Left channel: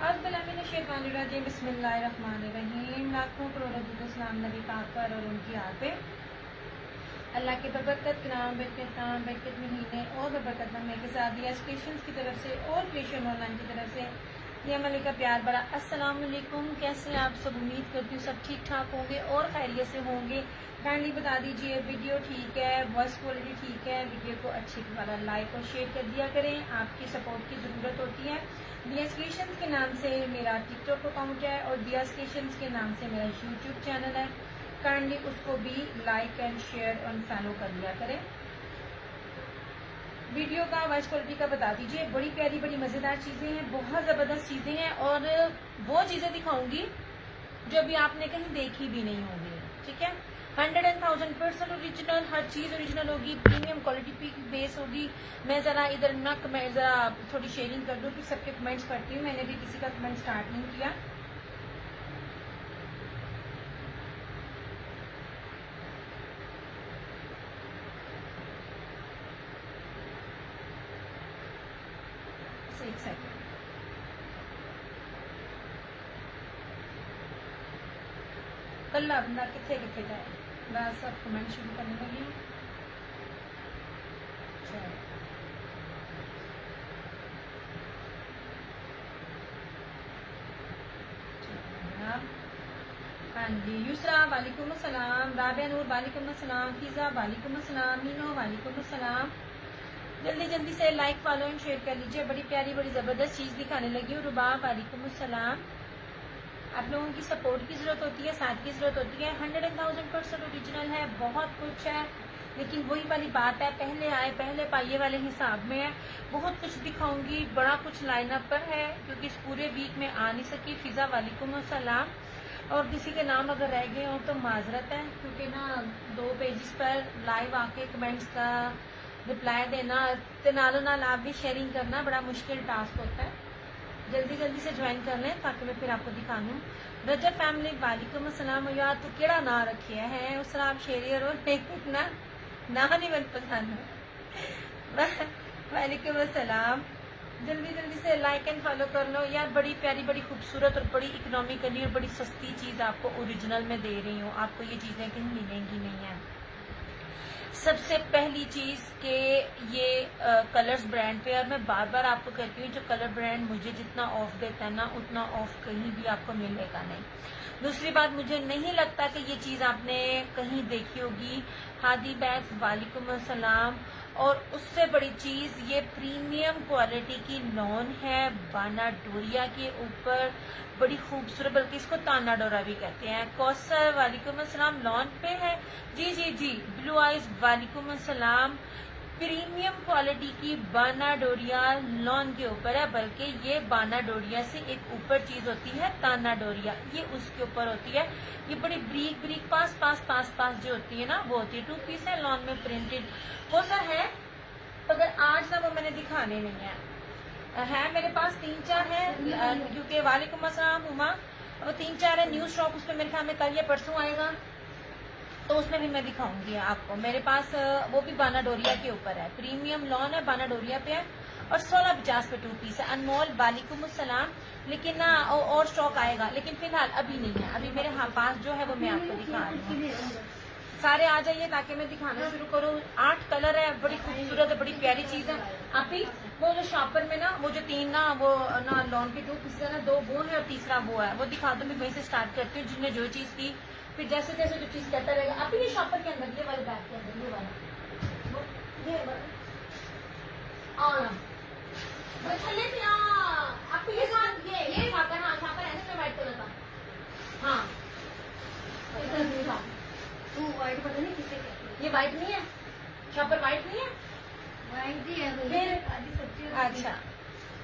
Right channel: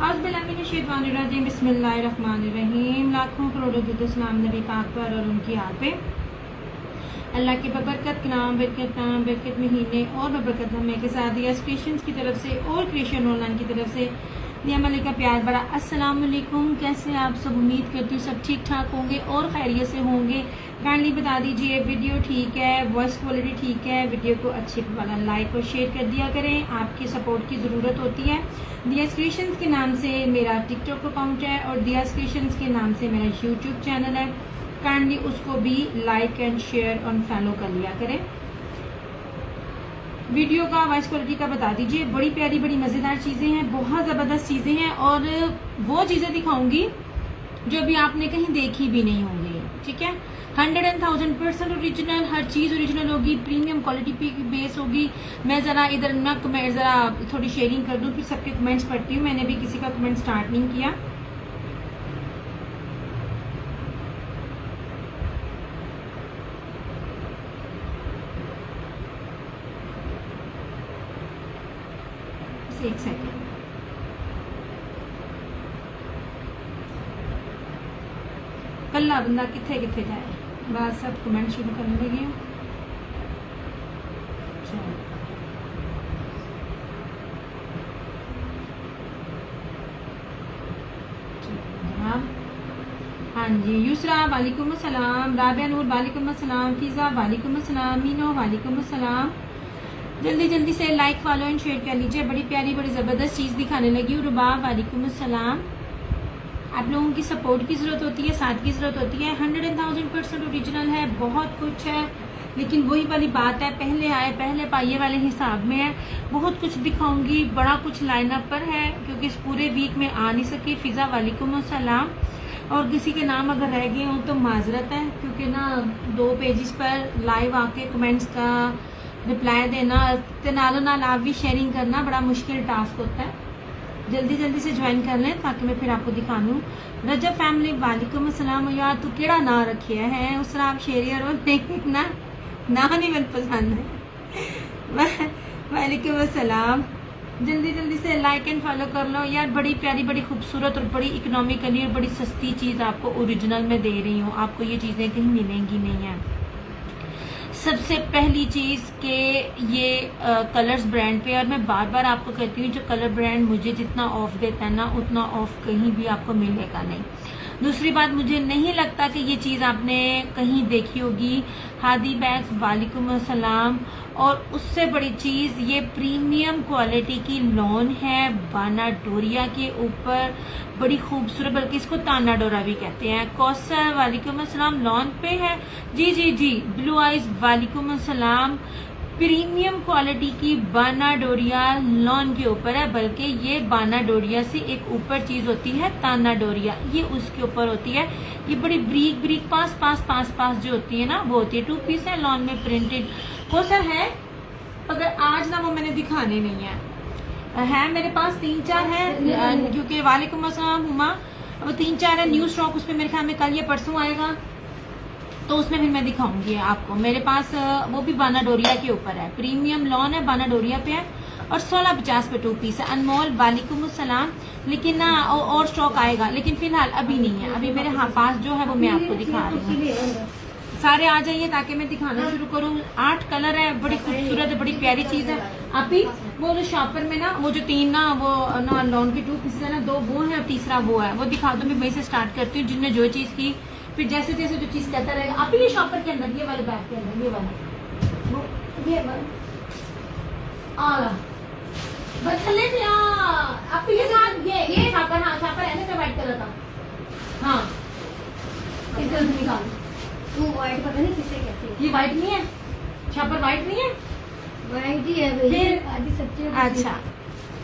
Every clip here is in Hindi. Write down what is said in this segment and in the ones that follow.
औज़ुबिल्लाहिमिनश्शैतानिर्रजीम बिस्मिल्लाहिर्रहमानिर्रहीम। लाखों करोड़ों दुरूद सलाम नबी पाक पर और उनकी आल पे। अल्लाह के बबरकत नाम बरकत महीने और बबरकत हमें के साथ दिया क्रिएशंस की तरफ से और क्रिएशन ऑनलाइन की तरफ से दिया मलिक का प्यार बड़ा अस्सलाम वालेकुम। कैसे आप सब? उम्मीद करती हूँ सब ठीक ठाक होंगे और खैरियत से होंगे। काइंडली बता दीजिए वीडियो ठीक है, वॉइस क्वालिटी ठीक है, वीडियो को अच्छी वाला लाइक और शेयर कर दिया करें। आपकी सपोर्ट की ज़रूरत होती है। दिया क्रिएशंस के नाम से मेरा टिकटॉक अकाउंट है और दिया क्रिएशंस के नाम से मेरा यूट्यूब चैनल है। काइंडली उसको भी लाइक एंड शेयर और फॉलो कर लिया करें। वीडियो का वॉइस क्वालिटी का बता दीजिए। बड़ी प्यारी बड़ी मज़ेदार चीज़ें हैं, बहुत ज़बरदस्त चीज़ें हैं और वो चीज़ें दिखाऊंगी जो अभी आपने कहीं देखी भी नहीं होंगी। ठीक है, 100,000% ओरिजिनल, हर चीज़ ओरिजिनल होगी, प्रीमियम क्वालिटी की बेस होगी। मैं ज़रा इधर मैं ज़रा थोड़ी शेयरिंग कर दूँ, फिर सबके कमेंट्स पढ़ती हूँ। मैंने भी किसी का कमेंट स्टार्ट नहीं किया। एक सेकंड, कल्ला बंदा किथे किथे जाए। बस सब कमेंट शुरू करने लगी हूँ। जनाब, हाँ जी। युसरा वालेकुम अस्सलाम, राबिया नूर वालेकुम अस्सलाम, फिजा वालेकुम अस्सलाम, मीनो वालेकुम अस्सलाम। जल्दी जल्दी से लाइक फॉलो एंड शेयर कर लीजिए। बड़ी प्यारी बड़ी ज़बरदस्त चीज़ दिखाने लगी हूँ। रुबाब वालेकुम अस्सलाम। आप लोगों की सपोर्ट की ज़रूरत होती है, साथ की ज़रूरत होती है। 100,000% ओरिजिनल है, बहुत कुछ है, लेकिन वही वाली बात है, पहले आए पहले पाइए वाले हिसाब में है। बहुत कुछ दिखाऊंगी, बड़ा कुछ लाइनअप पर है क्योंकि इस पूरे वीक में आ नहीं सकी। फिज़ा वालेकुम अस्सलाम। और किसी के नाम अगर रह गए हों तो माजरत है क्योंकि ना 2 पेजेस पर लाइव आके कमेंट्स का रिप्लाई देना, नालों नाल आप भी शेयरिंग करना बड़ा मुश्किल टास्क होता है। जल्दी जल्दी से ज्वाइन कर लें ताकि मैं फिर आपको दिखा दूँ। रजब फैमिली वालेकुम अस्सलाम। यार तू केड़ा ना रखिया है उस आप शेरियर और ना नहीं मन पसंद है। वालेकुम अस्सलाम। जल्दी जल्दी से लाइक एंड फॉलो कर लो यार। बड़ी प्यारी बड़ी खूबसूरत और बड़ी इकोनॉमिकली और बड़ी सस्ती चीज़ आपको ओरिजिनल में दे रही हूँ। आपको ये चीज़ें कहीं मिलेंगी नहीं है। सबसे पहली चीज़ के ये कलर्स ब्रांड पे, और मैं बार बार आपको कहती हूँ जो कलर ब्रांड मुझे जितना ऑफ देता है ना उतना ऑफ कहीं भी आपको मिलेगा नहीं। दूसरी बात, मुझे नहीं लगता कि ये चीज़ आपने कहीं देखी होगी। हादी बैग्स वालेकुम अस्सलाम। और उससे बड़ी चीज़ ये प्रीमियम क्वालिटी की लॉन है बाना डोरिया के ऊपर, बड़ी खूबसूरत, बल्कि इसको ताना डोरा भी कहते हैं। कौसर वालेकुम अस्सलाम लॉन पे है। जी जी जी। ब्लू आइज वालेकुम अस्सलाम। प्रीमियम क्वालिटी की बाना डोरिया लॉन के ऊपर है, बल्कि ये बाना डोरिया से एक ऊपर चीज होती है ताना डोरिया, ये उसके ऊपर होती है। ये बड़ी ब्रीक ब्रीक पास पास पास पास जो होती है ना वो होती है। 2 पीस है लॉन में प्रिंटेड। कोसर है मगर आज ना वो मैंने दिखाने नहीं है मेरे पास 3-4 है क्योंकि वालेकुम अस्सलाम हुमा, वो 3-4 है न्यू स्टॉक। उस पर मेरे ख्याल में कल या परसों आएगा तो उसमें फिर मैं दिखाऊंगी आपको। मेरे पास वो भी बाना डोरिया के ऊपर है, प्रीमियम लॉन है, बाना डोरिया पे है और 1650 पे 2 पीस है। अनमोल वालेकुम अस्सलाम। लेकिन ना और स्टॉक आएगा, लेकिन फिलहाल अभी नहीं है। अभी मेरे पास जो है वो मैं आपको दिखा रही हूँ। सारे आ जाइए ताकि मैं दिखाना शुरू करूँ। 8 कलर है, बड़ी खूबसूरत है, बड़ी प्यारी चीज़ है। आप ही वो जो शॉपर में ना वो जो 3 ना वो ना लॉन की 2 पीस है ना, 2 वो है और तीसरा वो है, वो दिखा दूँ। मैं वहीं से स्टार्ट करती हूँ जिनने जो चीज़ की, फिर जैसे जैसे जो चीज कहता रहेगा। आप ये शॉपर के अंदर ये वाले बैग के अंदर ये वाला ये वाला आला बस थले से आप ये साथ ये शॉपर, हाँ शॉपर ऐसे से वाइट कलर का। हाँ इधर निकाल। वो वाइट पता नहीं किसे कहते हैं। ये वाइट नहीं है, शॉपर वाइट नहीं है, वाइट ही है भाई। फिर आधी सच्ची। अच्छा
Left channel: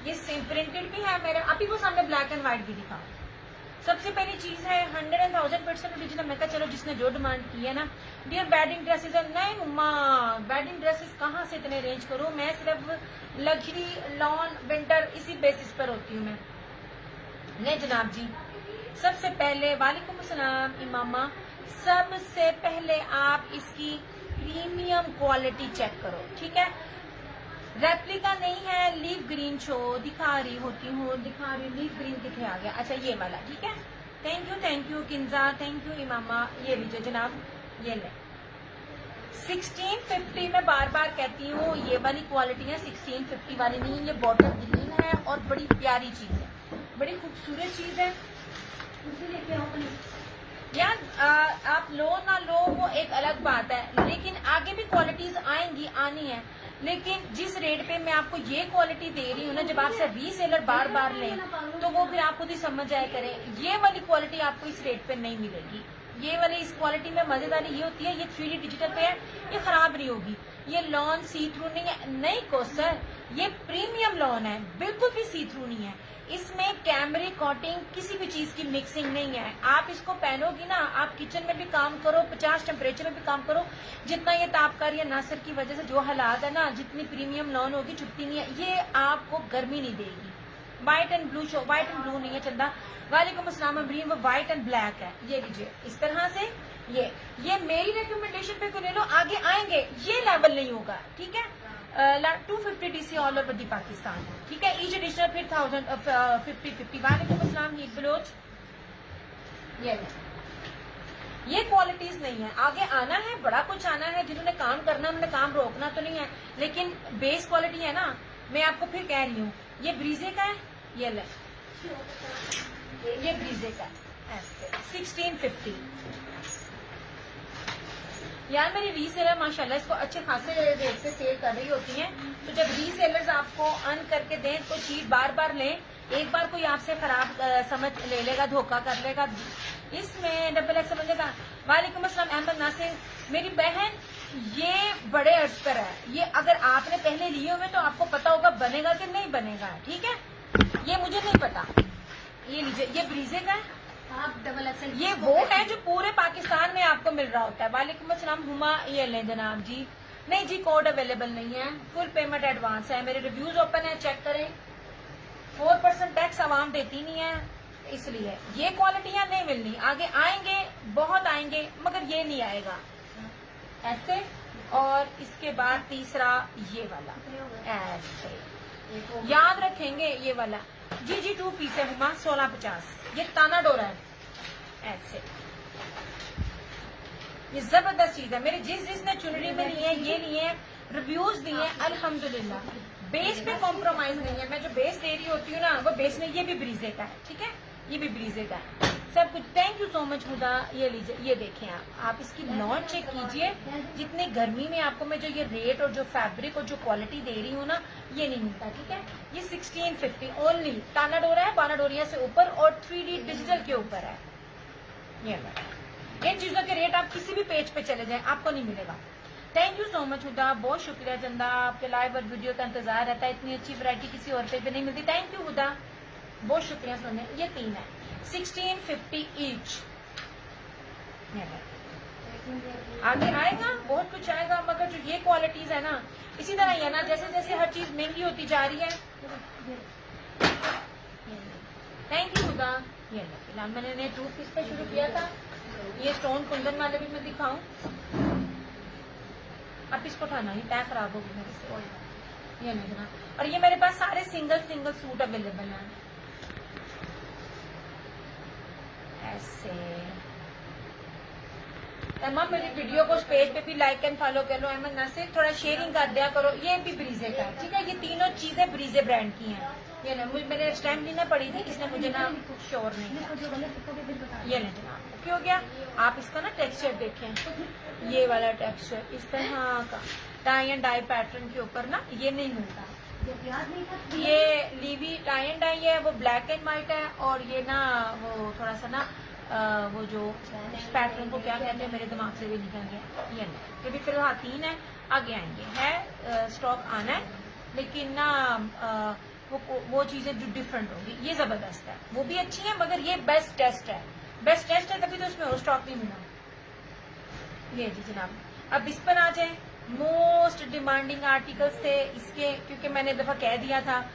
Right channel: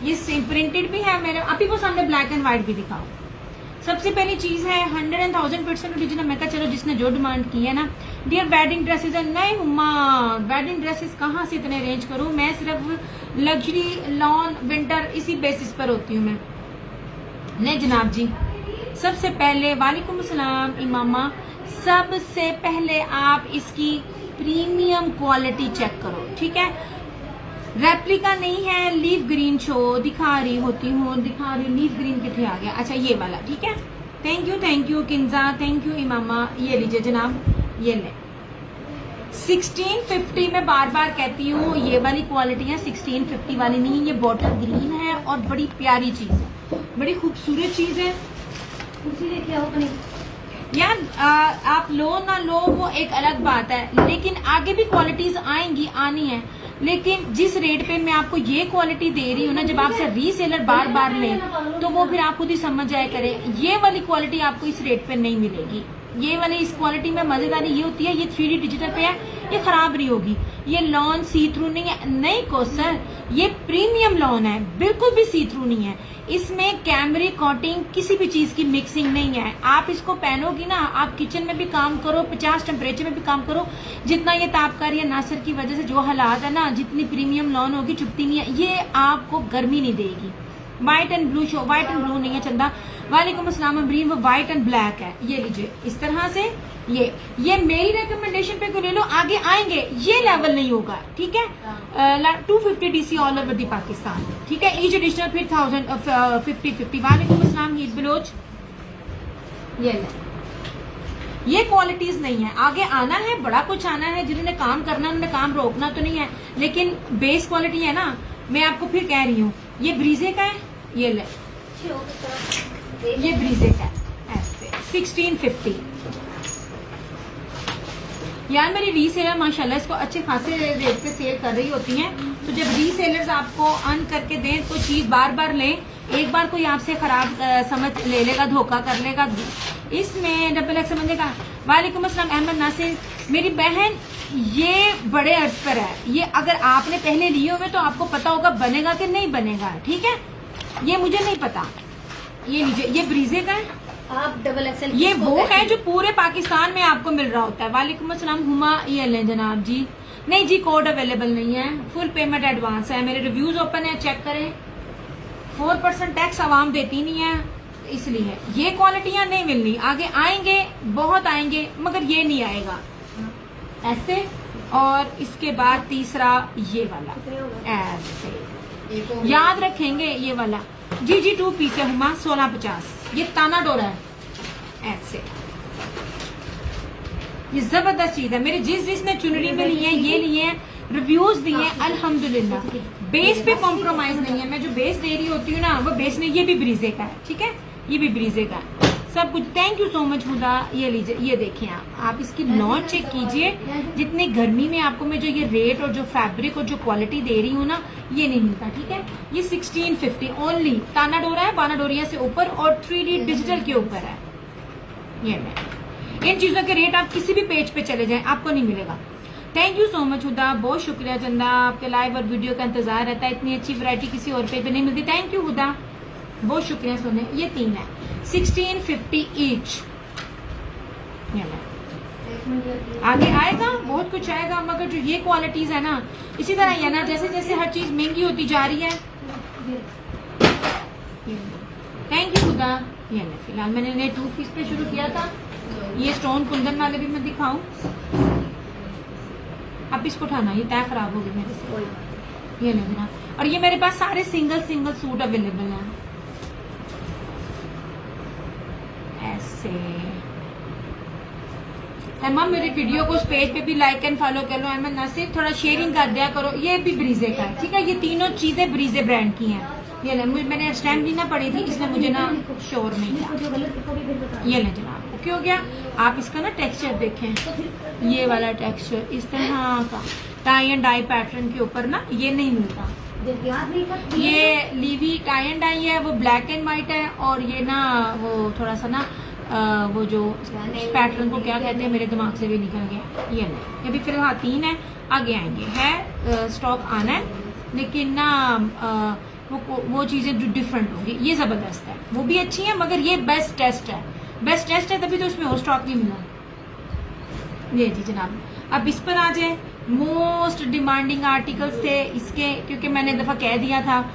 ये सेम प्रिंटेड भी है मेरे। आप ही को सामने ब्लैक एंड व्हाइट भी दिखाओ। सबसे पहली चीज है 100,000% ओरिजिनल। मैं कहा चलो जिसने जो डिमांड की है ना। डियर वेडिंग ड्रेसेस है। नहीं हुमा, वेडिंग ड्रेसेस कहाँ से इतने रेंज करूँ? मैं सिर्फ लग्जरी लॉन विंटर इसी बेसिस पर होती हूँ मैं। नहीं जनाब जी, सबसे पहले वालेकुम अस्सलाम इमामा। सबसे पहले आप इसकी प्रीमियम क्वालिटी चेक करो, ठीक है। रेप्लिका नहीं है, लीफ ग्रीन शो दिखा रही होती हूँ, दिखा रही हूँ। लीफ ग्रीन कितने आ गया? अच्छा ये वाला, ठीक है। Thank you Kinza, thank you Imama. ये लीजिए जनाब, ये ले 1650 में बार बार कहती हूँ, ये वाली क्वालिटी है, 1650 वाली नहीं। ये बॉटल ग्रीन है और बड़ी प्यारी चीज है, बड़ी खूबसूरत चीज है। कुर्सी लेके आओ अपनी। यार आप लो ना लो वो एक अलग बात है, लेकिन आगे भी क्वालिटीज आएंगी, आनी है। लेकिन जिस रेट पे मैं आपको ये क्वालिटी दे रही हूँ ना, जब आपसे रीसेलर बार बार लें तो वो फिर आप खुद ही समझ जाया करें, ये वाली क्वालिटी आपको इस रेट पे नहीं मिलेगी। ये वाली इस क्वालिटी में मजेदारी ये होती है, ये 3D डिजिटल पे है, ये खराब नहीं होगी। ये लॉन सी थ्रू नहीं है, नहीं को सर, ये प्रीमियम लॉन है, बिल्कुल भी सी थ्रू नहीं है। इसमें कैमरी कोटिंग किसी भी चीज की मिक्सिंग नहीं है। आप इसको पहनोगी ना, आप किचन में भी काम करो, 50 टेम्परेचर में भी काम करो, जितना ये तापकारी है नासर की वजह से जो हालात है ना, जितनी प्रीमियम लॉन होगी चुपती नहीं है, ये आपको गर्मी नहीं देगी। White and blue show, white and blue नहीं है चंदा। वालेकुम अस्सलाम अमरीन, वो व्हाइट एंड ब्लैक है। ये लीजिए इस तरह से, ये मेरी रिकमेंडेशन पे क्यों ले लो, आगे आएंगे ये लेवल नहीं होगा, ठीक है। 250 DC all over the Pakistan, ठीक है। ईच एडिशनल फिर 1050। वालेकुम अस्सलाम ईद बलोच। ये क्वालिटीज नहीं है, आगे आना है, बड़ा कुछ आना है। जिन्होंने काम करना है उन्होंने काम रोकना तो नहीं है, लेकिन बेस क्वालिटी है ना। मैं आपको फिर कह रही हूँ, ये ब्रीजे का है, ये ले, ये ब्रीजे का है, ऐसे 1650। यार मेरी रीसेलर माशाल्लाह इसको अच्छे खासे रेट पे सेल कर रही होती हैं। तो जब रीसेलर्स आपको अर्न करके दें तो चीज बार बार लें। एक बार कोई आपसे खराब समझ ले लेगा, धोखा कर लेगा, इसमें डबल एक्स समझेगा। वालेकुम अस्सलाम अहमद नासिर, मेरी बहन ये बड़े अर्ज पर है। ये अगर आपने पहले लिए हुए तो आपको पता होगा बनेगा कि नहीं बनेगा, ठीक है। ये मुझे नहीं पता। ये लीजिए, ये ब्रीजे का है, आप डबल एक्सएल, ये वो है जो पूरे पाकिस्तान में आपको मिल रहा होता है। वालेकुम अस्सलाम हुमा, ये लें जनाब जी। नहीं जी, कोड अवेलेबल नहीं है, फुल पेमेंट एडवांस है। मेरे रिव्यूज ओपन है, चेक करें। 4% टैक्स आवाम देती नहीं है, इसलिए ये क्वालिटियां नहीं मिलनी। आगे आएंगे, बहुत आएंगे, मगर ये नहीं आएगा ऐसे। और इसके बाद तीसरा ये वाला ऐसे, याद रखेंगे ये वाला जी जी। 2 पीस है हुमा, 1650। ये ताना डोरा है ऐसे, ये जबरदस्त चीज है। मेरे जिसने चुनरी में लिए हैं, ये लिए हैं, रिव्यूज दिए हैं अल्हम्दुलिल्लाह। बेस पे कॉम्प्रोमाइज नहीं है। मैं जो बेस दे रही होती हूँ ना, वो बेस में, ये भी ब्रीजे का है, ठीक है, ये भी ब्रीजे का है, सब कुछ। थैंक यू सो मच हुदा। ये लीजिए, ये देखें आप इसकी लॉन चेक कीजिए। जितनी गर्मी में आपको मैं जो ये रेट और जो फैब्रिक और जो क्वालिटी दे रही हूँ ना, ये नहीं मिलता, ठीक है। ये 1650 ओनली। ताना डोरा है, बाना डोरिया से ऊपर और 3D डिजिटल के ऊपर है। ये मैं इन चीजों के रेट आप किसी भी पेज पे चले जाएं, आपको नहीं मिलेगा। थैंक यू सो मच हुदा, बहुत शुक्रिया चंदा। आपके लाइव और वीडियो का इंतजार रहता है, इतनी अच्छी वैरायटी किसी और पे भी नहीं मिलती। थैंक यू हुदा, बहुत शुक्रिया सोने। ये 3 है, 1650 ईच। आगे आएगा, बहुत कुछ आएगा, मगर जो ये क्वालिटीज है ना, इसी तरह ही है ना, जैसे जैसे हर चीज महंगी होती जा रही है। थैंक यू खुदा। ये ना, फिलहाल मैंने 2 पीस पे शुरू किया था। ये स्टोन कुंदन वाले भी मैं दिखाऊं। अब इसको उठाना, ये तय खराब होगी मेरे से। ये लेना, और ये मेरे पास सारे सिंगल सूट अवेलेबल हैं ऐसे। तमाम मेरे वीडियो को उस पेज पे भी लाइक एंड फॉलो कर लो। अहमद नासिर, थोड़ा शेयरिंग कर दिया करो। ये भी ब्रीजे का है, ठीक है। ये तीनों चीजें ब्रीजे ब्रांड की हैं। ये ले, मैंने स्टैम्प नहीं ना पड़ी थी, इसलिए मुझे ना श्योर नहीं था। ये ले जनाब, ओके हो गया। आप इसका ना टेक्सचर देखें, ये वाला टेक्सचर इस तरह का टाई एंड डाई पैटर्न के ऊपर ना, ये नहीं मिलता। ये लीवी टाई एंड डाई है, वो ब्लैक एंड व्हाइट है। और ये ना वो थोड़ा सा ना वो जो पैटर्न को क्या कहते हैं, मेरे दिमाग से भी निकल गया। ये नहीं, ये भी फिलहाल 3 है, आगे आएंगे है, स्टॉक आना है, लेकिन ना वो चीजें जो डिफरेंट होगी। ये जबरदस्त है, वो भी अच्छी है, मगर ये बेस्ट टेस्ट है, बेस्ट टेस्ट है, तभी तो उसमें वो स्टॉक नहीं मिला। ये जी जनाब, अब इस पर आ जाए। मोस्ट डिमांडिंग आर्टिकल्स थे इसके, क्योंकि मैंने दफा कह दिया था।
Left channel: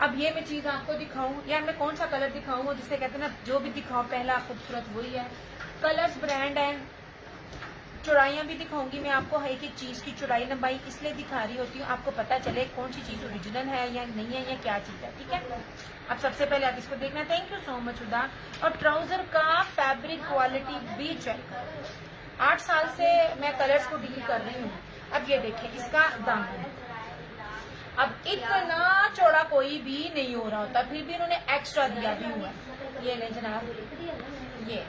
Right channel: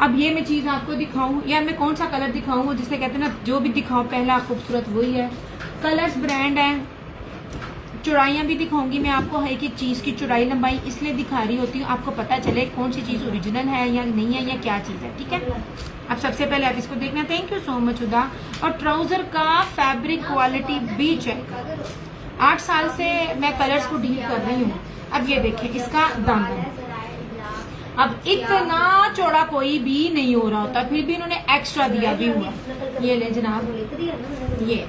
अब ये मैं चीज आपको दिखाऊं, या मैं कौन सा कलर दिखाऊं, जिसे कहते हैं ना, जो भी दिखाओ पहला खूबसूरत वही है। कलर्स ब्रांड है, चौड़ाइयाँ भी दिखाऊंगी मैं आपको, हर एक चीज़ की चौड़ाई लंबाई इसलिए दिखा रही होती हूँ आपको पता चले कौन सी चीज़ ओरिजिनल है या नहीं है या क्या चीज़ है, ठीक है। अब सबसे पहले आप इसको देखना, थैंक यू सो मच उदा। और ट्राउज़र का फैब्रिक क्वालिटी भी चेक करो। 8 साल से मैं कलर्स को डील कर रही हूँ। अब ये देखें इसका दामन, अब इतना चौड़ा कोई भी नहीं हो रहा होता, फिर भी इन्होंने एक्स्ट्रा दिया भी हुआ। ये ले जनाब, ये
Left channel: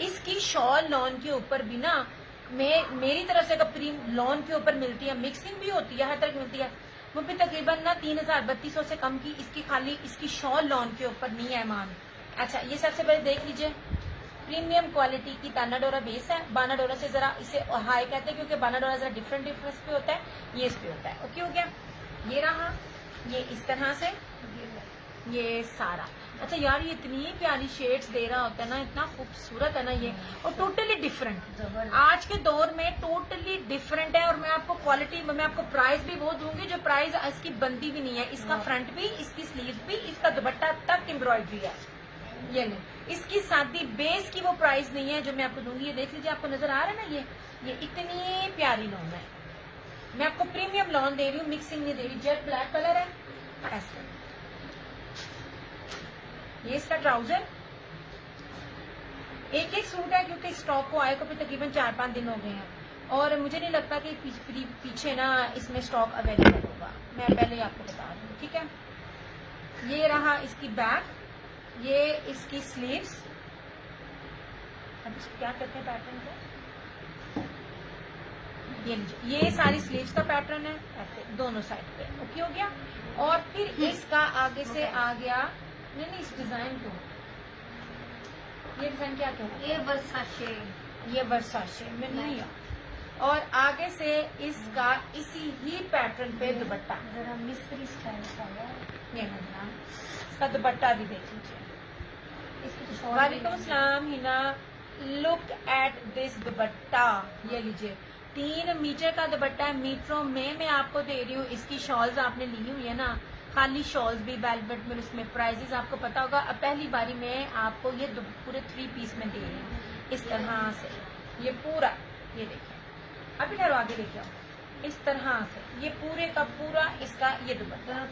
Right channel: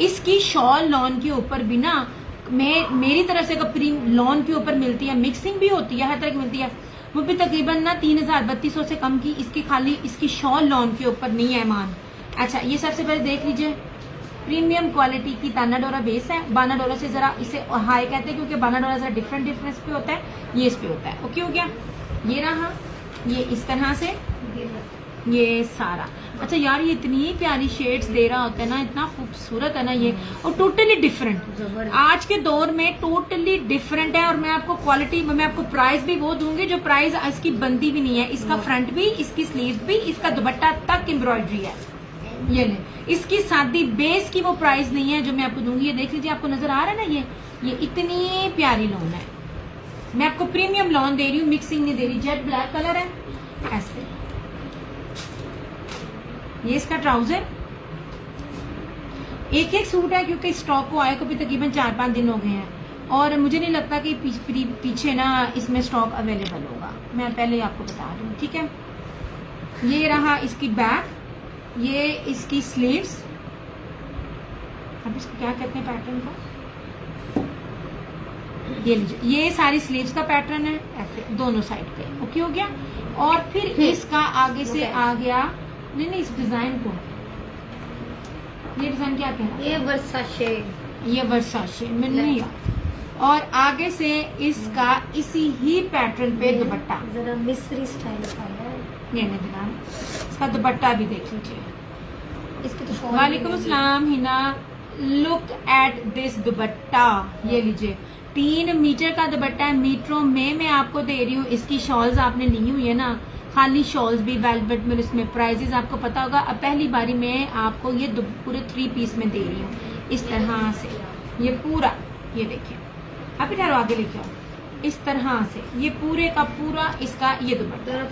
इसकी शॉल लॉन के ऊपर भी ना मेरी तरफ से कपड़ी लॉन के ऊपर मिलती है, मिक्सिंग भी होती है, हर तरह की मिलती है। वो भी तकरीबन ना 3000-3200 से कम की इसकी खाली इसकी शॉल लॉन के ऊपर नहीं है मान। अच्छा ये सबसे पहले देख लीजिए, प्रीमियम क्वालिटी की ताना डोरा बेस है। बाना डोरा से जरा इसे हाई कहते हैं क्योंकि बाना डोरा जरा डिफरेंस पे होता है, ये इस पे होता है। ओके हो गया, ये रहा, ये इस तरह से ये सारा। अच्छा यार ये इतनी प्यारी शेड्स दे रहा होता है ना, इतना खूबसूरत है ना ये, और टोटली डिफरेंट आज के दौर में टोटली डिफरेंट है। और मैं आपको क्वालिटी, मैं आपको प्राइस भी वो दूंगी जो प्राइस इसकी बनती भी नहीं है। इसका फ्रंट भी, इसकी स्लीव भी, इसका दुपट्टा तक एम्ब्रॉयडरी है। ये नहीं, इसकी सादी बेस की वो प्राइस नहीं है जो मैं आपको दूंगी। ये देख लीजिए, आपको नजर आ रहा है ना, ये इतनी प्यारी लॉन है। मैं आपको प्रीमियम लॉन दे रही हूँ, मिक्सिंग नहीं दे रही। जेट ब्लैक कलर है ऐसे। ये इसका ट्राउजर, एक सूट है क्योंकि स्टॉक को आए को भी तकरीबन 4-5 दिन हो गए हैं और मुझे नहीं लगता कि पीछे ना इसमें स्टॉक अवेलेबल होगा। मैं पहले आपको बता रही हूँ, ठीक है। ये रहा इसकी बैक, ये इसकी स्लीव्स, अब इसको क्या कहते हैं पैटर्न को, ये लीजिए, ये सारी स्लीव्स का पैटर्न है ऐसे दोनों साइड पे। ओके हो गया। और फिर इसका आगे से आ गया, नहीं इस डिजाइन को, ये डिजाइन क्या कह रहा है, ये वर्साचे में नहीं आ। और आगे से इसका इसी ही पैटर्न पे दुपट्टा, जरा मिस्री स्टाइल का है ये ना, इसका दुपट्टा भी देख लीजिए। इसकी तो वालेकुम अस्सलाम हिना, लुक एट दिस दुपट्टा, ये लीजिए 3 मीटर का दुपट्टा है। मीटरों में मैं आपको दे रही हूँ। इसकी शॉल्स आपने ली हुई है ना, खाली शॉल्स भी वेलवेट में, इसमें प्राइजेस आपको पता होगा। अब पहली बारी में आपको ये पूरे 3 पीस में दे रही हूँ इस तरह से। ये पूरा, ये देखिए, अभी ठहरो आगे लेके आओ, इस तरह से ये पूरे का पूरा इसका ये दुपट्टा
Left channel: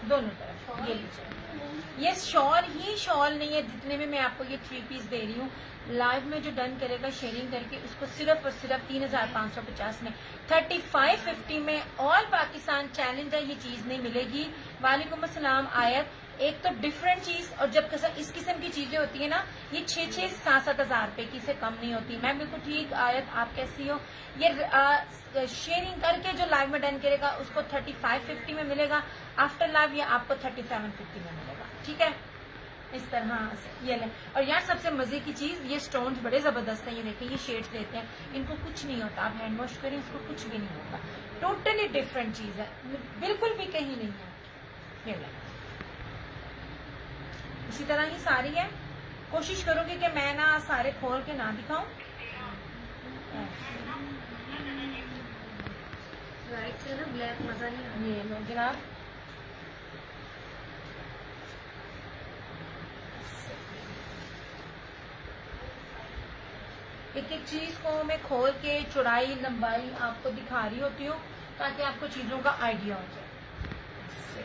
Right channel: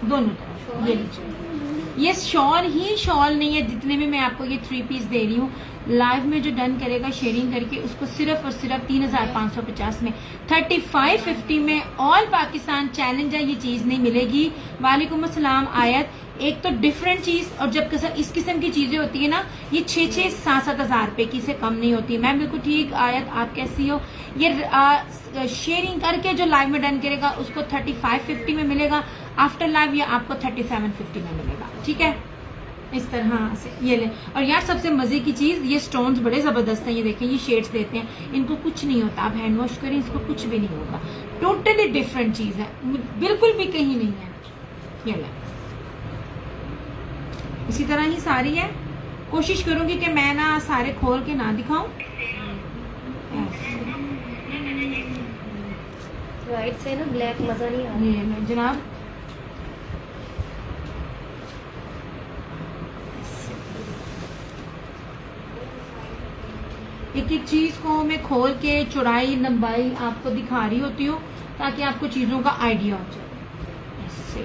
दोनों तरफ। ये लीजिए, ये शॉल ही शॉल नहीं है जितने में मैं आपको ये 3 पीस दे रही हूँ। लाइव में जो डन करेगा शेयरिंग करके उसको सिर्फ और सिर्फ 3550 में, 3550 में ऑल पाकिस्तान चैलेंज है, ये चीज नहीं मिलेगी। वालेकुम अस्सलाम आयत। एक तो डिफरेंट चीज, और जब इस किस्म की चीजें होती है ना, ये 6-7 हज़ार रुपए की से कम नहीं होती। मैम बिल्कुल ठीक आयत, आप कैसी हो। ये शेयरिंग करके जो लाइव में डन करेगा उसको 3550 में मिलेगा, आफ्टर लाइव ये आपको 3750 में मिलेगा, ठीक है। इस तरह से ये ले। और यार सबसे मजे की चीज, ये स्टोन्स बड़े जबरदस्त हैं, ये देखें, ये शेड्स देते हैं, इनको कुछ नहीं होता। आप हैंड वॉश करें, इसको कुछ भी नहीं होता। टोटली डिफरेंट चीज है, बिल्कुल भी कहीं नहीं है। ये ले, इसी तरह ही सारी है। कोशिश करूंगी कि मैं ना सारे खोल के ना दिखाऊं। वाइट से ना ब्लैक मजा नहीं आ रहा। ये जनाब, एक एक चीज को मैं खोल के चौड़ाई लंबाई आपको दिखा रही होती हूँ ताकि आपको चीजों का आइडिया हो जाए। ऐसे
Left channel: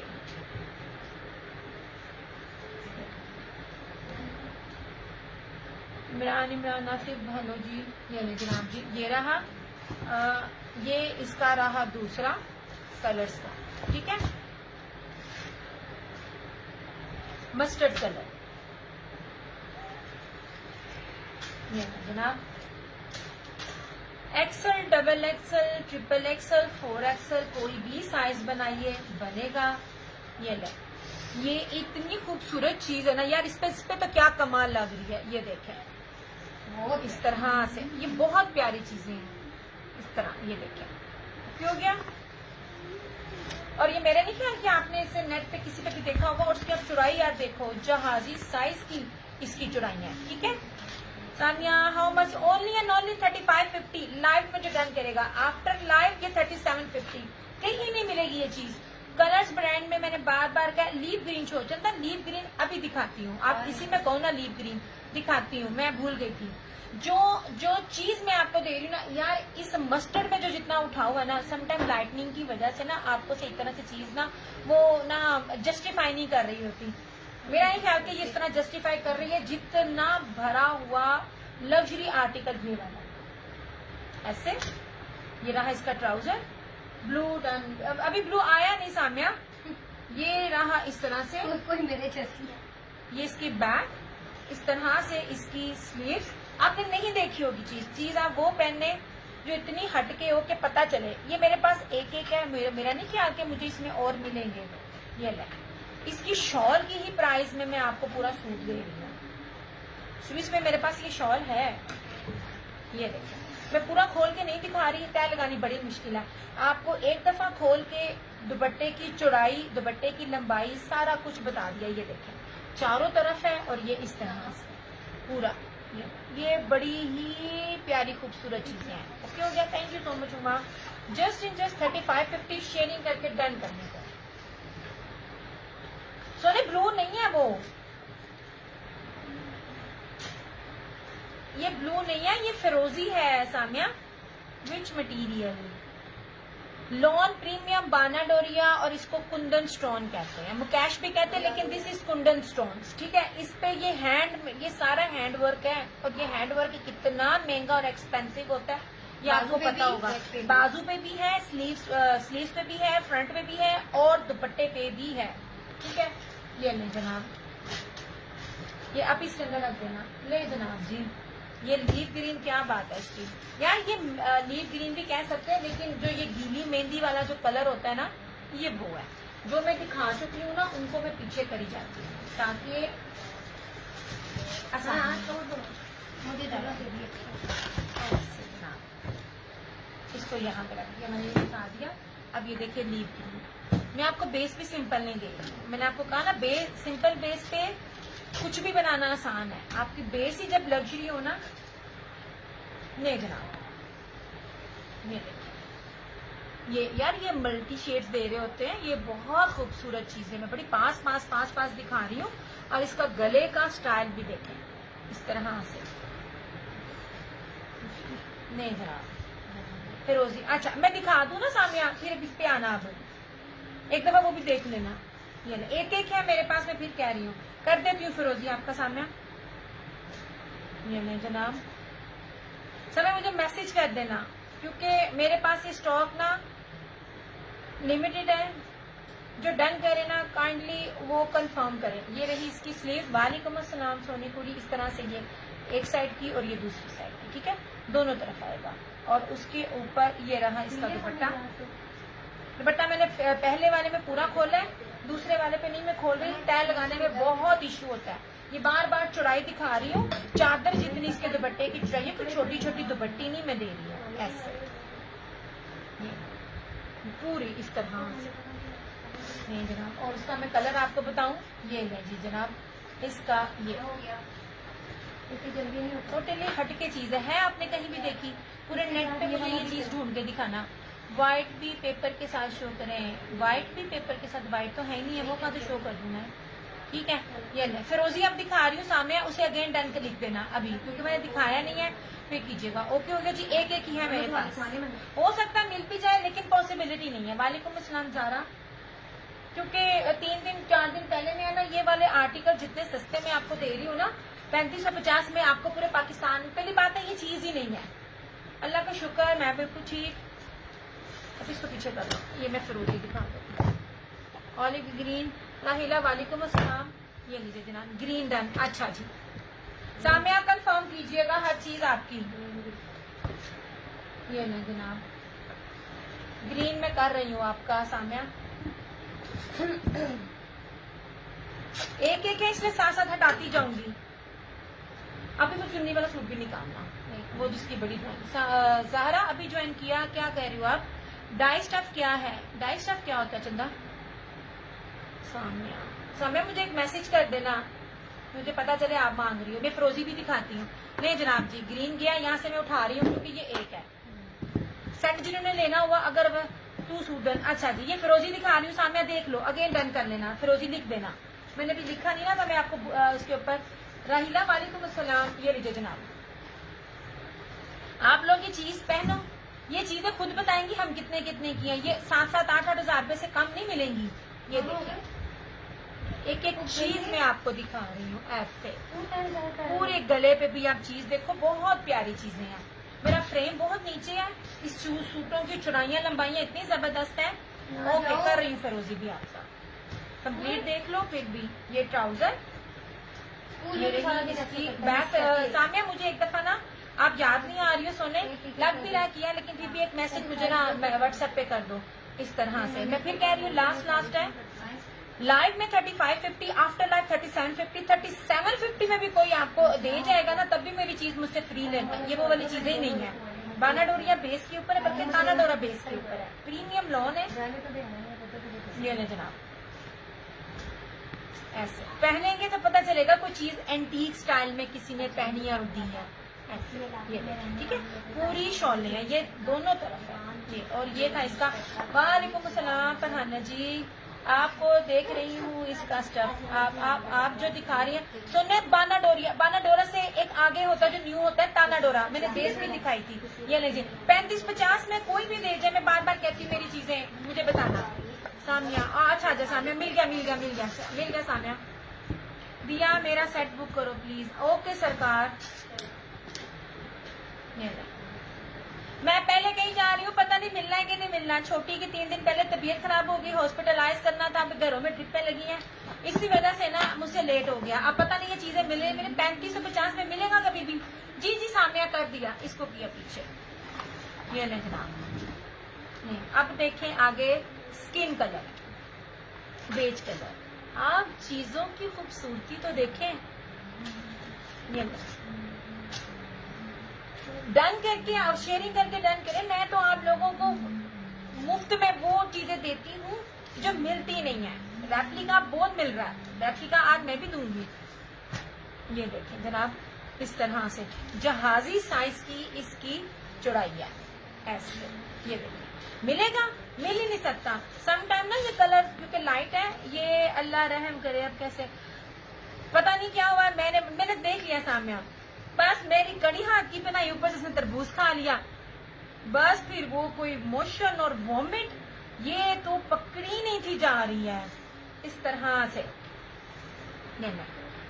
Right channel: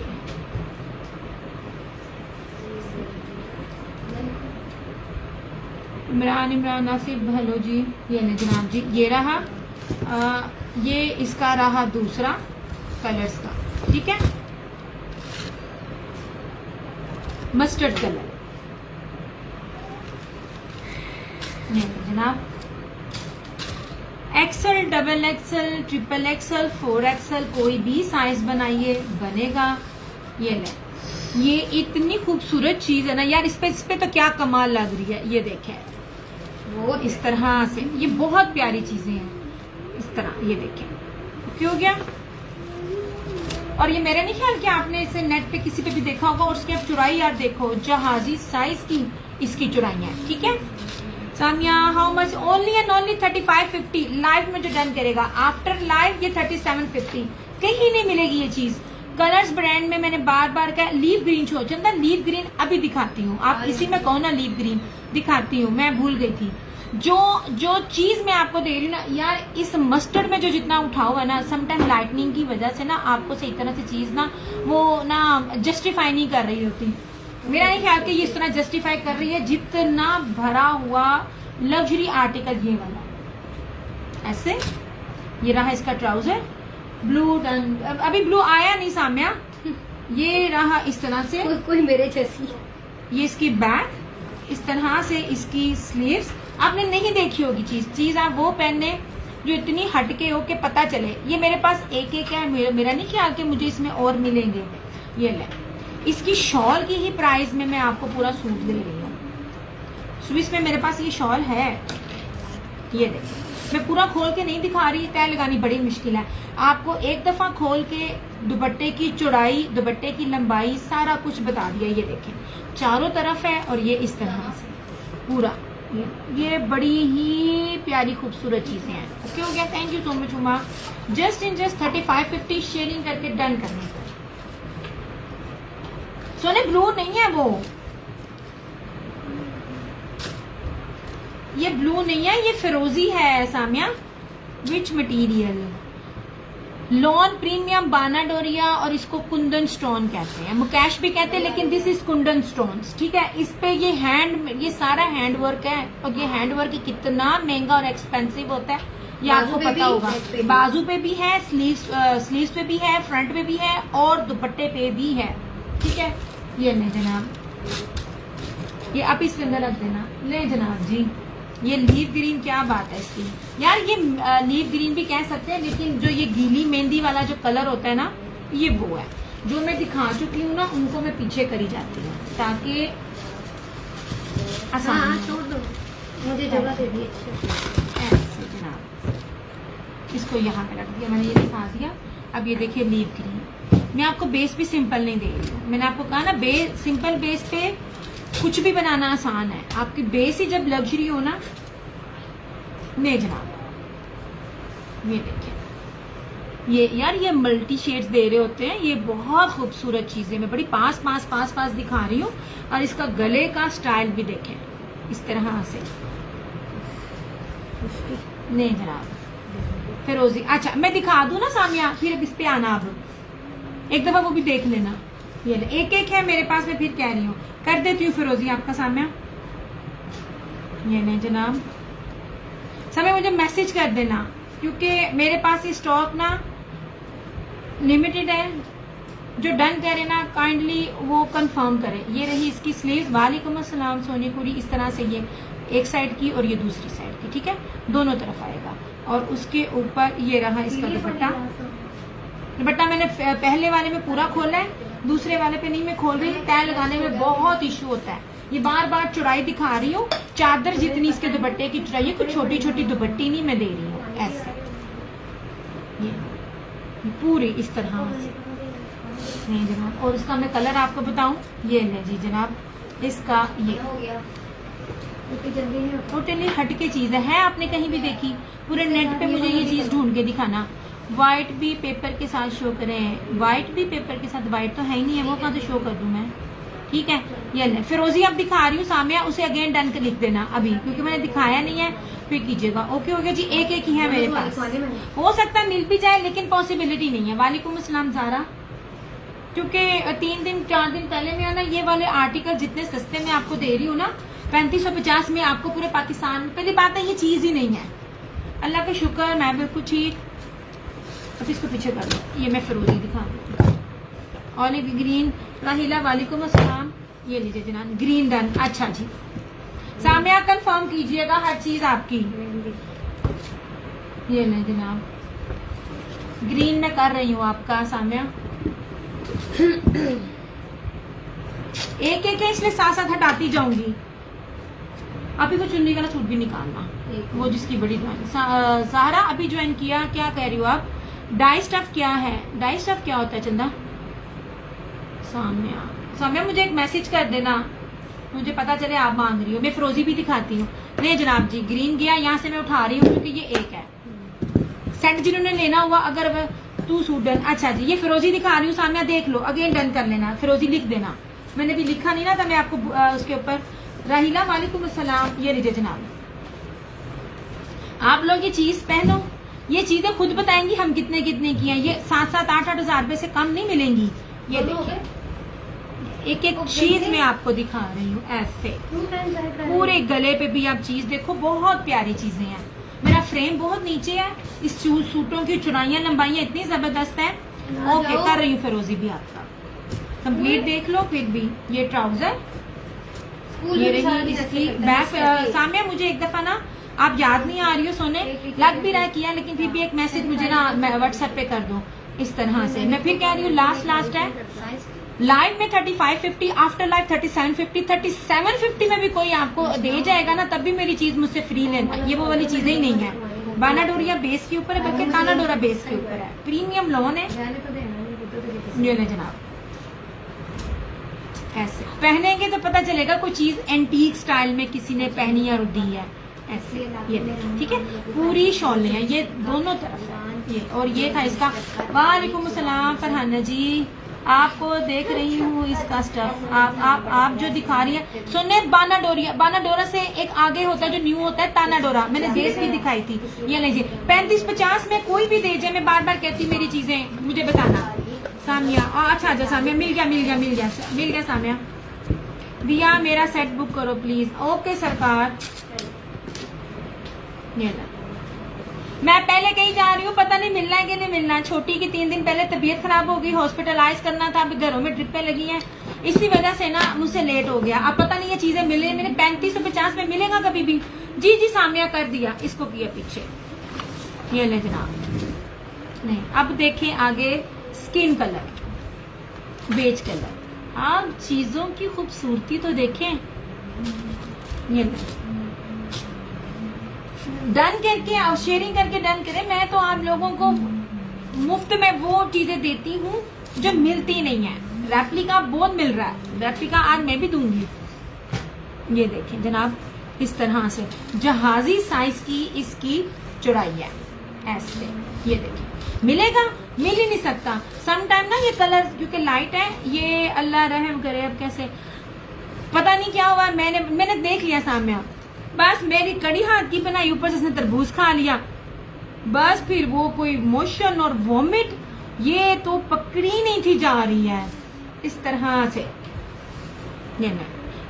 इमरान नासिर, हेलो जी, ये नहीं जनाब जी, ये रहा ये इसका रहा दूसरा कलर्स का, ठीक है, मस्टर्ड कलर। ये जनाब XL, double XL, triple XL, 4 XL, कोई भी साइज बनाइए बनेगा। ये ले, ये इतनी खूबसूरत चीज है ना यार, इस पे तो क्या कमाल लग रही है। ये देखें, वो इस तरह से, ये बहुत प्यारी चीजें हैं इस तरह। ये देखें, क्यों गया। और ये मेरा नहीं ख्याल कि आपने इसे नेट पे किसी पे भी देखा होगा। और उसकी आप चौड़ाई यार देखो, जहाजी साइज की इसकी चौड़ाई है, ठीक है। Samia, how much, only and only 3550 live में जो डन करेगा। आफ्टर लाइव ये 3750, कहीं नहीं मिलेगी ये चीज। कलर्स ब्रांड में मैंने बार बार कहा, लीव ग्रीन शो चंदा, लीव ग्रीन अभी दिखाती हूँ। आप इसी में कहो ना लीव ग्रीन दिखाती हूँ, मैं भूल गई थी। जो जो चीज मैं आपको दे रही हूँ ना यार, इस मस्टर्ड में जो जितना उठा हुआ ना, समटाइम लाइटनिंग की वजह से ना आपको सही तरह से चीज ना वो ना जस्टिफाई नहीं कर रही होती। मेरा नहीं ख्याल कि ये इस तरह जस्टिफाई कर रही है जितना भरा हुआ लग्जरी आर्टिकल ये वाला। ऐसे ये रहा इसका ट्राउजर ब्लू डन, अभी ब्लू आया नहीं साम्या, ये रहा इस तरह से, कोई मेरे जैसी। ये इसकी बैक, इस तरह से इसकी स्लीव्स। आपने नहीं देखी होगी चीज आप वो पहनने जो इतनी हटके हो के पता चले। ये मेरे पास एक है, मेरा नहीं ख्याल कि मुझे इसमें और मिलेंगे। ये ले, इसकी शॉल की ही प्राइस में मैं आपको पूरा सूट दे रही हूँ। स्विस में मेरे पास ये शॉल है, ये देखिए, मैं पूरा खोल के नहीं दिखा रही, तय लगानी बड़ी मुश्किल है। आपको एक दफा खोल के दुपट्टे की चौड़ाई, दुपट्टे की लंबाई, सारा कुछ बता दिया। ये देखें चारों तरफ है और ये इस तरह से पूरा, ये बड़ी ही प्यारी खूबसूरत चीजें हैं। ओके हो गया, thank you so much Uma. Just 35-50 sharing करके डन करने को। सोने ब्लू नहीं है वो, ये ब्लू नहीं है, ये फिरोजी है Samiya. Which material? Lawn premium बानाडोरिया, और इसको कुंदन स्टोन कहते हैं, मुकेश भी कहते हैं, लेकिन दिस इज कुंदन स्टोन्स। ठीक है, इस पे ये सारा हैंड वर्क है, और ये हैंड वर्क कितना महंगा और एक्सपेंसिव होता है ये आपको पता होगा। बाजू पे भी है, स्लीव्स पे भी है, फ्रंट पे भी है, और दुपट्टे पे भी है। ठीक है, ये ले जनाब, ये आप इसके अंदर रख देना। ले जनाब जी, ये लीव ग्रीन, क्या बात है इसकी यार, ये लीव ग्रीन भी कह सकते हैं, लेकिन जो ये गीली मेहंदी वाला जो कलर होता है ना, ये वो है जो मैं दिखा चुकी हूँ ना, उनको मैं पीछे करी जाती हूँ ताकि आसान। हाँ, छोड़ दो, मुझे जगह दे दी। ऐसे जनाब, इसको यहाँ पे रख दिया मैंने, ये दिखा दिया। अब ये देखिए लीव ग्रीन, मैं आपको बेस भी सिंपल नहीं दे रही हूँ। मैंने आपको कहा ना, सिंपल बेस पे कुछ भी बनाना आसान है। आपकी बेस ही जब लग्जरी हो ना, नहीं जनाब, ये देखिए, ये यार ये मल्टी शेड्स दे रहे होते हैं, ये बहुत खूबसूरत चीजें मैं बड़ी पास दिखा रही हूँ। और इसका गले का स्टाइल भी देखें, इस तरह से। नहीं जनाब, फिरोजी। अच्छा मैं दिखा दूं ना सामिया, फिर इस पे आना, अब एक दफा वो भी देख लेना। ये एक है मेरे पास, मैं फिर कह रही हूँ, कर देती हूँ फिरोजी आपका सामिया। ये नहीं जनाब, समय मुझे मैसेज कर देना, क्योंकि मेरे पास ये स्टॉक ना लिमिटेड है। जो डन करे ना काइंडली वो कंफर्म करे। ये रही इसकी स्लीव। वालेकुम अस्सलाम सोनीपुरी, इस तरह से ये एक साइड की और ये दूसरी साइड की। ठीक है, दोनों तरफ आएगा। और उसके ऊपर ये रहा इसका दुपट्टा। दुपट्टा मैंने पहले वाले में पूरा खोला है, दूसरे वाले पे नहीं मैं खोल रही। तय लगाने में बहुत इशू होता है। ये बार बार चौड़ाई दिखा रही हूँ, चादर जितनी इसके दुपट्टे की चौड़ाई है, कुछ छोटी छोटी दुपट्टी नहीं मैं दे रही हूँ। ऐसे ये पूरी इस तरह से। नहीं जनाब, और इसका मैं कलर आपको बताऊं, ये ले जी जनाब, इसका ये टोटली हटके चीज है। आपने कहीं भी देखी? पूरे नेट पे मुझे ये चीज ढूंढ के दिखाना। व्हाइट भी पेपर के साथ शो करें, व्हाइट भी पेपर के साथ, व्हाइट तो है ही नहीं है, वो कहाँ से शो कर दूं मैं। ठीक है, ये ले फिरोजी अब दिखा रही हूँ सामिया, उसे अगेन डन के लिख देना अभी, क्योंकि मैंने दिखाया नहीं है, फिर कीजिएगा। ओके हो गया जी, एक ही है मेरे पास। हो सकता है मिल भी जाए, लेकिन पॉसिबिलिटी नहीं है। वालेकुम अस्सलाम ज़ारा, क्योंकि 3 दिन 4 दिन पहले में ना ये वाले आर्टिकल जितने सस्ते में आपको दे रही हूँ ना, 3550 में आपको पूरे पाकिस्तान। पहली बात है ये चीज ही नहीं है, अल्लाह का शुक्र, मैं बिल्कुल ठीक। अब इसको पीछे कर दो, ये मैं फिरोजी दिखा, ऑलिव ग्रीन। राहिला वालेकुम अस्सलाम, ये लीजिए जनाब, ग्रीन डन। अच्छा जी, सामिया कंफर्म कीजिएगा हर चीज आपकी। ये ले जनाब, ग्रीन में कर रही हूँ आपका सामिया। एक है, इसलिए साथ साथ हटाती जाऊंगी। अभी वो चुन्नी वाला सूट भी निकालना, वो जिसकी बड़ी ज़ाहरा अभी ज्वाइन किया। क्या कह रही हो आप? डाई स्टफ क्या है? डाई स्टफ क्या होता है चंदा? सामने मुझे एक मैसेज कर देना, मुझे पता चले आप मांग रही हो। मैं फिरोजी भी दिखाती हूँ। नहीं जनाब जी, ग्रीन गया, यहाँ से मैं उठा रही हूँ क्योंकि ये एक है सेट। जिन्होंने लेना हुआ अगर तू सूट डन। अच्छा जी, ये फिरोजी दिखा रही हूँ सामने, देख लो, अगेन डन कर लेना। फिरोजी लिख देना, मैंने भी लिखा नहीं ना था, मैं आपको उसके ऊपर। राहिला वालेकुम अस्सलाम, ये लीजिए जनाब, आप लोग ये चीज पहनो, ये चीजें खुद बताएंगी हम कितने कितने की हैं। ये 7-7, 8-8 हजार रुपए से कम नहीं मिलेंगी। ये देखिए एक एक चीज मैं आपको दिखा रही हूँ ऐसे, पूरे गले पे भी आप चीज देखो, बहुत प्यारी चीजें हैं। मेरा फ्रेम बहुत नीचे है, इस सूटों की चौड़ाइयाँ लंबाइयाँ इतनी जबरदस्त है। ओके कर रही हूँ फिरोजी भी आपका कंप्लीट देख लो। फिर भी ये ट्राउजर, ये रही इसकी बैक। सामने मुझे एक दफा ना, आप याद नहीं आ रही हो सोने, लग भी रहा किया, लेकिन फिर भी एक मैसेज मुझे ना व्हाट्सएप पे कर दो इस तरह से। मैं फिर कह रही हूँ लास्ट है लाइव में 3550, आफ्टर लाइव 3750, 3750 में भी कोई आपको दे जाएगा ना, तब भी मेरी चीज मुझसे फ्री लेना। ये वो वाली चीजें ही नहीं है। बाना डोरिया बेस के ऊपर है, बल्कि ताना डोरा बेस के ऊपर है, प्रीमियम लॉन है। ये ले जनाब, ऐसे पहनेंगे तो पता चलेगा कोई चीज एंटीक स्टाइल में किसी ने पहनी और दी है ऐसे। ये ठीक है, पूरी शॉलें हैं ये दोनों तरफ है ये। और ये था इसका। वालेकुम अस्सलाम फरहाना जी, आपको देख रही हूँ इसका स्टफ। आप जो दिखा रही हैं सुनने, बाना डोरा से एक आगे होता है जो न्यू होता है, ताना डोरा। मैंने बेस भी दिखाई थी। ये लीजिए 3550 में कोई भी दे जाए, मैं बार बार कहती मेरी चीजें मुझे बताना। सामिया अच्छा सामिया मिल गया सामिया। दिया मेरा सेट बुक करो प्लीज। ओके सरकार। मैं पहले कहीं जा रही हूँ, पता नहीं मिलना है कि नहीं मिलना। छोटी की 3 दिन पहले तबीयत खराब हो गई, हॉस्पिटलाइज करना था, अभी घरों में ट्रिपें लगी हैं, इसी वजह से ना मुझसे लेट हो गया। अब पता नहीं ये चीजें मिले मेरे 3550 में मिलेगा कभी भी। जी सामिया कर दिया, इसको किया पीछे। ये ले जनाब। नहीं अब देखें आगे, स्किन कलर, बेज कलर। आप चीजों की खूबसूरती तो देखें। ये डन करके और शेयरिंग करके डन करें। मैं तो आप लोगों को मुफ्त में वो चीजें देती हूँ जो मिलती नहीं है। रेप्लिका बहुत मिल रहा है, रेप्लिका आज मैं भी दूंगी। ये देखें जनाब, इस तरह से जहाजी साइज की इसकी चौड़ाई है ऐसे। ये देखिए मिलेगा, मिल ही नहीं सकता। सम टाइम ना ये कलर क्योंकि लाइट है, ये अल्लाह रहम करे अब कैसे पता नहीं क्या हुआ। मैंने देख लिया सामने, बस मेरी कड़ी हाथ की बनाई, ऊपर से इसने तरबूज खा लिया, बस फिर वो कोई मोशन और वॉमिट, ये तो पकड़ी नहीं थी जा रही है इस तरह से।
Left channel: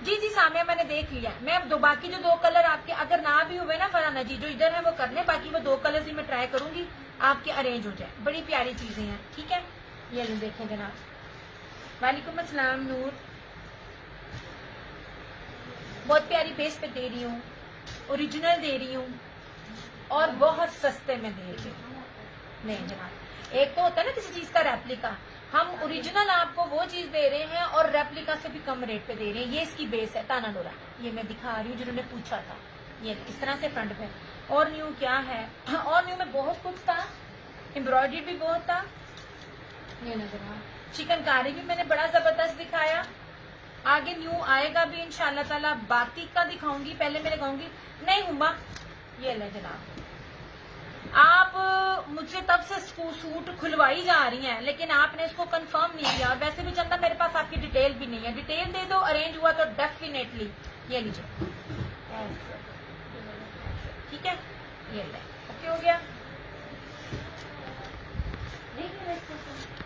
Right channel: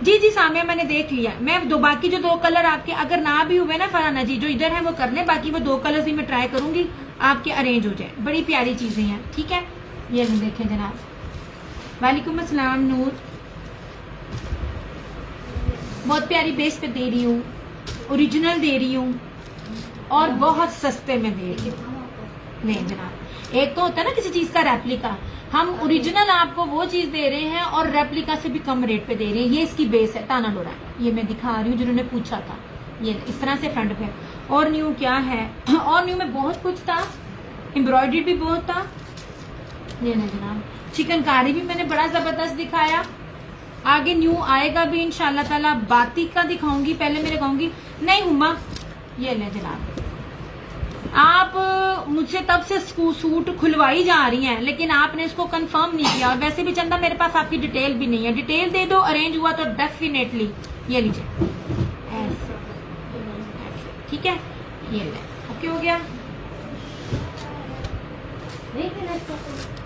जी सामने मैंने देख लिया। मैं बाकी जो 2 कलर आपके अगर ना भी हुए ना फरहाना जी, जो इधर है वो कर ले, बाकी वो 2 कलर भी मैं ट्राई करूंगी आपके अरेंज हो जाए। बड़ी प्यारी चीजें हैं, ठीक है। ये नहीं देखें जनाब। वालेकुम अस्सलाम नूर, बहुत प्यारी बेस पे दे रही हूँ, ओरिजिनल दे रही हूँ और बहुत सस्ते में दे रही हूँ। नहीं जनाब, एक तो होता है ना किसी चीज का रेप्लिका, हम ओरिजिनल आपको वो चीज दे रहे हैं और रेप्लिका से भी कम रेट पे दे रहे हैं। ये इसकी बेस है, ताना डोरा, ये मैं दिखा रही हूँ जिन्होंने पूछा था। ये इस तरह से फ्रंट पे। और न्यू क्या है, और न्यू में बहुत कुछ था, एम्ब्रॉयडरी भी बहुत था। ये ना जनाब, चिकनकारी भी मैंने बड़ा जबरदस्त दिखाया। आगे न्यू आएगा भी इंशाल्लाह ताला। बातिक का दिखाऊंगी, पहले मेरे कहूंगी नहीं हुमा। ये ले जनाब, आप मुझसे तब से सूट खुलवाई जा रही हैं, लेकिन आपने इसको कंफर्म नहीं किया। और वैसे भी चंदा मेरे पास आपकी डिटेल भी नहीं है, डिटेल दे दो, अरेंज हुआ तो डेफिनेटली। ये लीजिए ऐसे, ठीक है। ये ले, ओके हो गया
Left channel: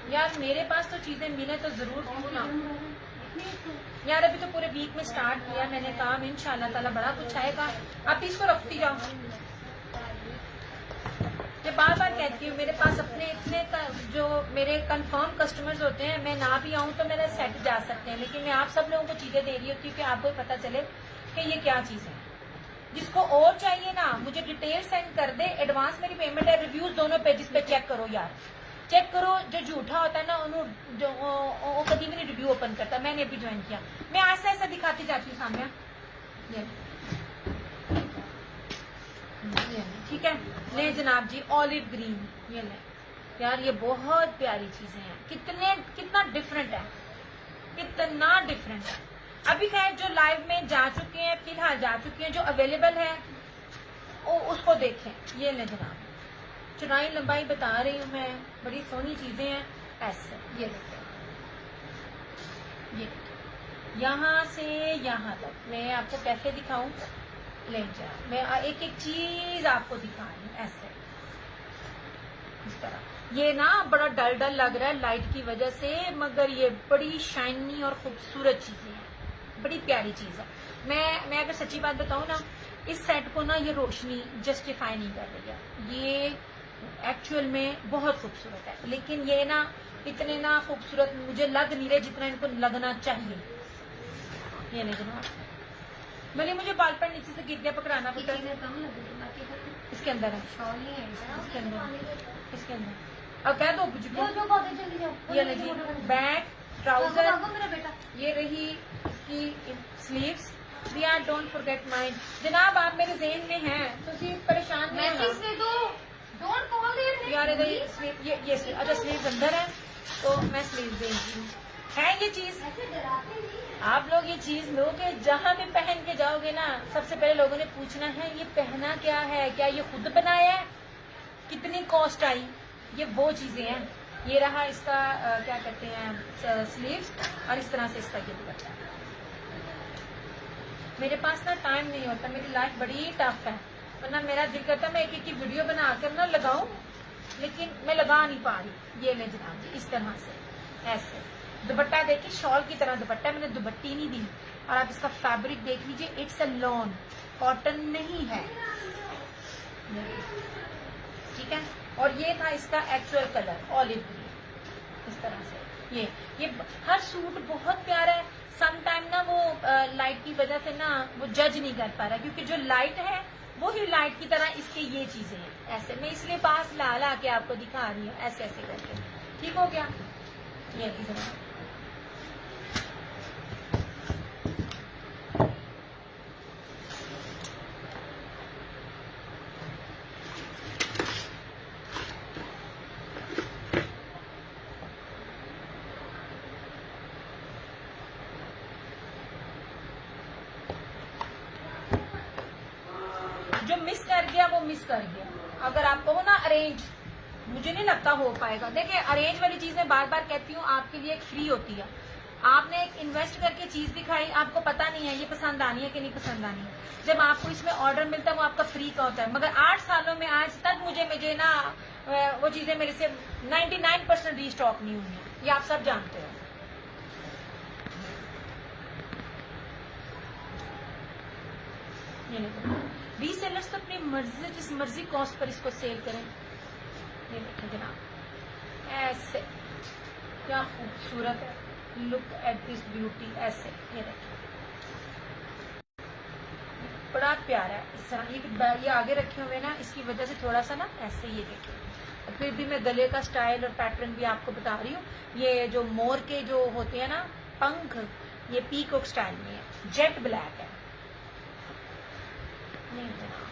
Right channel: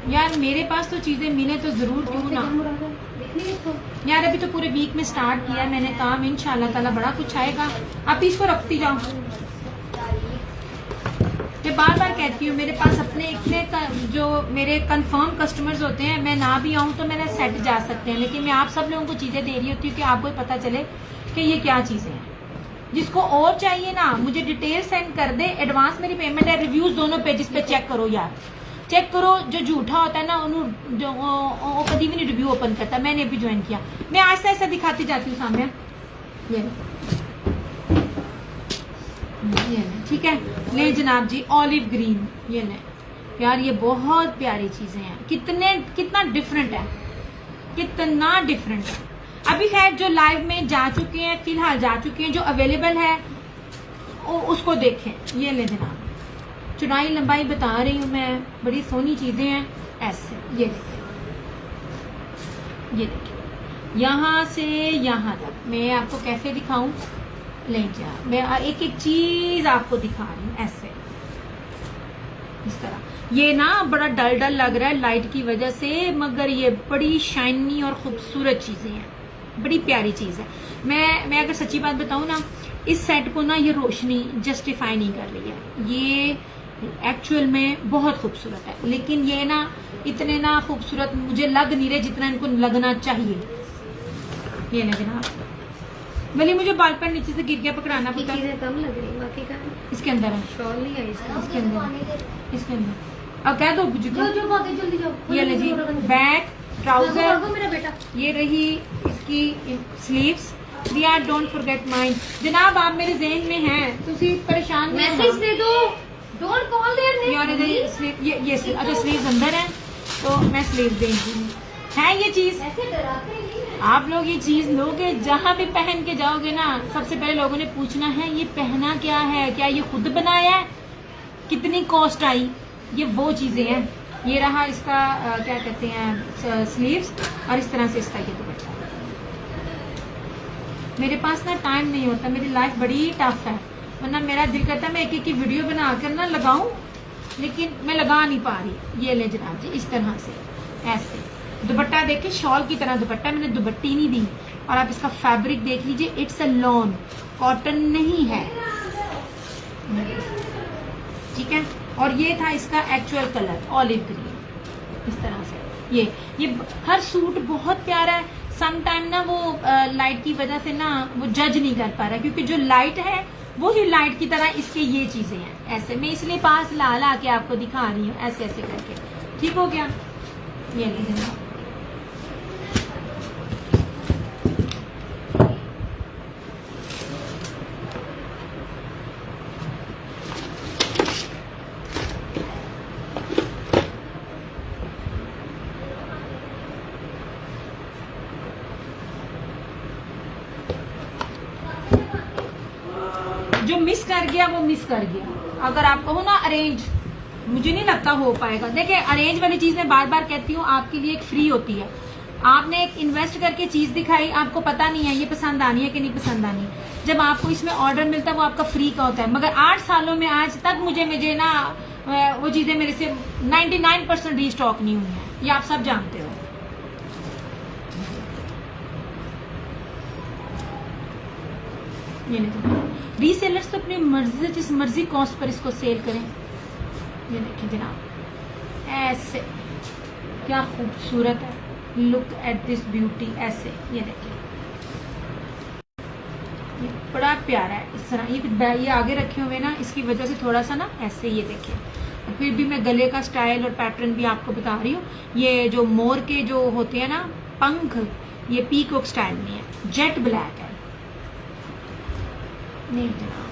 यार। मेरे पास तो चीजें मिले तो जरूर, क्यों ना यार। अभी तो पूरे वीक में स्टार्ट किया मैंने काम, इंशाल्लाह ताला बड़ा कुछ आएगा। आप इसको रखती जाओ। मैं बार बार कहती हूँ, मेरे पास अपने इतने जो मेरे कंफर्म कस्टमर्स होते हैं, मैं ना भी आऊँ तो मेरे सेट जा सकते हैं, लेकिन मैं आप सब लोगों को चीजें दे रही होती हूँ कि आपको पता चले कि ये क्या चीजें हैं। जिसको और चाहिए ना मुझे डिटेल सेंड कर दे, एडवांस मेरी पेमेंट है। रिव्यूज दोनों पेजेस पे चेक करो यार, चेक करो। जो झूठा होता है ना उन्होंने जो कभी भी नहीं रिव्यू ओपन करता। मैंने अभी ज्वाइन किया, मैं ऐसा ऐसा दिखाती जाती हूँ सामने। ये ठीक है, ले जनाब जी, ऑलिव ग्रीन। ये ले यार, ये बहुत प्यारी चीजें हैं। कितना डिफरेंट है, कितना डिफरेंट है। अभी खैर जो लाइव में जा चुके हैं, फिलहाल जा चुके हैं, जो अवेलेबल है उसको देखें। ये ले जनाब, चौड़ाई लंबाई बता रही हूँ मैं, बड़ी सोनी चीजें हैं ऐसे। ये देखें, ये देखें, यहाँ से यहाँ तक मैं आपको कैसे दिखाऊं। ले जा, मैं एक एक चीज आपको दिखा रही हूँ ऐसे, इस तरह। ये ना बड़ा डल डल लग रहा है लाइट की वजह से, मगर ये बड़ी शाइनी और खूबसूरत चीजें हैं, बड़ी प्यारी चीज है। मैं अगर सच्ची बात बताऊं ना, इस सेट को ना ये रोशनी जस्टिफाई नहीं कर रही है, ये एक्चुअल में बहुत खूबसूरत है, लेकिन ये ना इतने ना खूबसूरत मुझे लग नहीं रहे जितना इनको लगना चाहिए। ये लगना भले मुझे बाल पर नीचे से गिर गया, पकड़ाना बाकी पड़ता। चीजें कम लग रही, बाकी का इसके अंदर है, शॉल नहीं है इसका। इसके अंदर, इसके अंदर। अब कह दो जाओ जाओ भागे जल्दी जाओ। ये ले जी, बैक ट्राउजर, भागो मेरा बेटा। ये रही इसकी स्लीव्स। दिया डोंट फॉरगेट माइंड। जनाब आप मेरे ज़हन में हैं, तो सिर्फ परेशान नहीं होना। मैसेज दे दो, डोंट कॉल देयर नेम। यार इधर स्लीव, ये स्लीव, अच्छा स्लीव अंदर है तो मैं स्लीव देंगी है। ये चीज ऐसे डराते नहीं हैं। आप लोग ये चीज लोगे, जहाँ भी पहन के जाओगे ना, सबसे पहले लोगों ने पूछना है ये पहना क्या है, क्या ये खुद बनाया है, कितनी कॉस्ट आई, ये वो चीजें हैं। ये रहा इसका क्या कहते हैं स्लीव्स, और इस तरह से इसका ये दुपट्टा। मेरे पास ना टाइम नहीं होता, मेरी लाइफ बड़ी टफ है, वरना मेरा दिल करता है मैं एक एक की वीडियो बना कर ना लगाऊं, लेकिन मैं लगा नहीं पा रही। ये ले जनाब जी, इस तरह से ऐसे दुपट्टा देखिए, शॉल की तरह दुपट्टा, मैंने दुपट्टी नहीं दी। और आप इसका फैब्रिक देख लीजिए, इट्स अ लॉन, कॉटन नहीं है, ठीक है। और ये था इसका एक्चुअल कलर ऑलिव ग्रीन, इस तरह से। ये हर सूट बहुत प्यारा है। सम टाइम ना वो लाइट की वजह से ना वो जज नहीं कर पा रहा, क्योंकि जो लाइट है वो ही लाइट की तरह इसके ये चीजें हैं ऐसे। मैं इसलिए पास ला ला के आपको दिखा रही हूँ ऐसे ऐसे करके, ठीक हो गया। ये लीजिए, जो मिस कर गया वो मिस कर गया। अगर आप कहो ना अरेंज, मुझे नहीं लगता हो पाएगा। देखिए अरेंज वाली चीज मैं बार बार कहती हूँ, आपके लिए एक फ्री होती है। आपने एक इन्वेस्ट करके चीज दिखाई, आपको पता नहीं है ये पसंद आनी है कि नहीं पसंद आनी, जब आपको इसमें ऑर्डर मिलता है वो आपका फ्री का होता है। मगर 8 सालों में आज तक मुझे ना वो चीजें मेरे से 99% रीस्टॉक नहीं हुई है, ये आप सब जानते हो। ये नहीं, रीसेलर्स तो अपनी मर्जी से जिस मर्जी कॉस्ट पर इसको सेल करें। ये देखिए जनाब, ऐसे क्या खूबसूरत है, लुक एट दिस ब्यूटी। ऐसे ये देखिए, ये बड़ा प्यारा है इस तरह। ये आगे रखे हुए ना, इसकी वजह से थोड़ा सा ना ऐसे, ये देखिए। और फिर भी मैं गले का स्टाइल और पैटर्न भी आपको बता रही हूँ। ये जो मोर के जो होते हैं ना पंख, ये पीकॉक स्टाइल में है, जेट ब्लैक है। नहीं जनाब,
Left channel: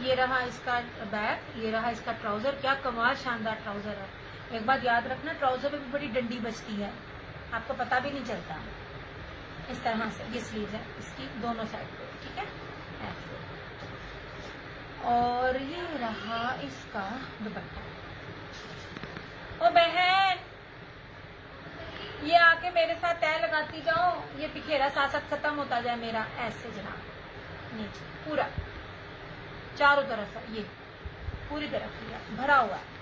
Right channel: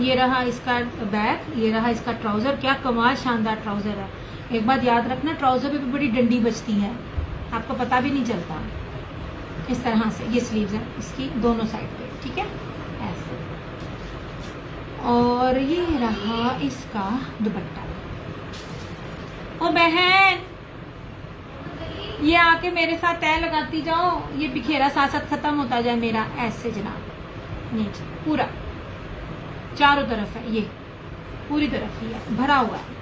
ये रहा इसका बैक, ये रहा इसका ट्राउजर। क्या कमाल शानदार ट्राउजर है। एक बात याद रखना, ट्राउजर पे बड़ी डंडी बचती है, आपको पता भी नहीं चलता। इस तरह से ये स्लीव्स है इसकी दोनों साइड पे, ठीक है ऐसे। और ये रहा इसका दुपट्टा। ओ बहन, ये आके मेरे साथ तय लगाती जाओ, ये बिखेरा साथ साथ खत्म होता जाए मेरा। ऐसे जनाब, ये पूरा चारों तरफ है, ये पूरी तरफ ही है, भरा हुआ है।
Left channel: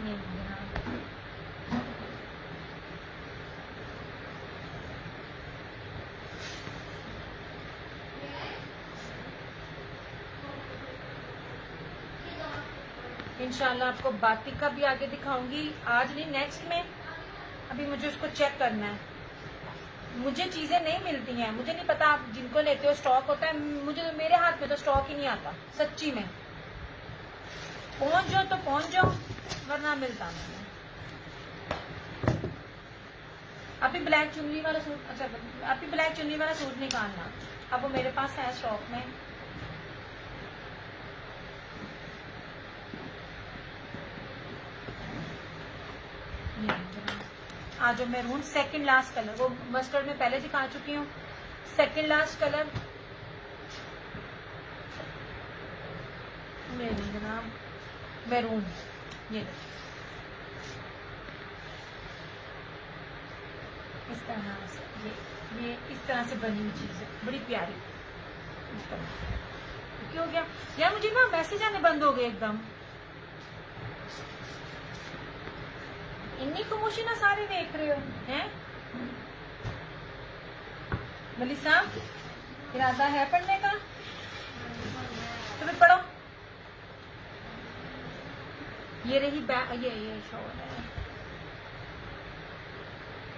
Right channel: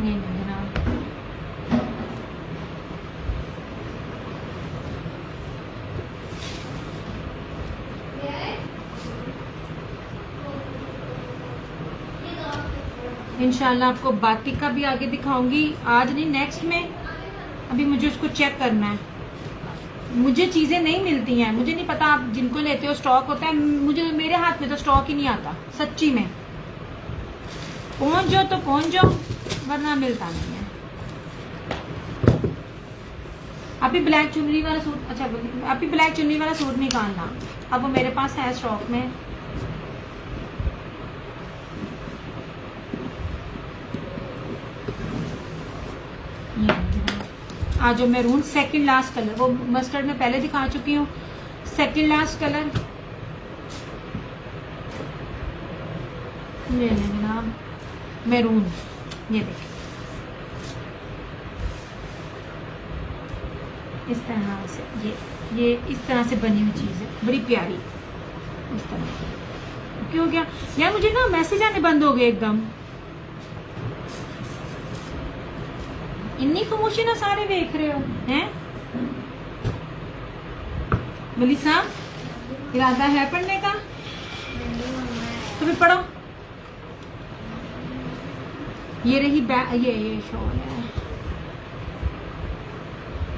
ये जनाब, इंशाल्लाह आपको बातिक का भी आगे दिखाऊंगी, आज नहीं नेक्स्ट में। अभी मुझे उसको चेक करना है, मुझे चीजें नहीं मिलती हैं, मुझे नहीं पता आप जिनको लेते हो स्टॉक होता है, मुझे मेरे हाथ में तो स्टॉक ही नहीं आता सच्ची में। पहुंच जाओ तो पहुंच जाओ, वरना मिलता नहीं है। अभी ब्लैक चुन्नी वाला सूट, अच्छा अभी ब्लैक चुन्नी वाला सूट निकालना, अब वो मेरे पास है स्टॉक में। आज जो मैरून सेकंड लास्ट कलर, वो मस्टर्ड में पहले दिखा चुकी हूँ, सेकंड लास्ट कलर ये जनाब मैरून। ये देखिए इस तरह से, ये इस तरह से बनी हुई चीज है, बड़ी प्यारी इस तरह। क्यों गया यार, मुझे ना मैसेज आने बंद हो गए एकदम। इन्नी खामोशी ना सारे देख रहे हो हैं। मलिसा इरादा है पढ़ने का? तुम्हें पढ़ो। ये रही बैक, ये शॉल है,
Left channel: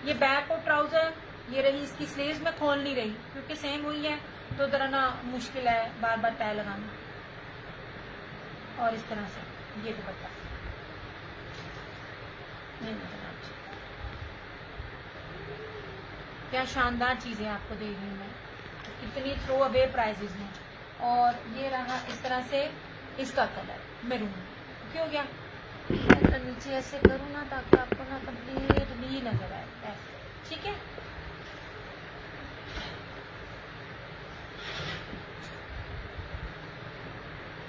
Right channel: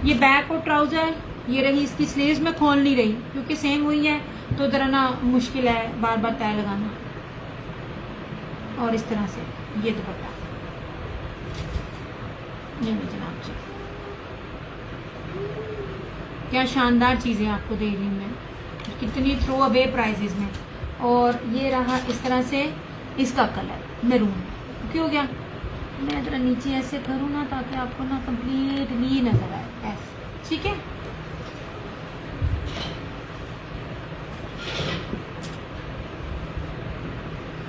ये बैक और ट्राउजर। ये रही इसकी स्लीव्स, में खोल नहीं रही क्योंकि सेम हुई है तो जरा ना मुश्किल है बार बार तय लगाना। और इस तरह से ये दुपट्टा, ये जनाब जी क्या शानदार चीजें आपको दे रही हूँ मैं, कितनी थ्रो अवे प्राइजेस में। और ये रहा इस तरह से इसका कलर मैरून। क्यों गया मैं जरा नीचे ऐसे करूँ ना ताकि आपको ना कंप्लीटली नजर आए ऐसे, ठीक है।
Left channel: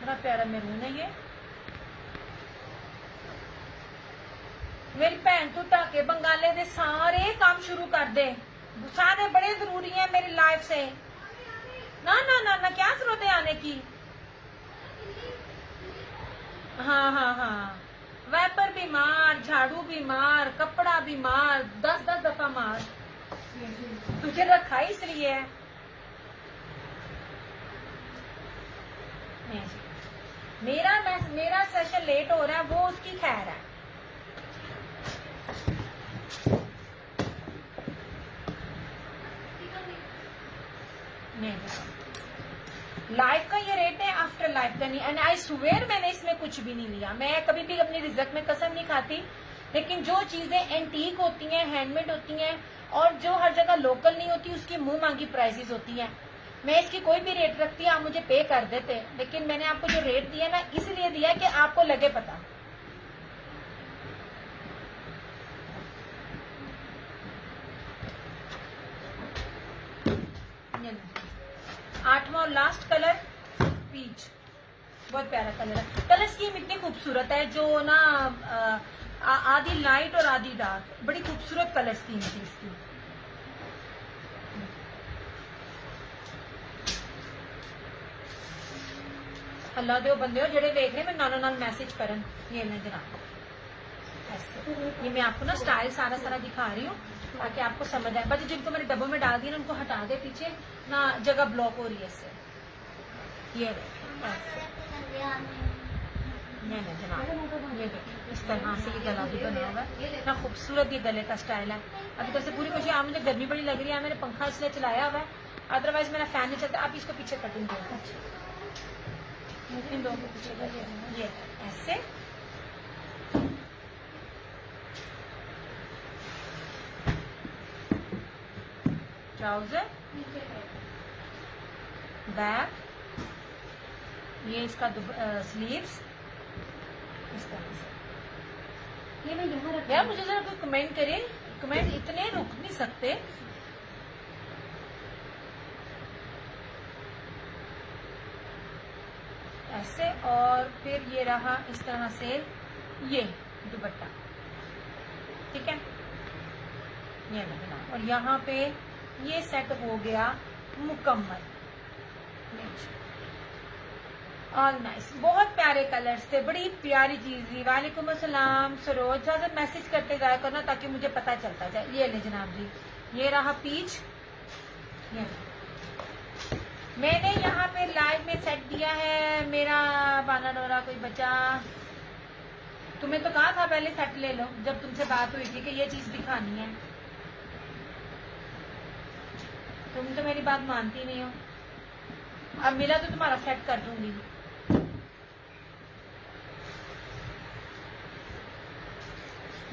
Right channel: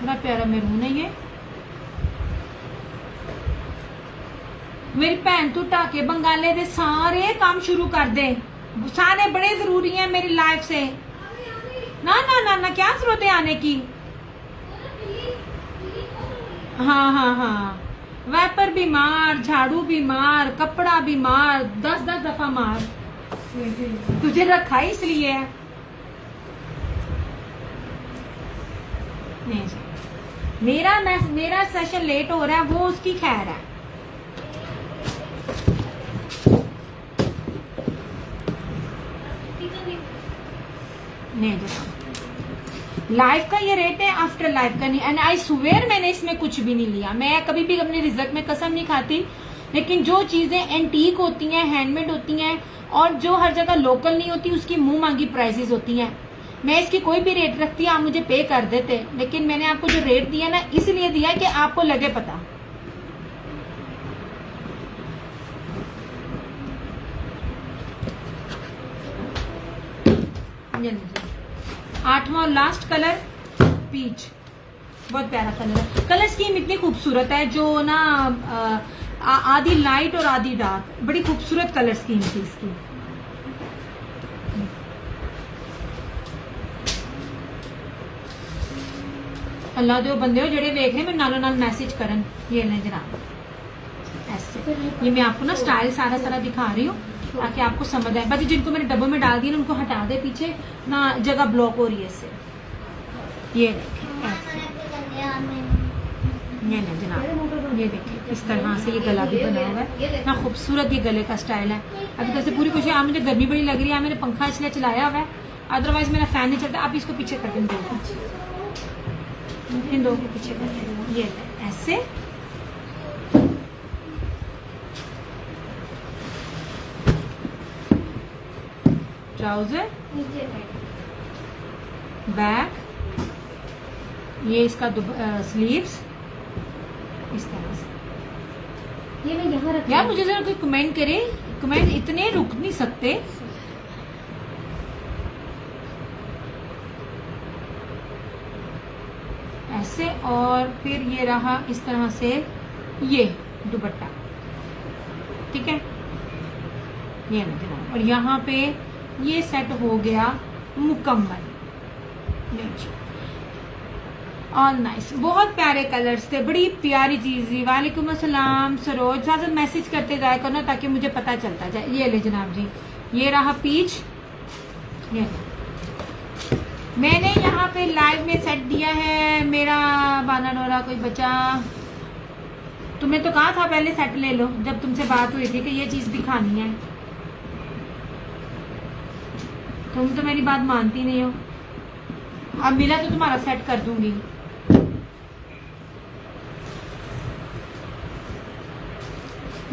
बड़ा प्यारा मैरून है ये। मेरी भैन तू टाके बंगाले दे सारे काम शुरू कर दे, सारे बड़े जरूरी हैं मेरी लाइफ से। ना ना ना ना, क्या जरूरत है आने की। हाँ हाँ हाँ, वैपर भी मार, झाड़ू भी मार, कपड़ा भी मार, 10-10 दफा मार। तुझे रखा ही इसलिए है। नहीं, मेरा सेशन लेट हो रहा है, वो उसकी खैर है। नहीं लाइफ का ये रेट है, आफ्टर लाइफ का नहीं। एंड आई स्वेयर मैंने इसमें कुछ भी नहीं लिया। मैं कभी भी अपने रिजल्ट में कसम नहीं खाती, लेकिन जो चीजें एंटीक होती हैं, हैंडमेड होती हैं और जो हर जगह लोकल नहीं होती, उसकी मुंह मांगी प्राइसेस होती हैं। मैं इसकी कोई भी रेट रखती, आप मुझे पे कर देते, लेकिन मैंने आपको जो रेट दिया ना इसलिए दिया कि आपको लगे पता। आठवां और लास्ट कलर पीच, बहुत प्यारा कलर है। कलर स्कीम इतनी खूबसूरत है, जो ना आधी लाइट और आधी डार्क, बड़ी खूबसूरत कलर स्कीम थी इसकी। अल्लाह दे बंदे हो जेडे देख रहे हैं, मैं नालों नाल मैसेज करन। ये ले जनाब ऐसे, ये मैं आपको ना स्टाइल सारा सारा दिखा रही हूँ ताकि आपको समझ आए। बाकी जिनको मैंने डब्बों में डाल दिया ना, उनको हटा दे, पीछे ना जगह ब्लॉक हो रही है इससे। ये देखिए ऐसे, ये ना जनाब, ये देखिए इस तरह से ये गला भी बना हुआ है ना, खूबसूरत ये गले का स्टाइल है। अभी तो पूरी कोशिश, आज मुझे गर्मी बड़ी लग रही है, मैंने पंखा इसलिए चलाया हुआ है, अदरवाइज मेरा फैन नहीं चलता। आप इसको पीछे कर दो, इन दो के पीछे कर, ये ऐसे। ट्राउजर, बैक, ये इसका स्लीव्स इस तरह से। ये मैं यहाँ रख यार मुझे जरा कोई कमेंट करे, कमेंट इतने रुक नहीं सकते। ऐसे, और फिर ये रहा इस तरह से ये दुपट्टा, ठीक है। ये मतलब, और यहाँ पे ये सेट हो गया मुकम्मल। ऑल नाइस, बहुत प्यारे कलर्स थे, बड़ी प्यारी चीज थी। वालेकुम अस्सलाम सरोज, ज्यादा मैसेज करते जाया करना ताकि मुझे पता चलता जाए। ये ले जनाब जी, ये रहा पीच। ये मैंने यहाँ पे लाइव में सेट दिया है मेरा बाना डोरा। कोई बचा? तुम्हें तो कहा था पहले सेट ले लो, जब तुमसे बात हुई थी कि ये चीज दिखानी है। तुम तो मेरी बात मानती नहीं हो। अब मिला तो तुम्हारा सेट कर दूंगी।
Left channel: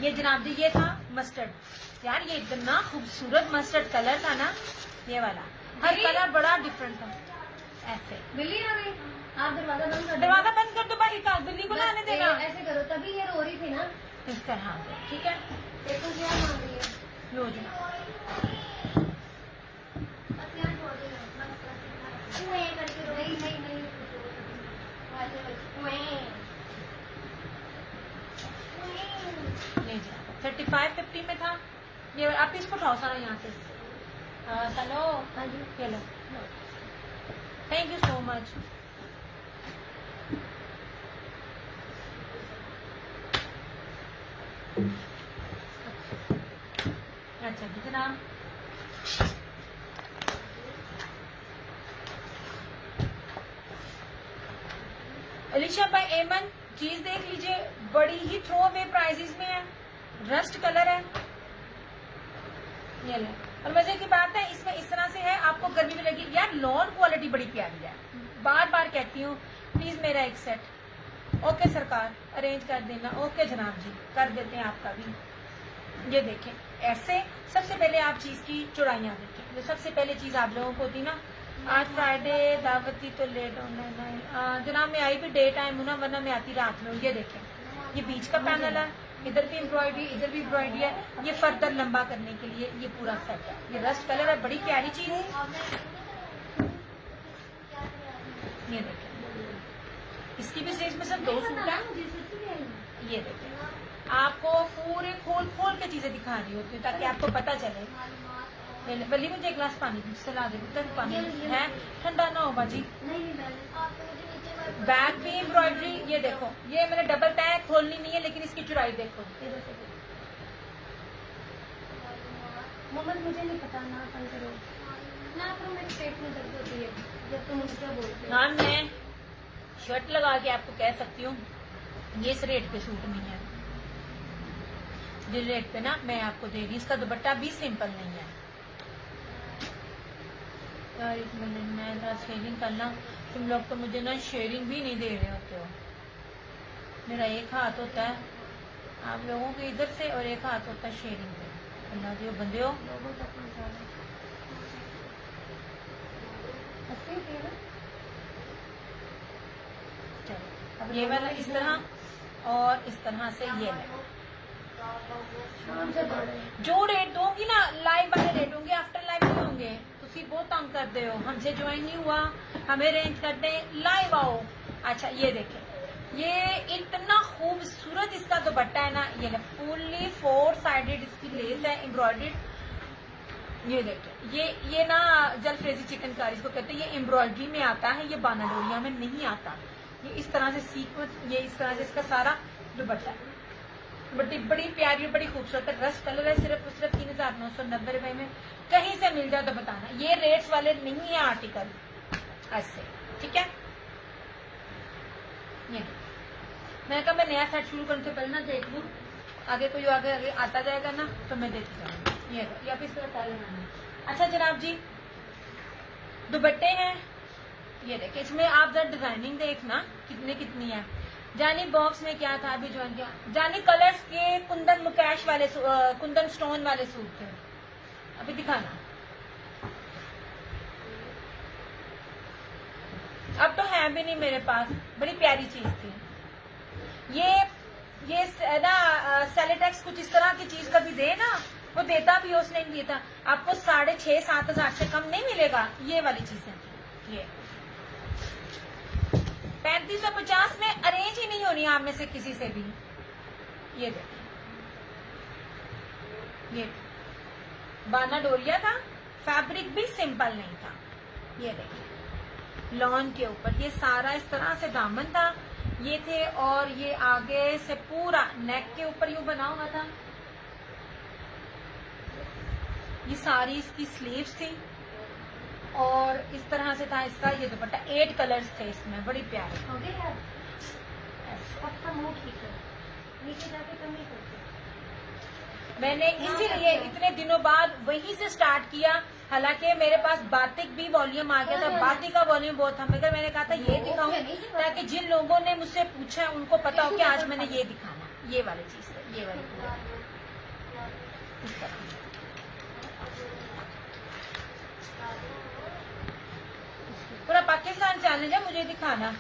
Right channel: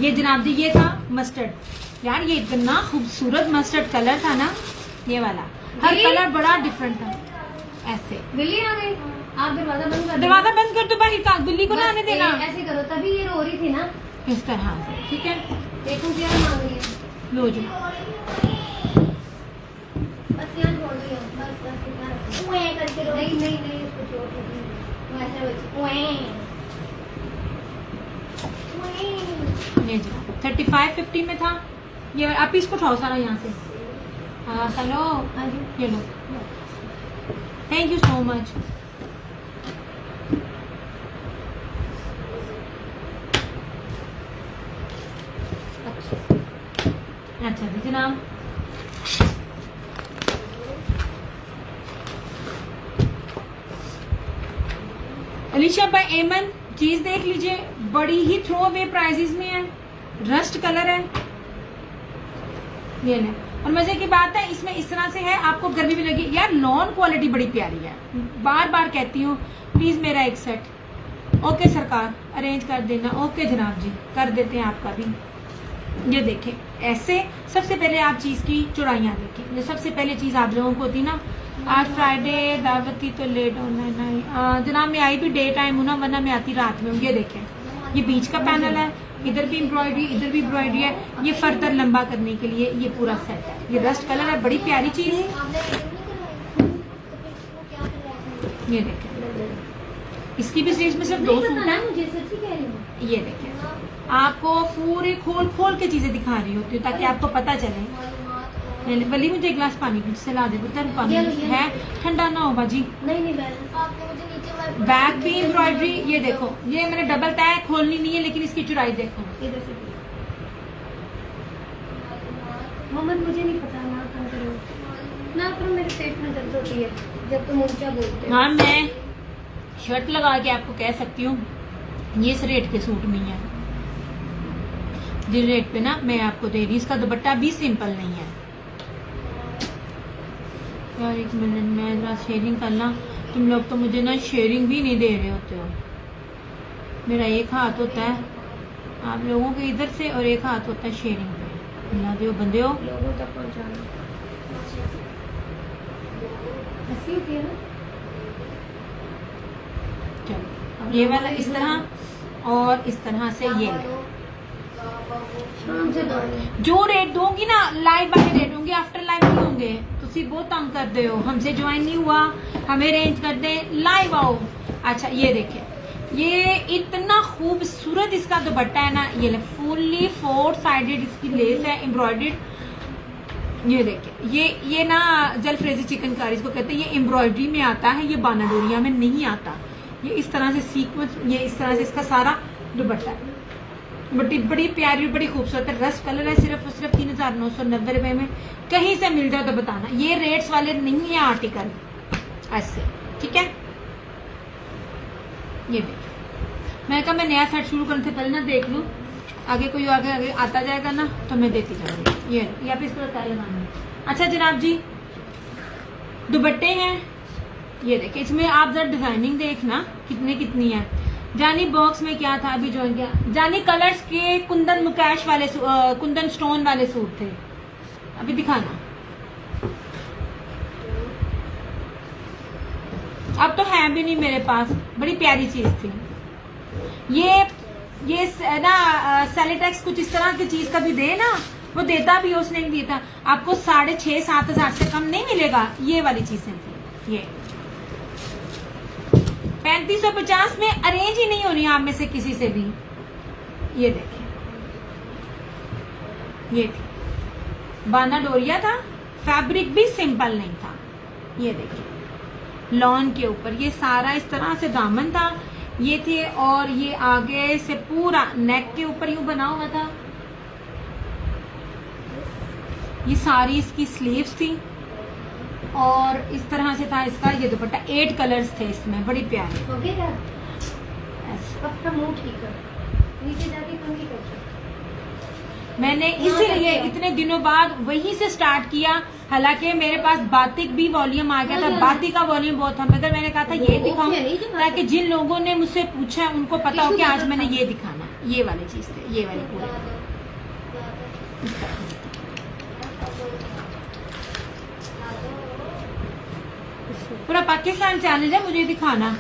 ये जनाब जी, ये था मस्टर्ड। यार ये इतना खूबसूरत मस्टर्ड कलर था ना, ये वाला। हर कलर बड़ा डिफरेंट था। ऐसे बिल्ली आ गई, आप दरवाजा बंद कर। दरवाजा बंद कर दो भाई, बिल्ली को ना आने देना। ऐसे करो, तभी ये रो रही थी ना इस तरह से, ठीक है। देखो जरा मांग रही है। ये हो जाए। बस यहाँ छोड़ दिया, बस इतना रखो। उए करके रो। नहीं नहीं नहीं, इसको छोड़ दो। वैसे बच्चे उए। उए। ये 3550 में था ये। आप इसको उठाओ सारा यहाँ से। हाँ चलो, हाँ जी। ये लो, थैंक यू सो मच। अच्छा जी जनाब, अलीशा भाई एमन चीज देख लीजिए, बड़ी ही थ्रो अवे प्राइजेस में है, रस्ट कलर है ये ले। और मजे की बात है इसमें इस तरह से है, आपको गर्मी भी लगी यार। लॉन क्वालिटी बड़ी प्यारी है, बार बार कहती हूँ प्लीज मेरा एक सेट। ओके सरकार अरेंज कर देना। ओके जनाब जी कर देते हैं आपका भी। ये देखें ऐसे, सबसे पहले आप चीज की चौड़ाइयाँ देखें। जो सबसे पहले चीज आप लोगों को होती ना, आज फ्राइडे दावत थी तो लेट होना है जनाब। मैं आई भी डे टाइम हूँ ना, वरना मैं आती रात में हूँ। ये देखें ये बीच का पैनल है, इधर भी एम्ब्रॉयडरी इधर भी एम्ब्रॉयडरी है। ये फर्दर लंबा करने के लिए ये पूरा सेट है। ये रस्ट कलर है, बड़ी प्यारी चीज है। ये देखें इसकी भी स्टेज में सिर्फ 2 सूट है। मुझे सच्ची कह रही हूँ। ये देखें आपको पूरे खोल खोल के चीजें दिखा रही होती हूँ ताकि आपको पता चले। वली मुझे एक गिलास पानी से ला दे, गर्म पानी है, ठंडा ना हो बाजी। नहीं नहीं आपने मुझे नीचे बैक भी एम्ब्रॉयडरी। ये देखो ये मैंने डबल तय खोलनी नहीं है, लेकिन इसकी चौड़ाई देखो इधर से। मोहम्मद मुझे नहीं पता, ना करो ना करो, मेरे पेट में दर्द होती है जब तुम ऊंचा बोलते हो। हाँ मैं शर्ट लगा के आपको कह सकती हूँ ये इस रेट के सूट नहीं है। जिस रेट पे ना मैं आपको दे रही, इसका दुपट्टा भी सिंपल नहीं है यार। एक मिनट मैं जरा शेयरिंग करना, तुम लोग तो मुझे ना शेयरिंग भी नहीं दे रहे होते हो। मेरा एक हाथ होता है आप लोगों के इधर से और एक हाथ होता है शेयरिंग पे। अल्लाह दे बंदे हो लोगों तक पहुंचाना। ऐसी होती है ना। चलो ये वाला इस तरह और इस तरह से ये शाम से दो। जो रेट दूंगी ना लाइव वाले रेट होंगे, आफ्टर लाइव नहीं होंगे। तुसी बहुत तंग कर दे हो, हमसे ज्वाइन नहीं हुआ, हमें रेंज कर दे, लाइव आओ। अच्छा ये देखें ये इतना खूबसूरत इसका दुपट्टा है ना। ये फुल्ली 4 साइडेड इसकी लेस है एम्ब्रॉयडर्ड। ये देखें ये ना जलफ्रेजी चिकनकारी इसको कहते हैं। ये एम्ब्रॉयडरी में आता है, ये बाना डोरिया में नहीं आता। ये इस तरह से सीक्वेंस, ये इस तरह से इसका सारा दुपट्टा है। बड़ी प्यारी बड़ी खूबसूरत है। रस्ट कलर है, सिर्फ 3990 रुपए में। कहीं से मिल जाए तो बताना, ये रेट्स वाले नहीं है आर्टिकल ऐसे, ठीक है। ये देखिए मैं कहा मैं नया सेट शुरू करने से पहले ना देख लूं, आगे कोई आगे आता जाएगा ना तो मैं देती जाऊंगी। ये आप इस पर तय लगाना। अच्छा जनाब जी दुपट्टे हैं, ये देखिए इसमें आप जरा डिजाइनिंग देखना कितनी है। जानी बॉक्स में क्या था अभी ज्वाइन किया, जानी कलर्स के कुंदन मुकेश वाले कुंदन स्टोन वाले सूट थे, अभी दिखाना। अब तो है भी नहीं मेरे पास, बड़ी प्यारी चीज थी ये ना सेलेटेक्स कुछ इस तरह की चीज कभी दे ना, वो देता भी, उसने नहीं दिया था आपको 6,500-7 हजार से कम नहीं मिलेगा। ये वाली चीजें थी, ये 3550 में अरेंज ही नहीं होनी आप में से किसी से भी। ये देखें ये बाना डोरिया था, फैब्रिक भी सिंपल नहीं था। ये देखिए लॉन के ऊपर ये सारा इस तरह से दामन था, ये थे और ये आगे से पूरा नेक के ऊपर यूं बना हुआ था। ये सारी इसकी स्लीव्स थी और इस तरह से था इसका ये दुपट्टा। 8 कलर्स थे इसमें, बड़ी प्यारे। हो गया अब का मुंह ठीक है, नीचे जाके कम भी करते। मैंने इसीलिए इतने दिनों बाद वहीं से स्टार्ट किया, हालांकि मेरे पास बातिक भी वॉल्यूम आ गया था, बातिक का वॉल्यूम बहुत था, मगर मैंने कहा था ये दिखाऊं ताकि जिन लोगों ने मुझसे पूछा उनको पता हो कि आज मैंने ये दिखाना। ये वाली चीज थी, ये वाली पूरा पाकिस्तान चैलेंज है मुझे दिखाना।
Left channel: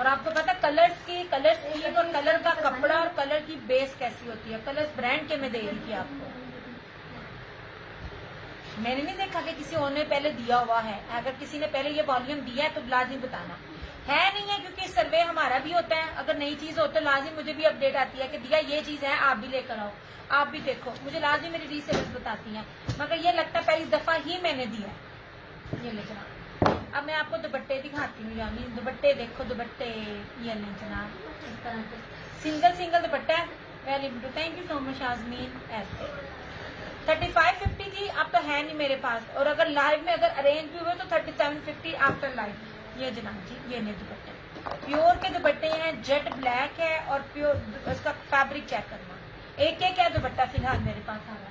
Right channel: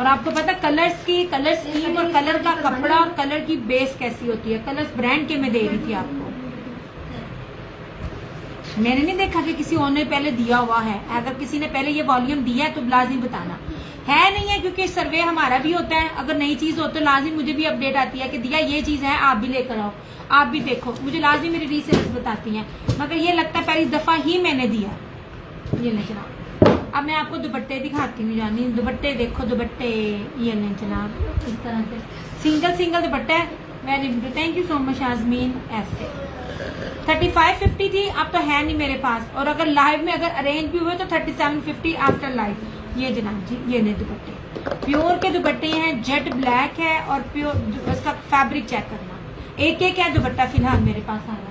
और आपको पता कलर स्कीम और कलर का कपड़ा और कलर की बेस कैसी होती है। कलर्स ब्रांड के मैं दे रही थी आपको, मैंने नहीं देखा कि किसी और ने पहले दिया हुआ है। अगर किसी ने पहले ये वॉल्यूम दिया है तो लाजिम बताना है, नहीं है, क्योंकि सर्वे हमारा भी होता है। अगर नई चीज हो तो लाजिम मुझे भी अपडेट आती है कि दिया ये चीज है, आप भी लेकर आओ, आप भी देखो। मुझे लाजिम मेरी रीसेलर्स बताती हैं, मगर ये लगता है पहली दफा ही मैंने दिया। ये ले जनाब, अब मैं आपको दुपट्टे दिखाती हूँ। जानी दुपट्टे देखो, दुपट्टे ये ले जनाब, इस तरह के सिंगल दुपट्टा है। Very good, thank you so much Yasmeen. ऐसे 3550 थी, अब तो है नहीं मेरे पास। और अगर लाइव में अगर अरेंज भी हुए तो 3750 आफ्टर लाइव। ये जनाब जी, ये नहीं दुपट्टे प्योर के दुपट्टे हैं, जेट ब्लैक है और प्योर उसका फैब्रिक चेक करना। एक है दुपट्टा फिलहाल मेरे पास आया।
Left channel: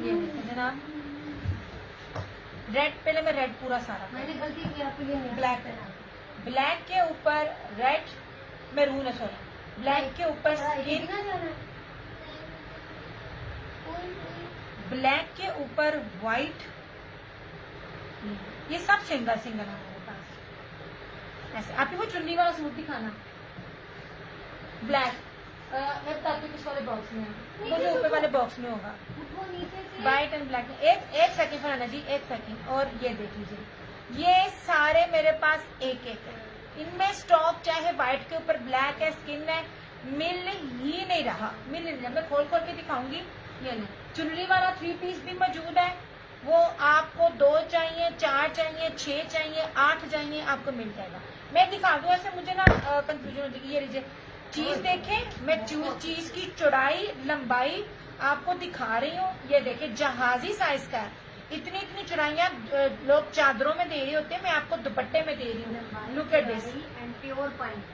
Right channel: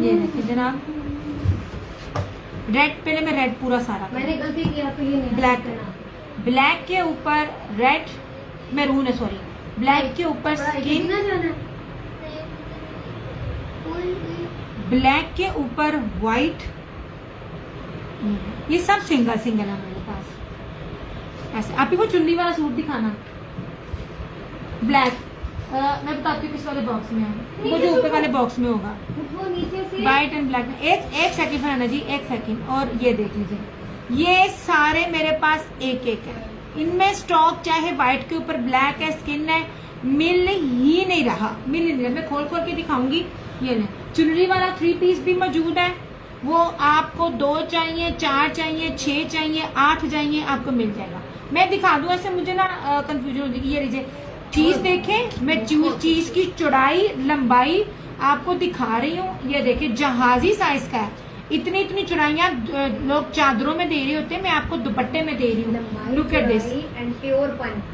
ये देखिए जनाब, रेड, पहले मैं रेड पूरा सारा मैंने गलती की, आपको ये नहीं ब्लैक के ऊपर रेड, मैरून है सॉरी, ब्लैक के ऊपर स्किन, ब्लैक के ऊपर व्हाइट। ये सब सिंगल है मेरे पास। ऐसे आप ही को चुन्नी वाला सूट दिखाना, ब्लैक। मैं बताती हूँ किस वाले बॉक्स में है, वो जो ऊपर वाले बॉक्स में होगा, व्हाइट एंड ब्लैक। एक सेकंड फराना जी, एक सेकंड। और ये देख लीजिए, ये सारे मेरे पास एक है। इनमें स्टॉक चाहे व्हाइट के ऊपर ब्लैक है, स्किन है, मिल ही नहीं रहा। मैं खोल के दिखाऊंगी। ये ले, चुनरी वाला 3 पीस भी मौजूद है। वो आपको 2 चाहिए, 4 चाहिए, 6 चाहिए, 8 चाहिए, आपको मिल जाएगा। मैं दिखा दूं, ऐसे मुझे ना कंफ्यूजन होती है। ये लीजिए चीज देखें, मैं चीज की चौड़ाई लंबाई आपको दिखा रही हूँ। ये देखिए जहाजी साइज का है। इतनी चौड़ाइयाँ लोग चादरों में दे रहे होते हैं, मैं आपको दुपट्टे में दे रही हूँ। लुक एट दिस,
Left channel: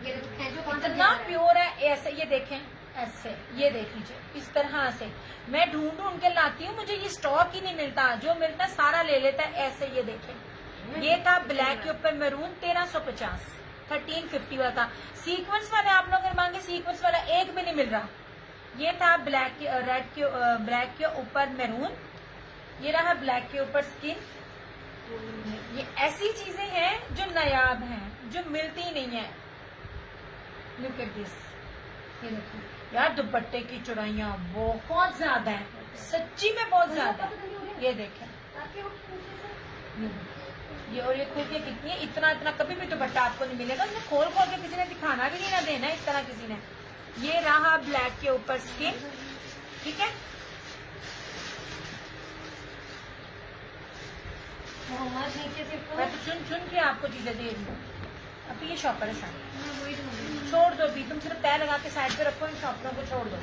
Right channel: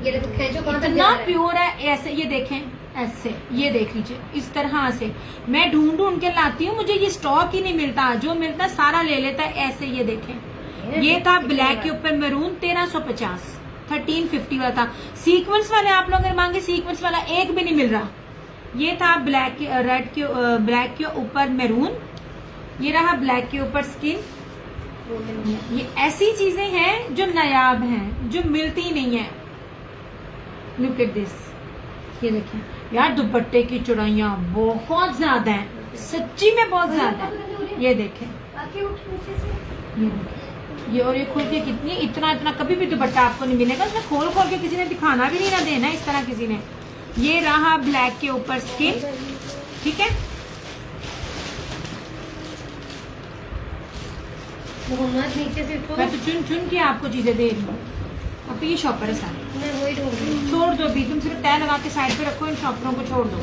इतना प्योर है। ऐसे ये देखें, ऐसे ये देख लीजिए, इस तरह से मैं ढूंढ के लाती हूँ, मुझे ये स्टॉक ही नहीं मिलता, जो मिलता है सारा ले लेता है। ऐसे ये देखें, ये था ब्लैक के ऊपर मैरून 1350, 1350 वाला था। सीक्वेंस वाले आप लोग अगर मांगे, सीक्वेंस वाला एक भी नहीं मिल रहा। ये था ब्लैक ब्लैक के ऊपर मैरून, ये रहा ब्लैक के ऊपर स्किन। ये ऐसी चीजें हैं जो नायाब हैं, जो मिलती ही नहीं है। लुक एट दिस, ये देखिए यार, दुपट्टे की चौड़ाइयाँ बहुत ज्यादा है, सच्ची में बहुत ज्यादा है। ये देखें, ये और ये खुल के कितनी, इतना कभी भी दुपट्टा आपको नहीं मिलेगा। उसमें खोल के किसी ने दिखाना भी नहीं ना देना इस तरह किसी ने। ये रहा ब्लैक के ऊपर स्किन, ठीक है। मैं तो चुन के आपको चीजें दे रही हूँ। अब ये शॉपर है सारे, मैं वही ढूंढ रही हूँ। छोड़ दो भी, तुम सिर्फ तय लगा के साइड पे रखो, इन शॉपरों को छोड़ दो।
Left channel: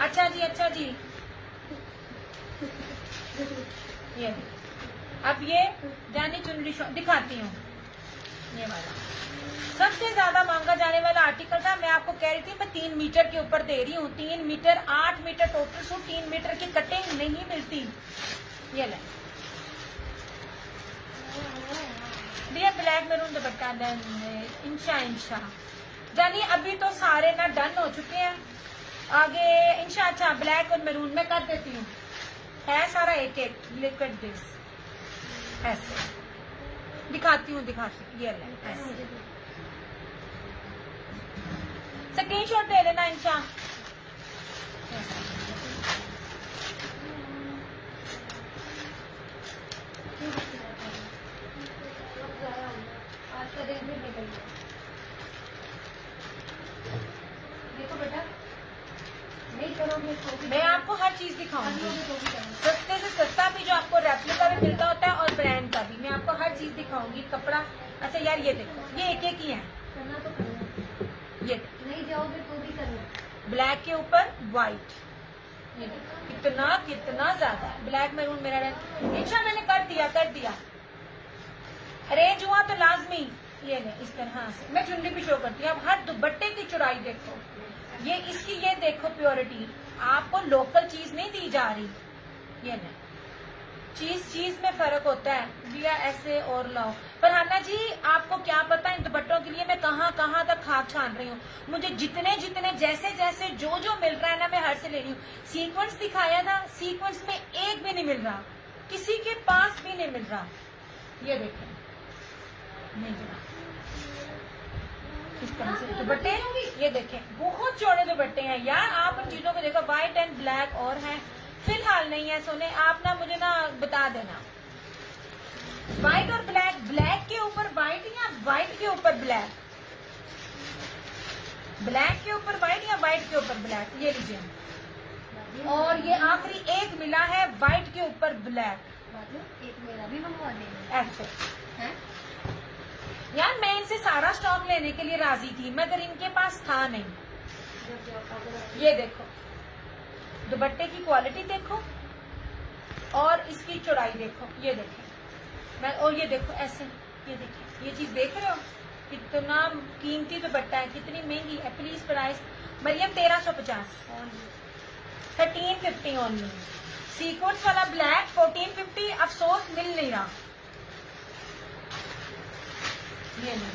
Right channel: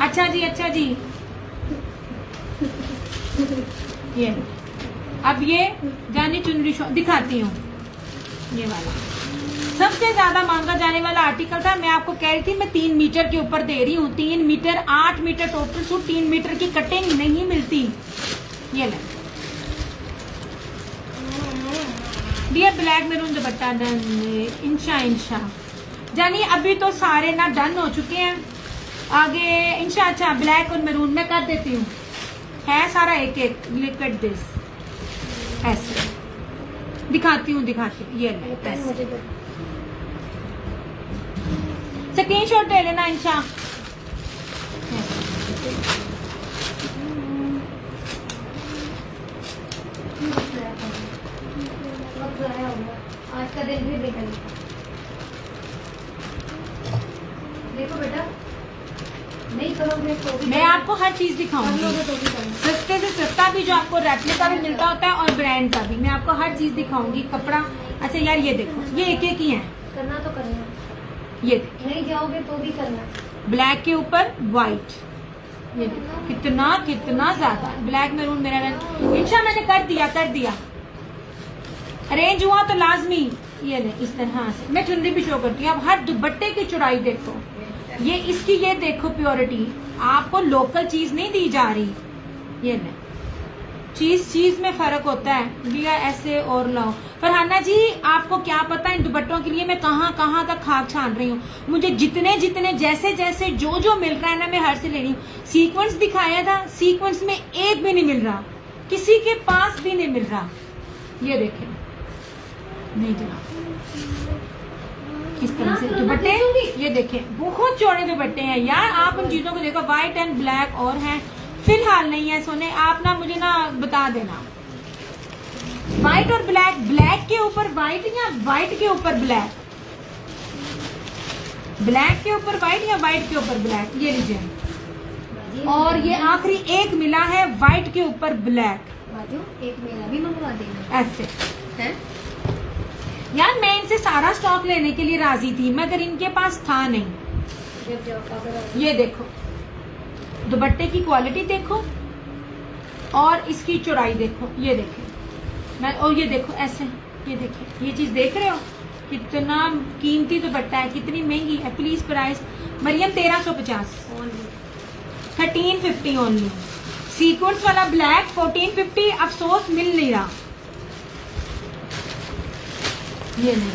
अच्छा जी ये अब ये जानी चुनरी दिखाती हूँ। ये वाला सबसे ज्यादा मांगा जाने वाला आर्टिकल था। मैं आपको कह रही थी मैं 3 मीटर के ऊपर दे रही हूँ। 3 metre 8 metre total suit, 3 metre की कटिंग नहीं मिलती। ये ले दिया ब्लैक मैरून दुपट्टा डन, इंशा जानी अभी तो सारे ना डन हो चुके हैं। आगे इंशा अच्छा ब्लैक और मैरून में कर देती हूँ, है सारा एक लुक एट दिस। ऐसे दिखाती हूँ ये स्क्रीनशॉट ले लेना इंशा। आज का दिन भी निकल देखो बेटा, नहीं करोगे तो मैं आपको हर चीज दिखाऊंगी, सस्ते से सस्ता भी जो आपको रेप्लिका भी मिलता होता है और ब्रांड का भी। मैं आपको हर चीज दिखाऊंगी। कपड़ा अच्छा यार, ये देखो, ये एक ही है। करना तो करना, ये नहीं जाओगे तो भी करना। ब्लैक के ऊपर व्हाइट, ये कितना ज्यादा ब्लैक मैरून मेरा रंग। इंशा मैंने कर दिया अरेंज हुआ तो लाजमी। ये ले इस तरह से मैं चुनरी भी शो करती हूँ। अब हर दुपट्टे की चौड़ाई देखो, ये इसकी ये देखो प्योरिटी, आपको लोकल चीज नहीं दी जा रही। ये ले चीज में फर्क होता है भैया। ऐसे और लाओ फरहाना जी, आपको क्या पता इन दुपट्टों के लिए मैं कहाँ तक खाक छान रही हूँ। मुझे जितने जैसे जो मिल रहा है ना, मैं हर से ले रही हूँ। सीक्वेंस दिखाया था, सीक्वेंस में एक भी नहीं मिल रहा, किसी के पास भी नहीं मिल रहा। ये देखें, नहीं जरा किस तरह से दुपट्टे, ये देखें बहुत चौड़े दुपट्टे हैं यार। आप उन चीजों को देखो, व्हाइट एंड ब्लैक और हैं, फिलहाल नहीं है सोने। आप ना मुझे ना बता देना, व्हाइट और ब्लैक, ब्लैक के ऊपर व्हाइट या व्हाइट के ऊपर ब्लैक, ब्लैक के ऊपर व्हाइट या व्हाइट के ऊपर ब्लैक। ये लीजिए, और ये आखिरी एक मिला है व्हाइट के ऊपर ब्लैक। बाजू एक मेरा भी मंगवा देंगे ऐसे हैं। यार मैं इनसे सारा स्टॉक लेने के लिए राजी थी, मगर इनके पास था नहीं। ये देखो दुपट्टे की क्वालिटी देखो और इसकी चौड़ाई देखो, ये देखें। और ये देखो ऐसे, ये देखें, ये चीज देख रहे हो कितना कीमती दुपट्टा है, कितनी महंगी है। Please price Mariam 1350, 1350 only. Sequins वाला ब्लैक 1450, अफसोस मिल नहीं रहा। ये नहीं,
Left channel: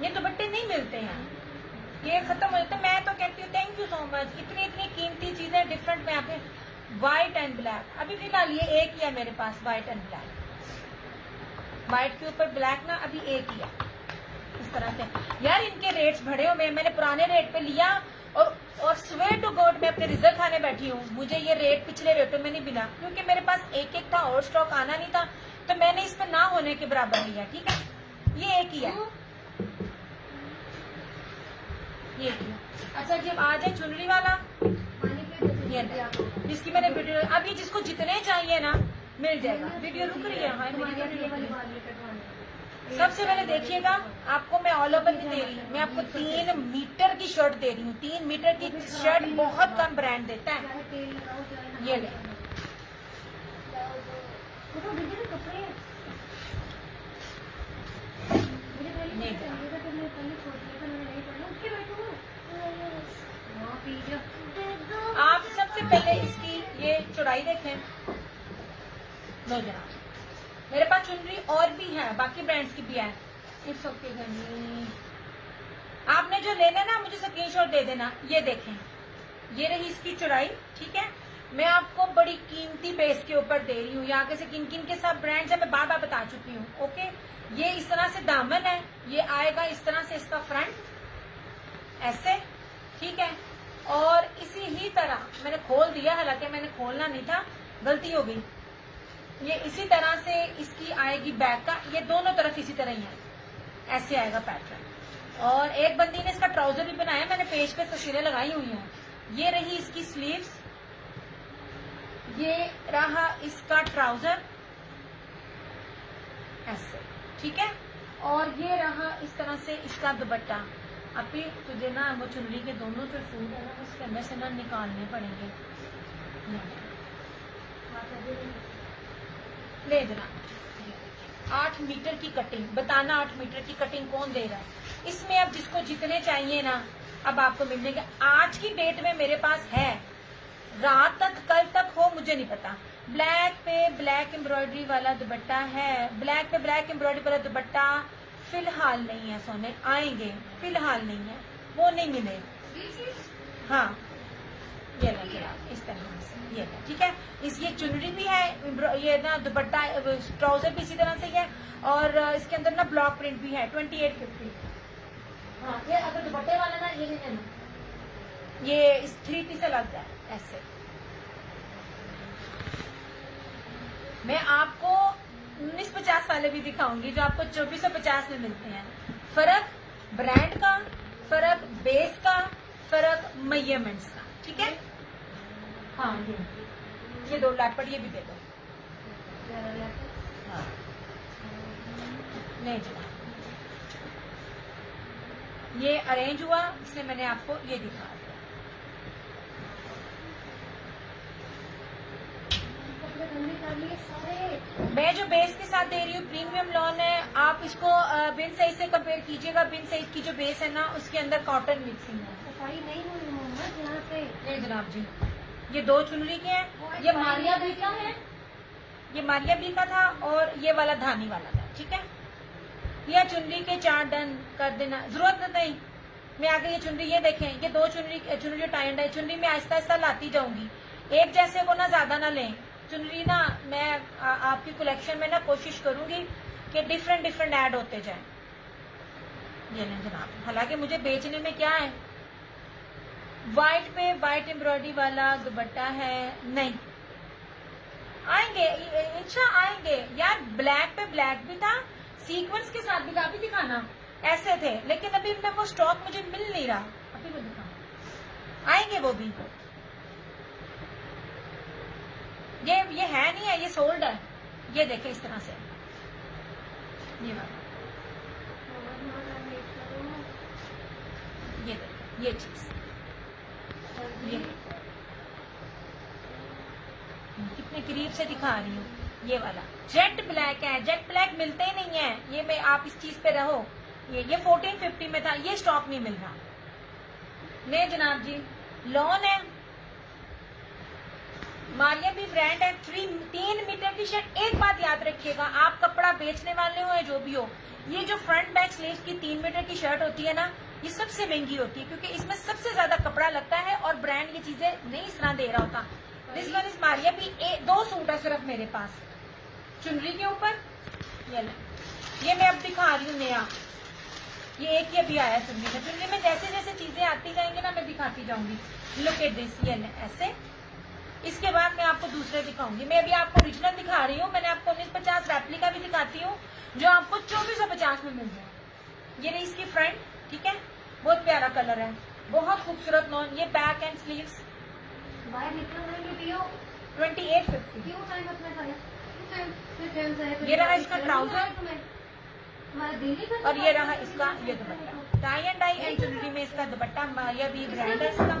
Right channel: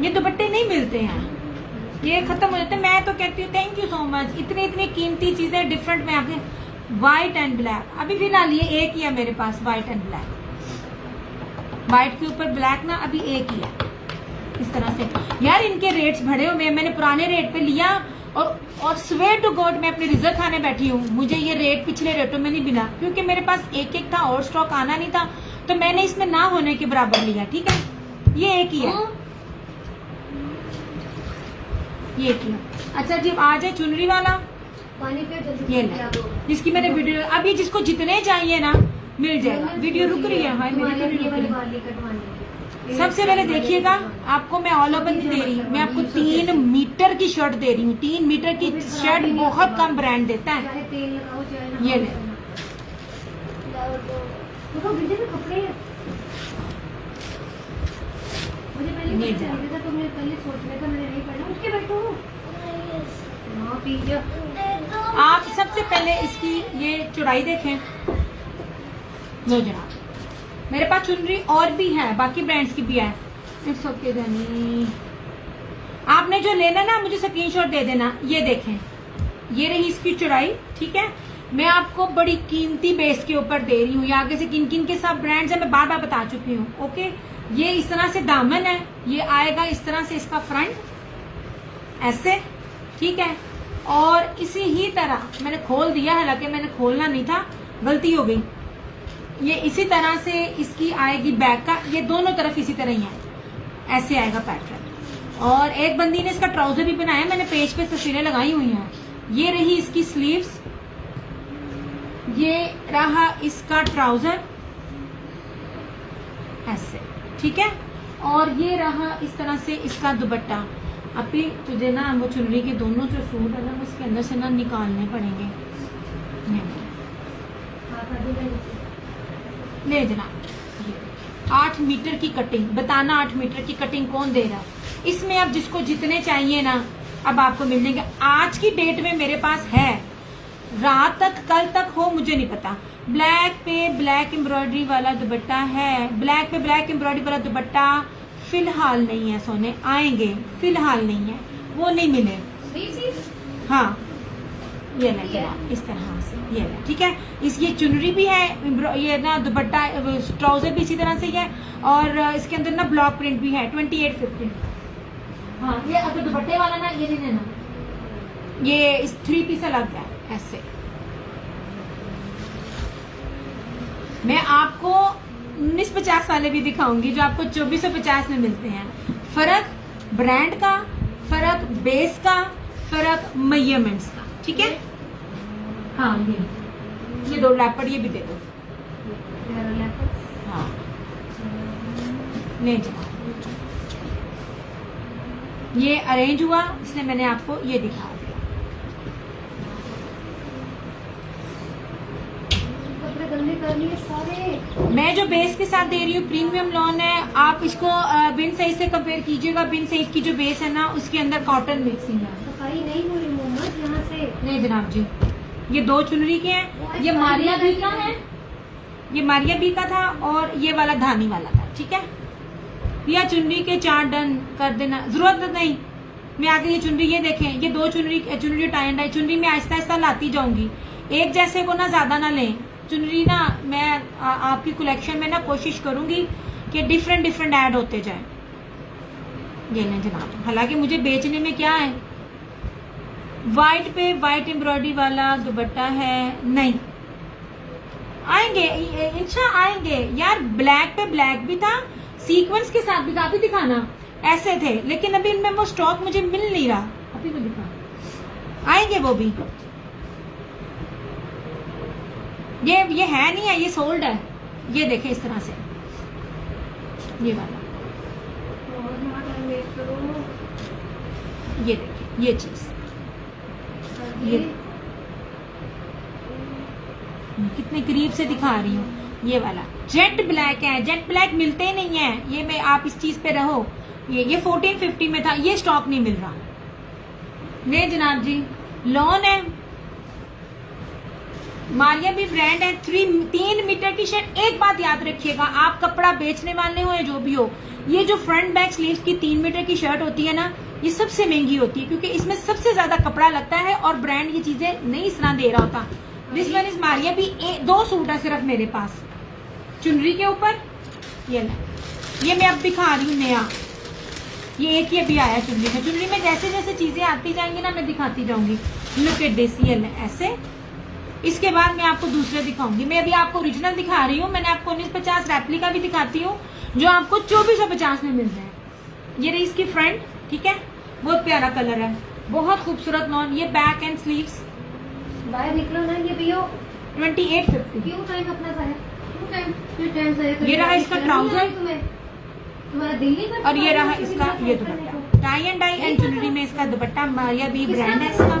ये दुपट्टे नहीं मिलते हैं, ये खत्म हो जाते हैं। मैं तो कहती हूँ थैंक यू सो मच, इतनी इतनी कीमती चीजें डिफरेंट में आपके। व्हाइट एंड ब्लैक अभी फिलहाल ये एक ही है मेरे पास, व्हाइट एंड ब्लैक। व्हाइट के ऊपर ब्लैक ना अभी एक ही है इस तरह से। यार इनके रेट्स बढ़े हुए, मैंने पुराने रेट पे लिया और स्वेयर टू गॉड मैं अपने रिजल्ट खाने बैठी हूँ। मुझे ये रेट पिछले रेटों में नहीं मिला, क्योंकि मेरे पास एक एक था और स्टॉक आना नहीं था, तो मैंने इसमें ना होने के बराबर लिया। ठीक है, ये एक ही है, ये एक ही है। अच्छा जी, आ जाए चुनरी वाला, ये ना जिसकी मैंने वीडियो, अभी जिसको जितने चाहिए ना मिल जाएगा। वीडियो रुक रही है, हाँ मेरी वीडियो रुक रही है। सबसे पहले देखिएगा, आपको मैं ऑल ओवर नहीं दे रही, मैं आपको 3 मीटर की शर्ट दे रही हूँ। 3 मीटर की शर्ट बहुत कम ब्रांड देता है। ये ले, आप सबसे पहले इसकी ये चौड़ाई देखें। लो जनाब, मेरे पास चुनरी और भी है, बाकी ब्रांड्स की भी है। इट्स ओके जानी, आपने जो लेना ना मुझे स्क्रीनशॉट दे देना। ये देखें, ये रही इसकी चौड़ाई। ठीक है, मैं आपको बड़ी कीमती बेस के ऊपर दे रही हूँ। ये आगे से किन किन के सब ब्रांड्स है मैं बार बार बता चुकी हूँ। ओके, ये इस तरह से दामन है, ये आएगा इस तरह से इसका फ्रंट ऐसे। ठीक है, और इसी ही तरह मैंने खोल दिया, हालांकि मैंने खोलना नहीं था, गलती हो गई। ये इसी तरह से इसकी आएगी बैक का, ये दोनों तरफ इसी तरह ही है, ऐसे आएगा पैटर्न। और एक बंदी ने इसका ट्राउजर भी बनाया, मैंने पेज पे तस्वीरें लगाई हुई हैं। ये रही इसकी स्लीव्स, ये रहा इसका ट्राउजर ऐसे। ठीक है, और ये रहा इस तरह से इसका दुपट्टा। अभी तुझे ना वो चुनरी के दोनों जो सूट है ना उसके अंदर से ना निकालने पड़ेंगे। ले जनाब, 8 मीटर की कटिंग, बताना 8 मीटर की कटिंग कौन दे रहा है। इसमें अब जिसको जितने चाहिए ना अब आपको मिल जाएंगे। आज की डेट में मेरे पास है, रात तक कल तक हो मुझे नहीं पता। ब्लैक पे ब्लैक एम्ब्रॉयडरी वाला दुपट्टा है, ब्लैक पे ब्लैक एम्ब्रॉयडरी वाला दुपट्टा फिलहाल नहीं है सोने, आएंगे, फिलहाल नहीं है, वो नहीं मिले। हाँ ये ना इस तरह से, ये ना। ठीक है, इस ये चुनरी भी है, ये ना दुपट्टा ट्राउजर भी इसी तरह से ही है, और इसके अंदर ना ब्लॉक प्रिंट भी है 2850। हाँ, ये अगर दुपट्टे वाला ना ये नहीं लेना, ये इस 3 पीस अलग है ऐसे। मैं आपको 1950 वाले भी दिखाऊंगी जो आपको 2450 में मिलते हैं। फर्क ब्रांड का, फर्क बेस का, फर्क मेजरमेंट्स का। ठीक है, हाँ ये 2 लैपड़ ये भी दे दो। हाँ नहीं जी, ये अरेंज हुआ इसलिए मैंने आपको ये दिखा दिया। मैं जो बेस के साथ दे रही हूँ प्रीमियम लॉन है, आप इसको बिन सही से कंपेयर कीजिएगा। बिन सही की जो बेस है ना उसके अंदर कॉटन मिक्सिंग है। सफाई नहीं हो रही मोहम्मद यहाँ से। नहीं जनाब जी, ये 2 चुनरी के हैं, ये मारिया बी का है, ये मारिया बी का था, और ये वाला धानी वाला था। ठीक है, यह चुनरी के 4 डन कर देना, जरूरत नहीं। मैं आगे ये चुनरी, ये देखें, ये 2 चुनरी टाई एंड डाई चुनरी में आहिस्ता आहिस्ता लाती जाऊंगी। एक जैसे को ना ज्यादा ना लें चुनरी ना। मैं आपकी कलेक्शन में ना कोशिश करूंगी कि डिफरेंट डिफरेंट ऐड होते जाएं। ये लें जनाब, हालांकि मुझे बेचने में क्या है, वाइट पे वाइट एम्ब्रॉयडरी वाला दुपट्टा है नहीं, आएंगे इंशा आएंगे यार। ब्लैक पे ब्लैक भी था, सीक्वेंस के साथ भी काफी दिखाना ऐसे थे, लेकिन अभी इनमें वो स्टॉक मुझे मिल नहीं रहा। अभी तो दिखा, आएंगे वो भी। ये है नहीं है, ये सोल्ड है। ये देखें इस तरह से, ये वाला, ये देखिए ये चीज, ये कितने करीब से दिखा रही हूँ। ये वाला जेट ब्लैक है, जेट ब्लैक मिलते ही नहीं है। ये मैं आप इस चीज पे रहो, ये 1450 में था, ये स्टॉक नहीं मिल रहा। ले जनाब जी, लॉन है, मारिया भी ब्रांड है, 3 मीटर की शर्ट। एक बात याद रखिएगा, आप कपड़ा बेचने वाले हो या जो भी हो, ये जो फ्रंट बैक स्लीव की 3 मीटर की शर्ट होती है ना, ये सबसे महंगी होती है, क्योंकि इसमें सबसे ज्यादा कपड़ा लगता है और ब्रांड ये चीजें नहीं इस तरह दे रहा होता। दिस वन इज मारिया भी। 2 सूट है सिर्फ मेरे पास चुनरी के ऊपर। ये मैं अब दिखा रही हूँ नया, ये एक ही अभी आया चुनरी में। चुनरी में जैसे जैसे चीजें आती जाएंगी ना, मैं दिखाती जाऊंगी। लुक एट दिस, ये ऐसे। इसके बाद मैं आपको दूसरे दिखाऊंगी। मैं अभी आपको ओरिजिनल दिखा रही हूँ, मैंने आपको 1950 रेप्लिका भी दिखाती हूँ, जो आपको 2450 में मिल रहा है। ये रही इसकी फ्रंट, ठीक है, बहुत प्यारा कलर है, बहुत खूबसूरत लॉन। ये बैक एंड स्लीव्स, बाहर निकलो ना, ये भी हो 2850। क्यों टाइम अपना जाया, क्यों टाइम जाया। ये रहा इसका ट्राउजर, तुम्हारा दिल नहीं करता। और ये रहा इसका ये dupatta. Tie and dye and jewellery में इसका दुपट्टा, मारिया भी ब्रांड है इसका।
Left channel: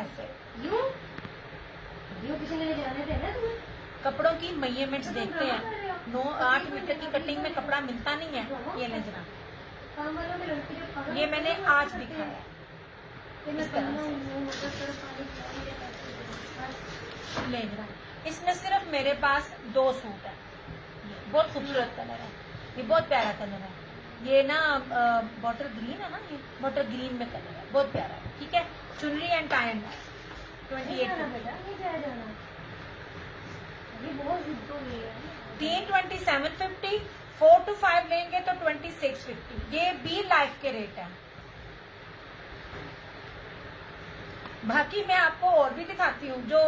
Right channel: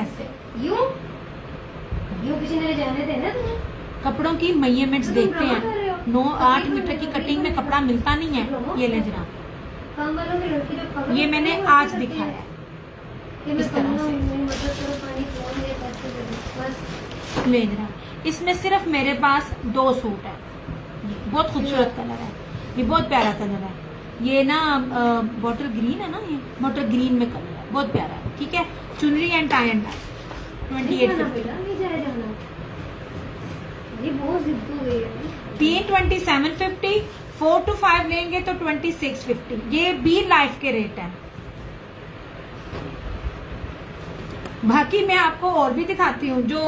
ऐसे यूं किसी ने ले जाने देना तुम्हें। कपड़ों की मेजरमेंट्स देखते हैं, 9-8 मीटर की कटिंग में कपड़ा मिलता नहीं है। ये ले जनाब, काम वालों में लड़की जो पकड़, ये मैंने आज दिखाया है इस तरह से। ले जनाब, इसमें सिर्फ मेरे पास 2 सूट है। बहुत खूबसूरत कलर है, ये बहुत प्यारा कलर है। ये ना बॉटल ग्रीन है ना, ये बॉटल ग्रीन में कलर है, बहुत प्यारा है, ठीक है। चुनरी एंड टाई एंड डाई 2850। ये बहुत जिद हो गई है। 3 2750, 4 to 5 लेंगे तो 2650। ये भी लाइफ के रेट है। बाकी मैं आपको और भी दिखाती हूँ जो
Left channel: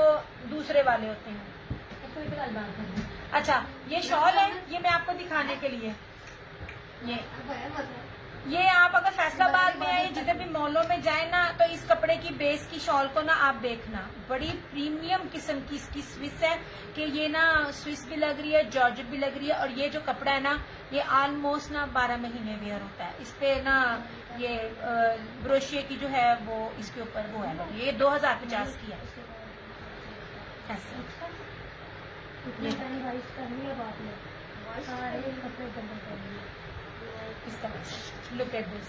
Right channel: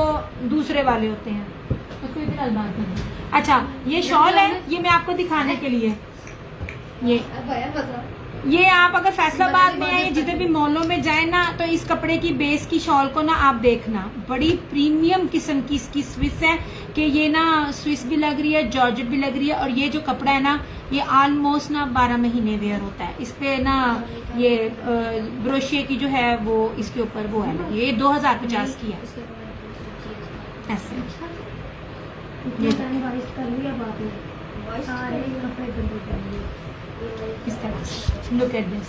दूसरे वाले होते हैं। उसको इधर अलमार कर दो। अच्छा, ये शॉल है, ये मैं आपको दिखाने के लिए। ये आप अगर फैसलाबाद में आए, जिधर भी मॉलों में जाए ना, तो इस कपड़े की बेस की शॉल को ना आप देखना, बड़ी प्रीमियम किस्म की इसकी स्विस है, कि ये ना स्विस भी लग रही है, जॉर्जेट भी लग रही है, और ये जो कपड़ा है ना, ये ऑलमोस्ट ना 12 महीने वेयर होता है। इस पे ना ये ब्रोशिये की जो है वो इसके ऊपर वो है ना, ये 2050 की है। ऐसे इस तरह से, लुक एट दिस।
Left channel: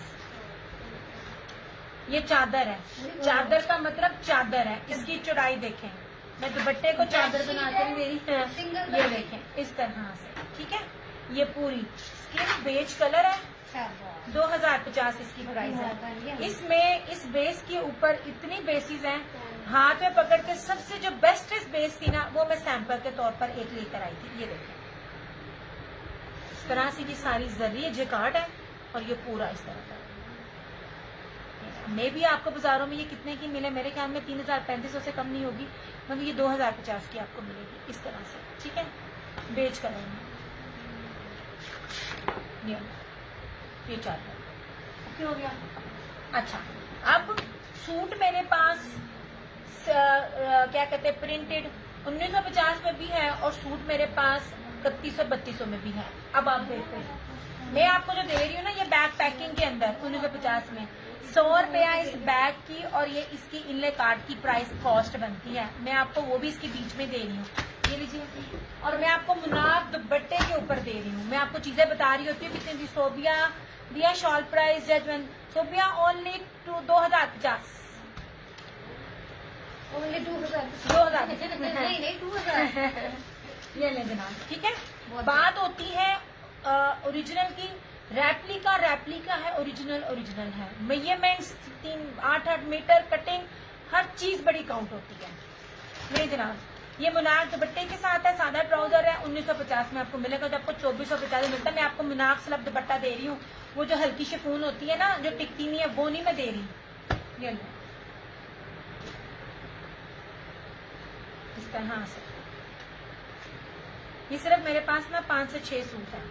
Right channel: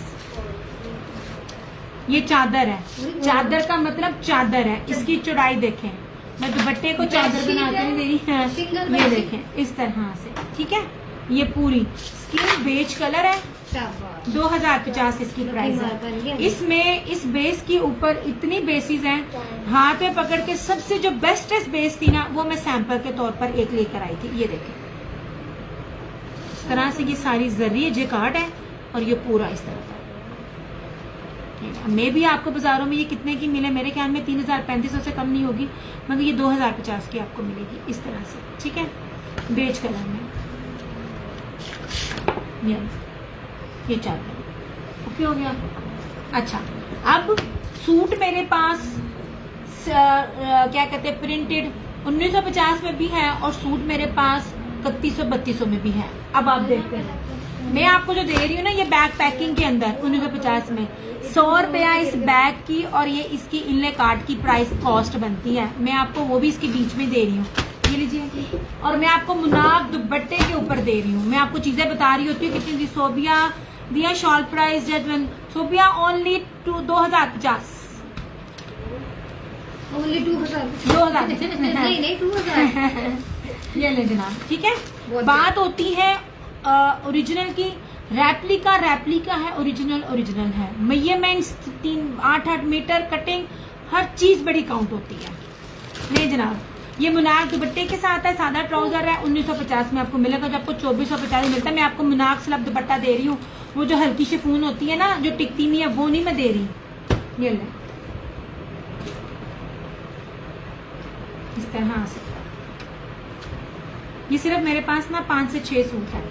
ये चादर है, चादर का मतलब चादर है। इसकी चौड़ाई देखें, मैं दुपट्टे को चादर बना कर दे रही है। ये देखें इस तरह से, ठीक है। ये पूरी स्किन बेज कलर है, 2050 इसकी प्राइस है। इसमें इस बेस के ऊपर इतनी बेसिस हैं, हाथ में पकड़ के सबसे जो बेस्टेस्ट बेस थी ना, वो मैं सैंपल के तौर पर एक लेकर आई थी। ये देखें इस तरह से, ये सारी जरिए जेकार्ड है, और ये पूरा इस तरह का। मैं भी आपको बाजारों में ये कितने की मिले, मेरे ख्याल में 3500 से कम नहीं होगी, मगर ये 2050 की आपको मिलेगी इस तरह से, ठीक है, बेज कलर में। ये चादर ओके हो गया। अच्छा, अब सूट मेरे पास क्या कहते हैं, प्रिंटेड 1950 में भी है, और सूट मेरे पास 3100-3200 में भी है। अब आप देखते हैं, मैं आपको जो दे रही हूँ ना, ये बैग पैकिंग के अंदर 1950 में 100 रुपया इस बैग की, और ये इसकी इनले कार्ड की प्राइस कॉस्ट बनती है। मैं आपको वो भी इसके बीच में दे रही हूँ, ये लीजिए। और मैं आपको मुनाब दुपट्टे के ऊपर दे रही हूँ। मैं आपको चीजें बता रही होती हूँ कितनी दी। सोबिया दिया shawl price judgement, Sobia only 2050, only 2000 नहीं 2000 ये ले जनाब, ठीक है। बात होती है ओरिजिनल की, रेप्लिका है, ओरिजिनल है। मेजरमेंट्स 8-8 मीटर, कटिंग, हर चीज बड़ी काउंट होती है। नहीं जनाब, ये मुनार दुपट्टे के साथ है, सादा ट्राउजर है, 1950 में आपको मिलेगा। जो आपको 2450 मिलता है, मैं आपको मुनार स्लब दुपट्टा दे रही हूँ। वो जो हल्की शिफॉन होती है ना, जो टिकती नहीं है, वो नहीं मैं दे रही। ये ले, इस तरह आ सकता है। ये सिर्फ मेरे पास ना 5 से 6 सूट है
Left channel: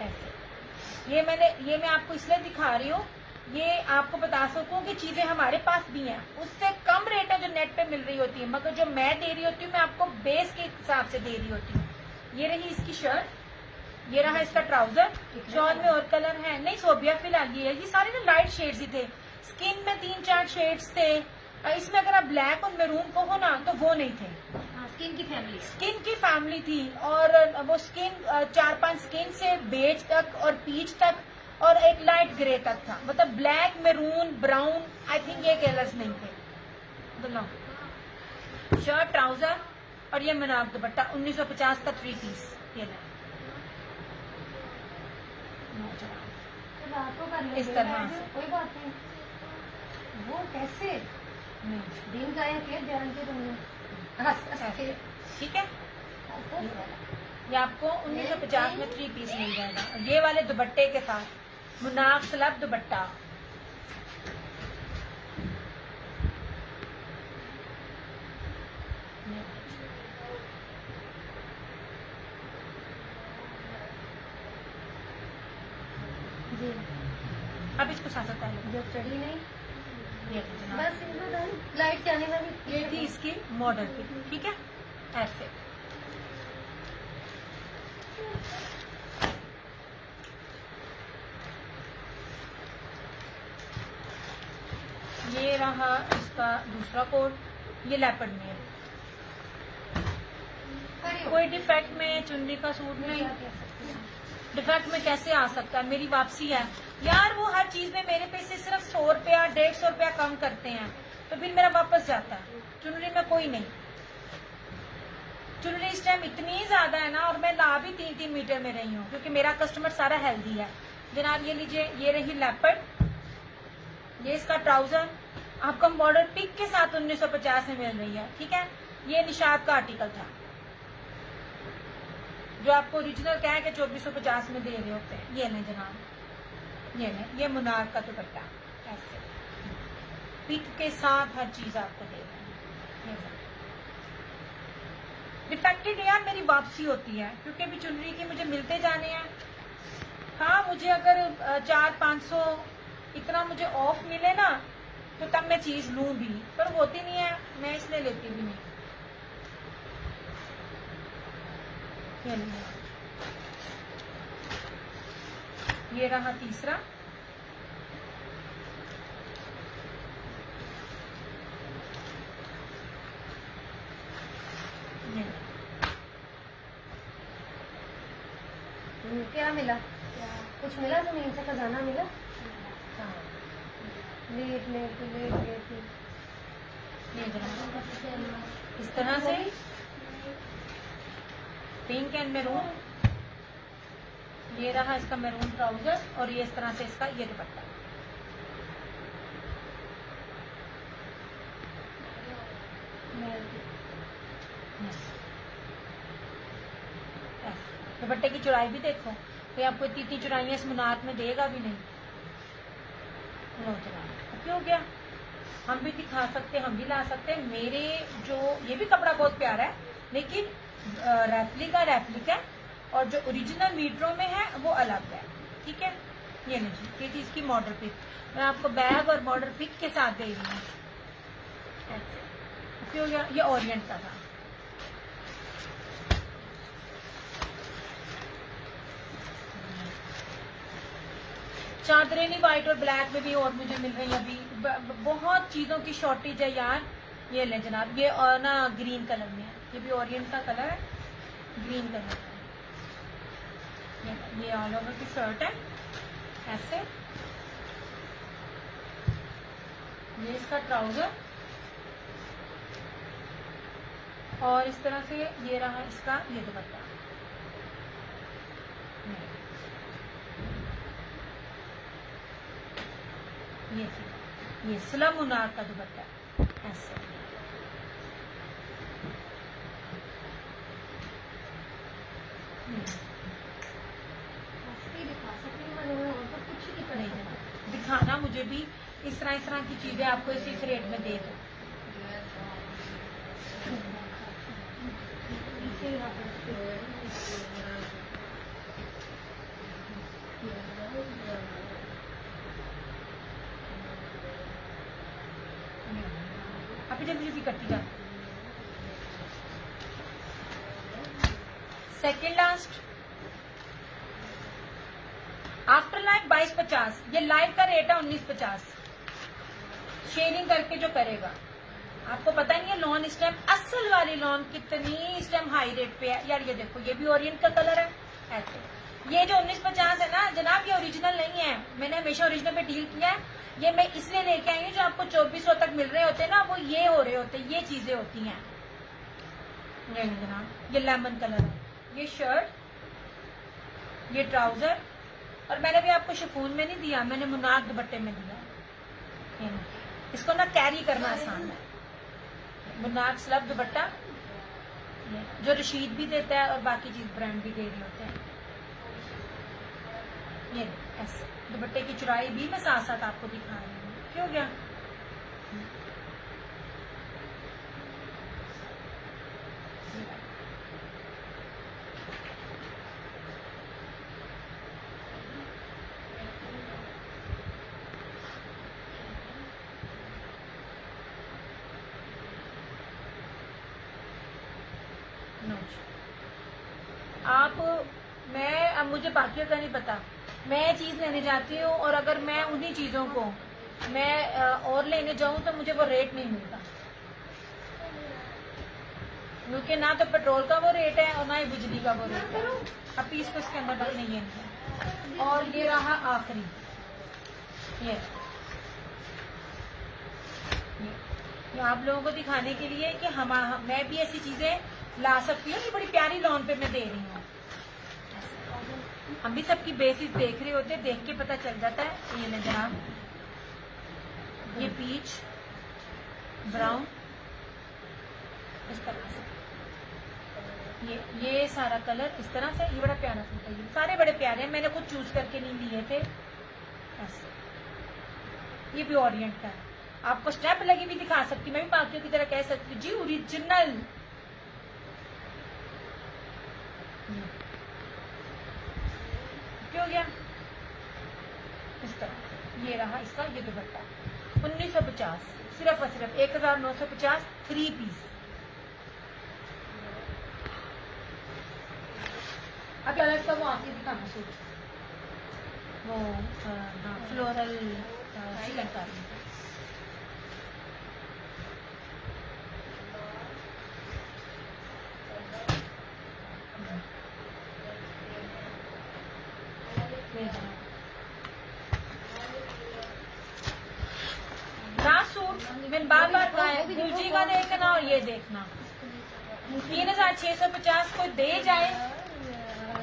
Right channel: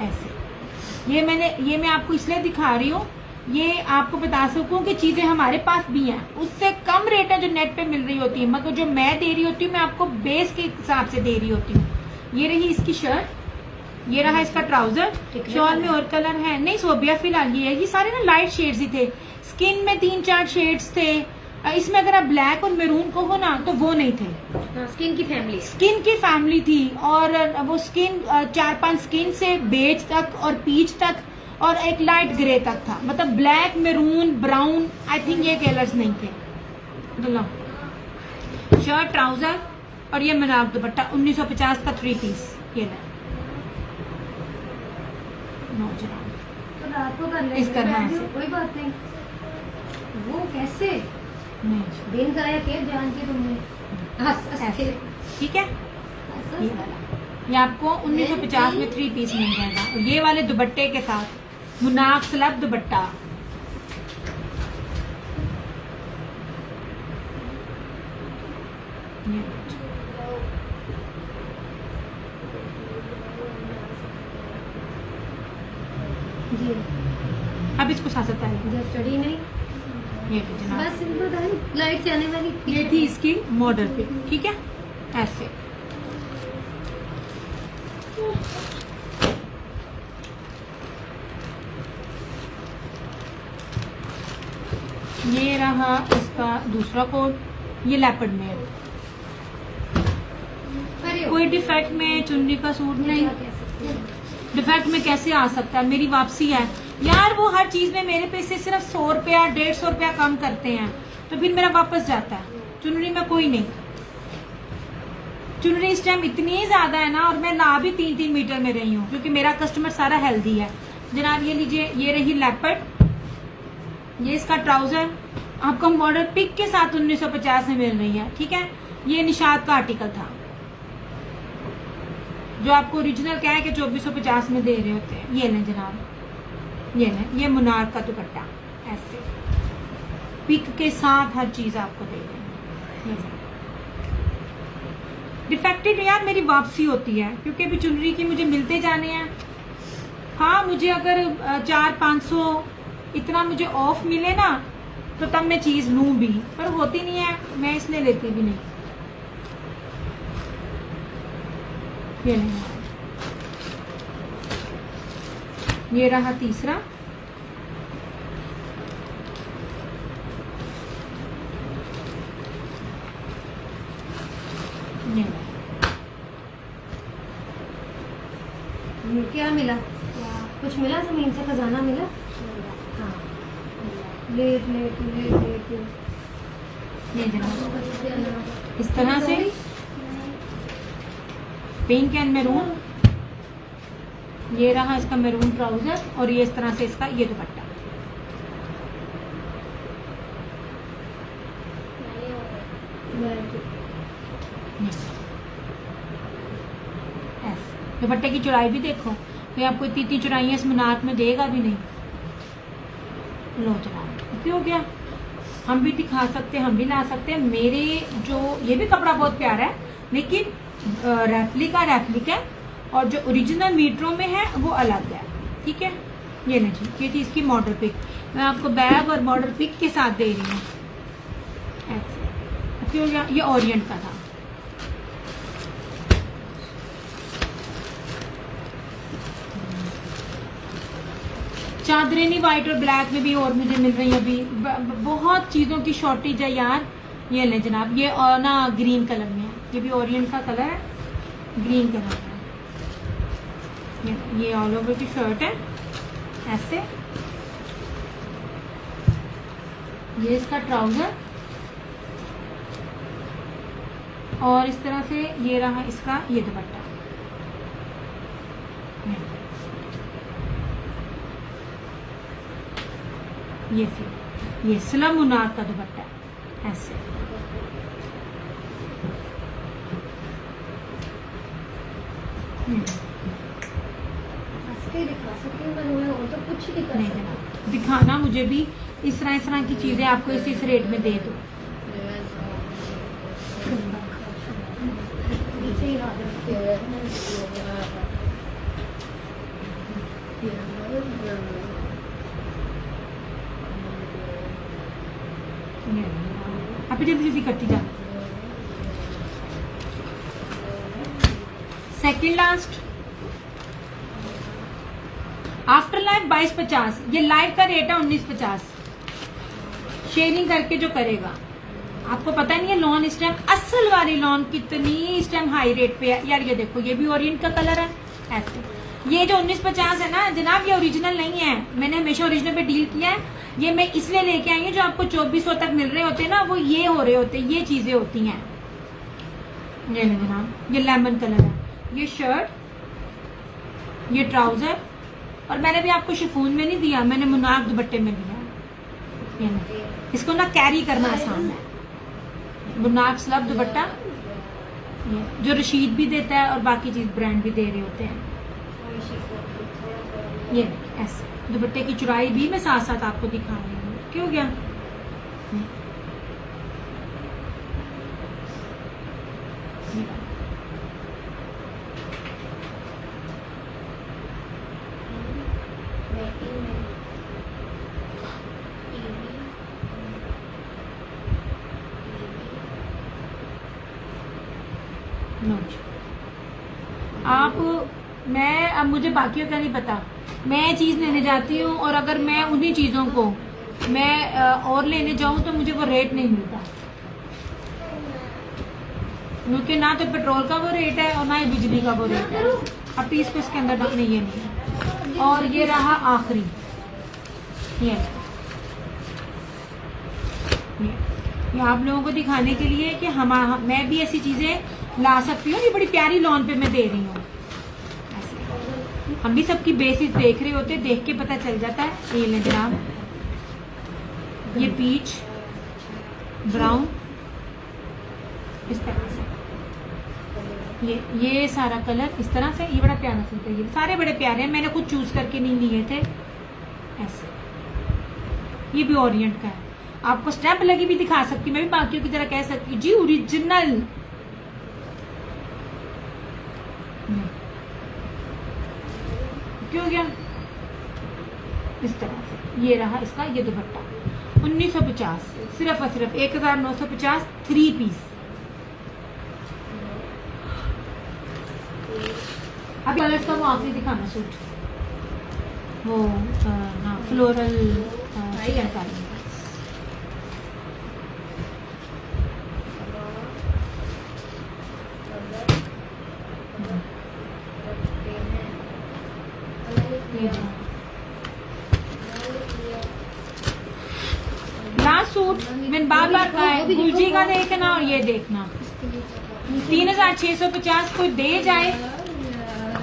ऐसे। ये मैं आपको इसलिए दिखा रही हूँ, ये आपको बता सकूं कि चीजें हमारे पास भी हैं, उससे कम रेट है जो नेट पे मिल रही होती है, मगर जो मैं दे रही होती हूँ मैं आपको बेस के हिसाब से दे रही होती हूँ। ये रही इसकी शर्ट, ये रहा इसका ट्राउजर। शॉल में और कलर है नहीं सोबिया फिलहाल ये सारे ना लाइट शेड्स ही थे। स्किन में 3-4 शेड्स थे। इसमें अगर आप ब्लैक और मैरून को हो ना तो वो नहीं थे। स्किन की फैमिली थी, और वो स्किन 4-5 स्किन से बेज तक और पीच तक और एक लाइट ग्रे तक था, मतलब black maroon brown, I think ये कलर्स नहीं थे। शर्ट ट्राउजर और ये मुनार दुपट्टा 1950 का 3 पीस। ये रात को कर इस तरह से कोई बात नहीं। वो कैसे नहीं, दिन गाया के जान के तुमने ऐसे ठीक है। ये आपको 1950 में 3 पीस मिल जाएगा, और ये वाले दुपट्टे के साथ मुनार स्लब दुपट्टा। जी अब इसको साथ है जब चढ़ी नहीं, ये तो जनाब, बस सिंपल था, लाइट जाने वाली। ये थी इसकी मॉडल पे, ठीक है ऐसे। ये रहा इसका दूसरा कोट, ये लेपर्ड में है। कोई डिफेक्ट में चुनरी का सूट नहीं, डिफेक्ट में कैसे आ सकता है, मेरी वापसी है यार। वो हर चीज में मेरे पैसे सिर्फ 100 रुपया 150 रुपया कम करते हैं, तो फिर मेरा वापस जाता है। चुनरी में कोई नहीं, चुनरी इस टाइम इतनी ज्यादा है ना, और मैं ला भी 3-3 मीटर में रही हूँ क्योंकि मेरा कस्टमर सारा हेल्दी है। जनाब ये लीजिए, ये रही लेपर्ड, ये इसका ट्राउजर आपको मॉडल पिक के साथ 1950 में मिल रही है, ठीक है। ये निशात का आर्टिकल था जो आपको ओरिजिनल क्या है कि 2450 में दे रहे होते हैं। ये लें जनाब, ये लें, ये मुनार का दुपट्टा ऐसे पिक के साथ हर चीज आपको दे रहे हैं। डिफेक्टेड यार मेरी वापसी होती है क्योंकि अभी चुनरी की मुझे मिलते जाने हैं। हाँ मुझे अगर 400-500 इतना मुझे ऑफ मिले ना तो तब मैं चीज लूं भी, पर होती नहीं है, मैं इसलिए लेती भी नहीं। ये नहीं, ये रहा तीसरा, ये क्या मिला? कुछ मिला? जमीन से खजाना मिला? हाँ। लेट लेट लेट लेट ये जनाब इस तरह से पिंक एंड मैरून, ये रहा इसका मैरून ट्राउजर, और ये इस तरह से इसका ये दुपट्टा। दुपट्टे की चौड़ाई भी देखो, तो आपको इतनी चौड़ाई है, इस मुनार में देगा भी नहीं। लो जनाब क्यों हो गया, हम भी दिखा सकते हैं, हम भी ला सकते हैं। मेरे जो ये भी कपड़ा बहुत प्यारा है, लेकिन रेप्लिका और जो ओरिजिनल मीटरों में है वो अलग है, ठीक है। ये नहीं, ये थी इसकी मॉडल पिक, मैं आपको बैग और मॉडल पिक के साथ दे रही हूँ ऐसे। क्यों गया, ये ओरिएंट का था। चादरें नहीं, व्हाइट और ब्लैक में भी और मुझे मिल रही है अभी। बहुत चीज़ों की शॉर्टेज है यार। ये ले जनाब, ये और ना ग्रीन कलर में है, ये भी ओरिएंट का कलर है, ग्रीन कलर है। ये ऑल ओवर की शर्ट है ऐसे, ये इसका ट्राउजर, और इस तरह से ये रहा इसका ये दुपट्टा। ये स्लम मुनार का दुपट्टा। ऐसे। ऐसे दिखा सकती हूँ मैं, वो तो कुछ ही दिखा नहीं सकती। जनाब, दिखाना मुझे भी इस तरह की चीजें आपको इस रेट में दे दो। नीचे ही हाथ रखते हुए। अभी जल्दी जल्दी करती जा। सेकंड लास्ट आफ्टर लाइफ 2250, ये लाइव का रेट है 1950। शेयरिंग करके जो करेगा, आपको पता नहीं है लॉन स्टेम असल वाली लॉन कितनी स्टेम हाई रेट पे है यार। ये देखो, ये भी ओरिएंट का कलर है ऐसे। ये जो 1950 है ना जनाब, ये ओरिजिनल नहीं है, मैंने हमेशा ओरिजिनल पे डील किया है। ये मैं इसलिए लेके आई हूँ, जो आपको 2400 तक मिल रहे होते हैं ना, वो ये हो रहे होते हैं, ये चीजें होती हैं। ये जनाब, ये लेमन कलर है, ये शर्ट, ये ट्राउजर, और मैंने भी आपको शिफॉन में नहीं दिया, मैंने मुनाक दुपट्टे में दिया। ये ना, इसको ना कैरी करना आसान है। मुनाक स्लब दुपट्टा, जो रशीद भी देता है और बाकी चीज ब्रांड भी दे रहे होते हैं। ये ऐसे दुपट्टे की चुराई भी मैं साथ साथ आपको दिखा रही हूँ। क्यों गया आप, मैं अब मुझे बाकियों का नहीं पता, मैं चीज लेने जाती हूँ और अगर मैं उन्हीं चीजों को मैं और लेने जाऊं तो मुझे वो रेट नहीं मिलता, क्योंकि ना तो पेट्रोल का वो रेट है और ना ही बिजली का वो रेट है। अब पीस को इसके अंदर डालने ये नहीं है। और ये रहा आखिरी, ये आप लोगों को दिखाने के लिए कि मैं भी ऐसी चीजें ला सकती हूँ। ये बड़ी प्यारी लॉन पे मैं दे रही हूँ। हम भी सबकी बेसिस देख रहे होते, देख के पता चल जाता है। ये ले जनाब, ये पीच ब्राउन इस तरह से, ये सारा कलर इस तरह से, ये बड़ा प्यारा सूट है। ये सारे बड़े प्यारे हैं, मैंने खुद चूज करके नहीं लिए थे ऐसे। ये भी ओरिएंट का है, आपको स्टेप लगी भी दिखा सकती, मैं भी बाकियों की तरह कह सकती जी ओरिजिनल। क्यों गया इस तरह से। ये रहा इसका, ये दुपट्टा 1950, सिर्फ और सिर्फ 1950, 3 पीस। अब कलर्स का वो आखिरी दिखाना सूट, वो हाँ फ्लोरल चिकनकारी। लास्ट सूट मैंने बार बार कहा है, गुलजी का देखना और ये देखना। 3650 को दे जाए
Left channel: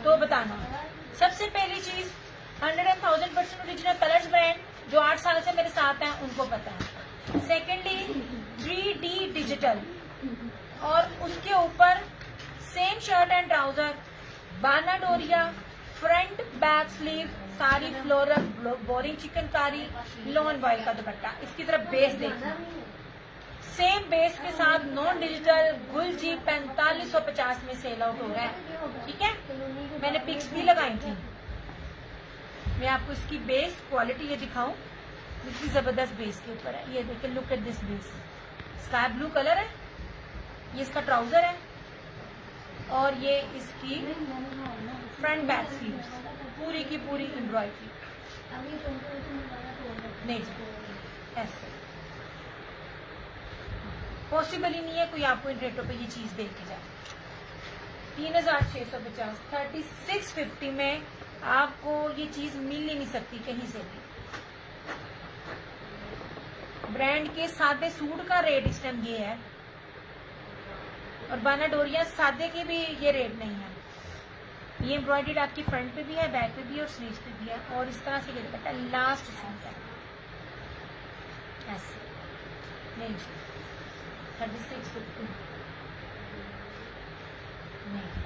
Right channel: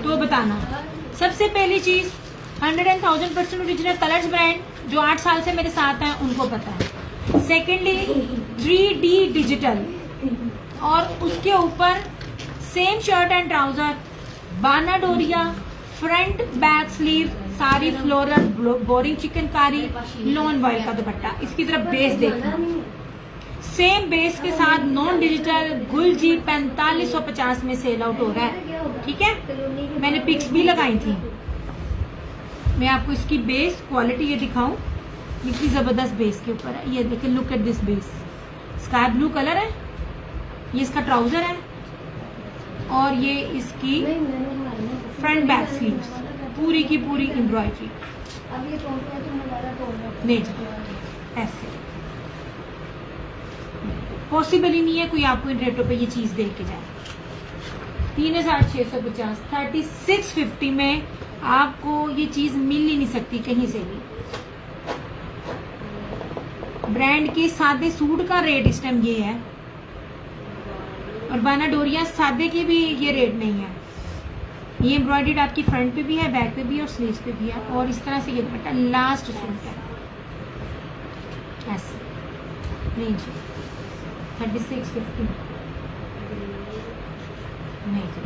तो बताना। सबसे पहली चीज 100,000% ओरिजिनल कलर्स ब्रांड, जो 8 साल से मेरे साथ हैं उनको पता है। सेकेंडली 3D डिजिटल, और उसके ऊपर सेम शर्ट एंड ट्राउजर, बाना डोरिया, फ्रंट बैक स्लीव, सारी floral, boring chikankari, lawn boy का दुपट्टा। इसकी तरफ बेस देखना, सेम बेस के साथ नॉन डिजिटल गुलजी 4550 में सेल आउट हो रहा है। ठीक है, मैंने पिक्स भी लगाई थी। मैं आपको इसकी बेस क्वालिटी ये दिखाऊं, इतनी जबरदस्त बेस के ऊपर है। ये देखिए, look at this base, sky blue colour है, ये इसका ट्राउजर है, और ये इसकी फ्रंट बैक स्लीव्स, पूरी की पूरी एम्ब्रॉयडरी। अब ये नहीं ऐसे पॉसिबल ही नहीं है कोई आपको इन रेटों पे ये चीज दे के जाए। 3650, 3650 में आपको ये चीज मिल ही नहीं सकती कहीं से भी। ब्रांड के सादे सूट का रेट इस टाइम ये है, और बाना डोरिया सादे के भी ये रेट नहीं है। ये एम्ब्रॉयडर्ड आपकी फ्रंट पे भी है, बैक पे भी है और स्लीव्स पे भी है। और इस तरह से ये दुपट्टा लास्ट सूट है ऐसे। नहीं जी 3650 नहीं जी।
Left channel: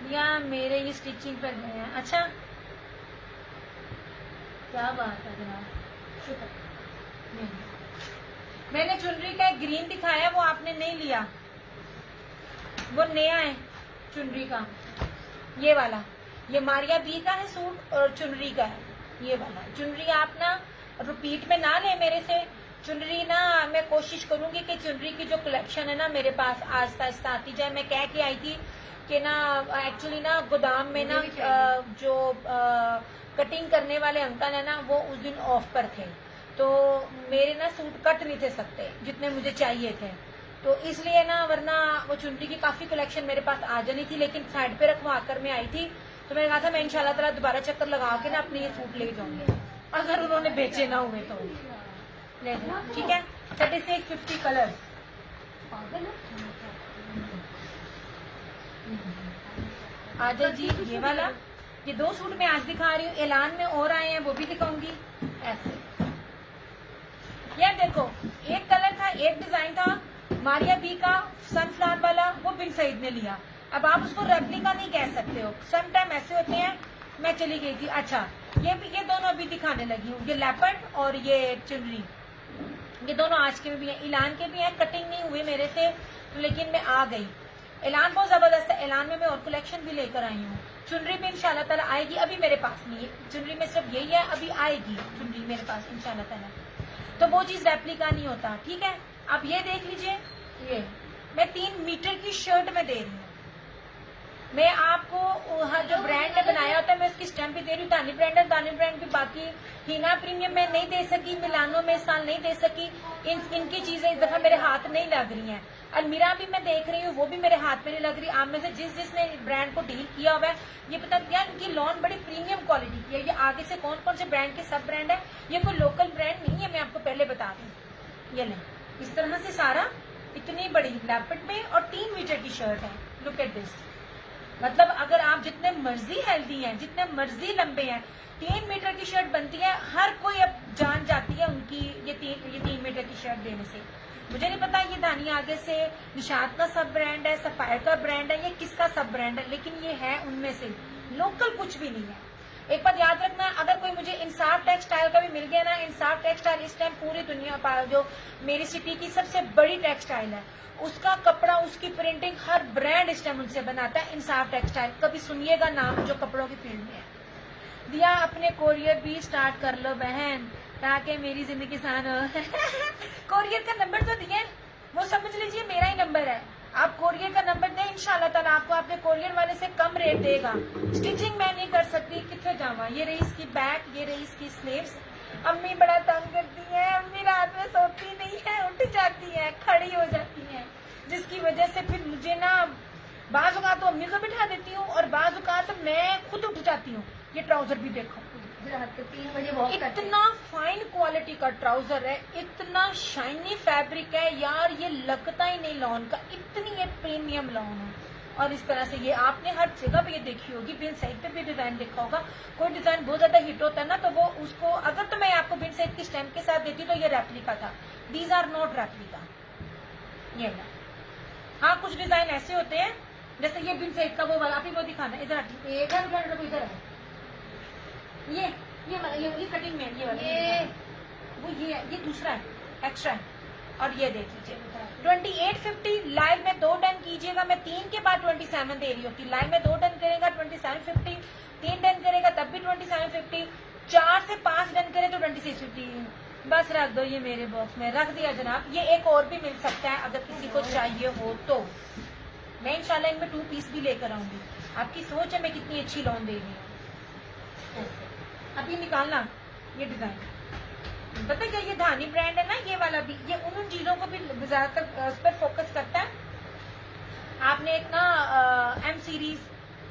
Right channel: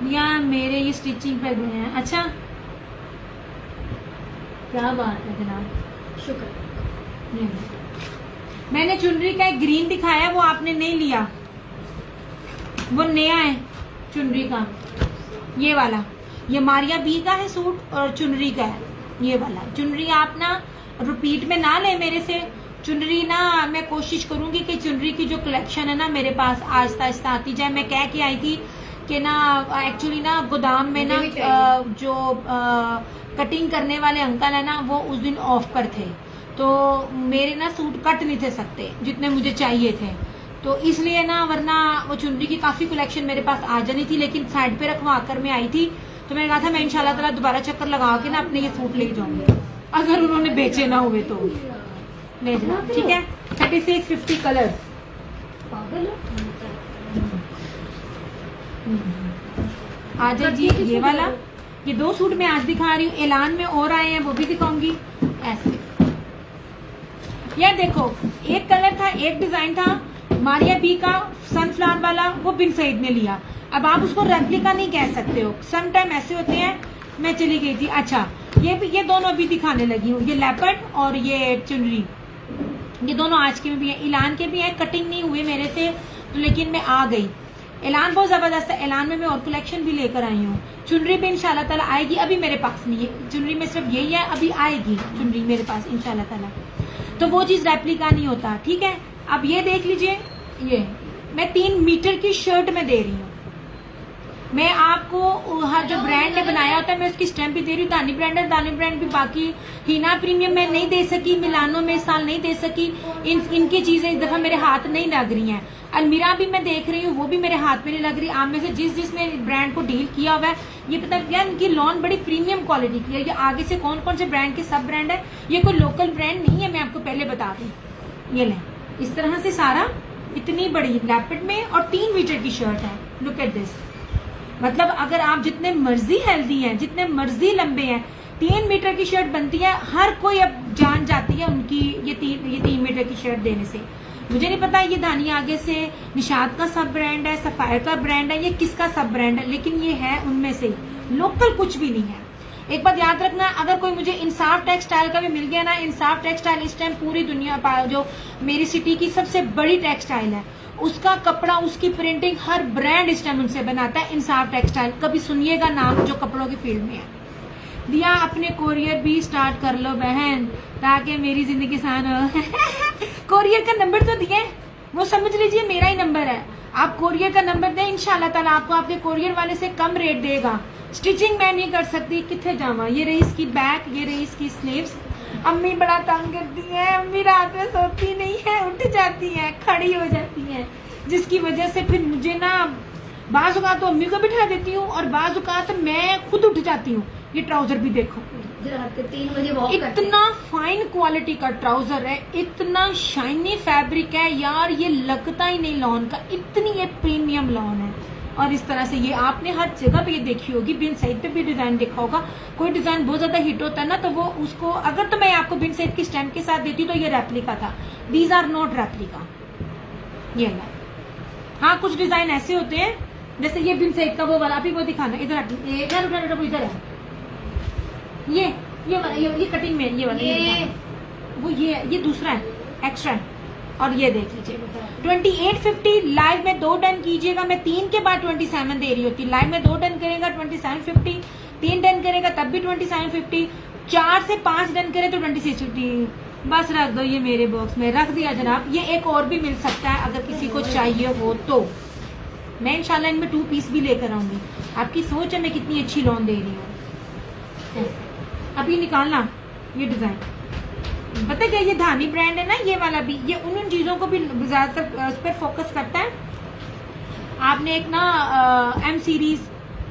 भैया मेरे ये स्टिचिंग पे गए हैं। अच्छा क्या बात है जनाब, शुक्र। नहीं। मैंने चुनरी का एक ग्रीन दिखाया, वो आपने नहीं लिया, वो नया है चुनरी का, ये वाला। ये मारिया बी का है सूट और चुनरी का है ये वाला। चुनरी आप ना रिपीट में ना ले मेरे से। चुनरी ना मैं कोशिश करूंगी कि चुनरी की जो कलेक्शन है ना मेरे पास आहिस्ता आहिस्ता आती जाए। मैं कह के आई थी कि ना एक्चुअली ना गोदाम में ना जो कटिंग करने वाले अंकल है ना वो उस दिन ऑफ पर थे, तो मेरे ना सूट कट नहीं थे सकते जितने मुझे चाहिए थे, तो इसलिए ना वरना वो चुनरी की काफी कलेक्शन मेरे पास आ जानी थी, लेकिन साइड पे रखवा कर मैं आई थी। तो मैंने कहा था मैं इंशाल्लाह ताला दोबारा चक्कर लगा के ना अपने ये सूट ले जाऊंगी, अगर उन्होंने बेचे ना हुए तो ले जाना। ठीक है 3650 कलर। आज जी ये वाला, ये 2 सूट मैं आज दिखा रही हूँ, ऐलान में और आए हैं वो भी दिखाऊंगी। ऐसे यार देखो, एक कलर था, एक डिजाइन था मारिया बी का सनफ्लावर वाला, वो बिन सईद ने लिया। अब आप उसको रेप्लिका नहीं कह सकते हो, सम टाइम ऐसे होते हैं। मैं चली गई थी। अच्छा ये दोनों अभी दिखाने लगी हूँ, ये लेपर्ड और ये चुनरी, ये दोनों आज के में भी है, ऐलान के भी है। कटिंग नहीं हुए मेरे से तो, लेकिन मैं आ गई। ऐलान बहुत जबरदस्त है, ऐलान में मैं और कलेक्शन भी लेकर आई हूँ। चुनरी भी इंशाल्लाह ताला आएगी, अभी मेरे पास नहीं है चुनरी में, सिर्फ यही है, अभी आएगी चुनरी मेरे पास इंशाल्लाह ताला। तो वो चीज रेप्लिका नहीं होता। ठीक है, अब ये देख लीजिए, ये मैं 3 मीटर की शर्ट में दे रही हूँ। मैं आपको हर जो ब्रांड ने बनाया होता है मैं उसकी स्टैम्प भी दे रही हूँ। दानी ब्रांड है, दानी ब्रांड भी, बाकी हीना प्रीमियम में नहीं दे सकी, मिलानो में इस साल नहीं दे सकी। इनकी चीजें इस दफा मेरे हाथ नहीं लग रही हैं। अलमीरा भी मैं देख रही हूँ, वो भी मेरे हाथ में नहीं लग रही। आप में से जिसने ब्रांड को डील किया हुआ है, ये पता है इनकी लॉन बड़ी प्रीमियम क्वालिटी की है। ये आगे से कौन कौन से ब्रांड के सब ब्रांड है, ये कोई लोकल ब्रांड नहीं है, मैं आपको पहले बता दूं। ये लें, इस तरह से सारा, इतनी बड़ी लेपर्ड में, और 3 मीटर की शर्ट है। लुक एट दिस, मतलब अगर आप जितने मर्जी हेल्दी हैं, जितने मर्जी लंबे हैं, 3 मीटर की शर्ट बनती है। हर कोई अब जान जाती है उनकी ये 3 मीटर की शर्ट देने से। मुझे नहीं पता ये दानी आगे से निशाद का सब ब्रांड है, सफायर का ब्रांड है, ये किसका सब ब्रांड है, लेकिन ये है उनमें से, लोकल कुछ भी नहीं है। एक बात याद रखना, अगर कोई मुझे इंसाफ टेक्सटाइल का भी मिल गया ना, इंसाफ टेक्सटाइल इस टाइम पूरी दुनिया, जो मेरी सिटी की सबसे बड़ी टेक्सटाइल है, उसका कपड़ा, उसकी प्रिंटिंग, हर ब्रांड इस टाइम उनसे बनाता है। इंसाफ टेक्सटाइल, कभी सुनिएगा नाम जो कपड़ों की फील्ड में है। दिया अपने कोरियर भी स्टार्ट कर लो बहन, ताकि मेरी जिंदगी आसान हो। कोरियर का नंबर तो दिया है, वो समझ लीजिए मेरा ही नंबर है। आप कोरियर का नंबर दें, इंशाल्लाह ताला आपको आपके कोरियर वाले से कम रेट देगा। स्टिचिंग मैं नहीं कर सकती, कितने जावा। ये रही इसकी बैक, ये रही इसकी स्लीव्स। अम्मी बड़ा तंग करती है, अम्मी रात में सोती नहीं है, उठ जाती है, खड़ी हो जाती है, जिसकी वजह से फिर मुझे ना बाज़ औक़ात तो अम्मी को बिठा देती हूँ और बाज़ औक़ात मैं खुद उठ जाती हूँ। ये ट्राउजर भी देखो, रात के 3 बजे वॉक करते हैं। इतना फाइन क्वालिटी का ट्राउजर है, इतना शाइनी फैब्रिक है यार, ये लगता ही नहीं लॉन का, इतनी ये प्रीमियम लॉन है। और इस तरह से ये आपने हर जगह पे ये देखी होगी, बिन सईद पे भी डिजाइन देखा होगा। कोई डिजाइन बहुत ज्यादा हिट होता है ना, तो वो उसको अगर तो मैं आपको बिन सईद की स्टैम्प के साथ देती तो ये रेप्लिका था। दीज आर नॉट रेप्लिका, ये ना। हाँ कुछ डिजाइन ऐसे होते हैं, जैसे ये बिन सईद का वो वाला, अभी वो दिखाना, इधर इधर है, ये वाला, ये कटिंग में ये वाला, वो ये दूसरा है, एक्स्ट्रा है। और ये देख लीजिए 2850 लाइव में 2 डन कीजिएगा, मैं 3 के बाद 27 दे रही होती। लाइव में 2 डन करेगा 2750, 3 डन करेगा तब भी 2750, 4 से 5 डन करे तो 2650। बस रख दो ये मेरे बॉक्स में, रख दिया जनाब। ये एक और भी मिल सकता है अगर किसी को चाहिए हो तो। मैं इंशाल्लाह इनमें 2 पीस भी लेकर आऊंगी। आपकी सोच है मैं कितनी अच्छी लॉन दे रही हूँ। अभी निकालना ये डिजाइन, पता क्या, ये धानी ब्रांड है ना, ये वाला भी, ये उन चीजों को भी ज्यादातर उस पर फोकस करता है। आपने एक ना एम सीरीज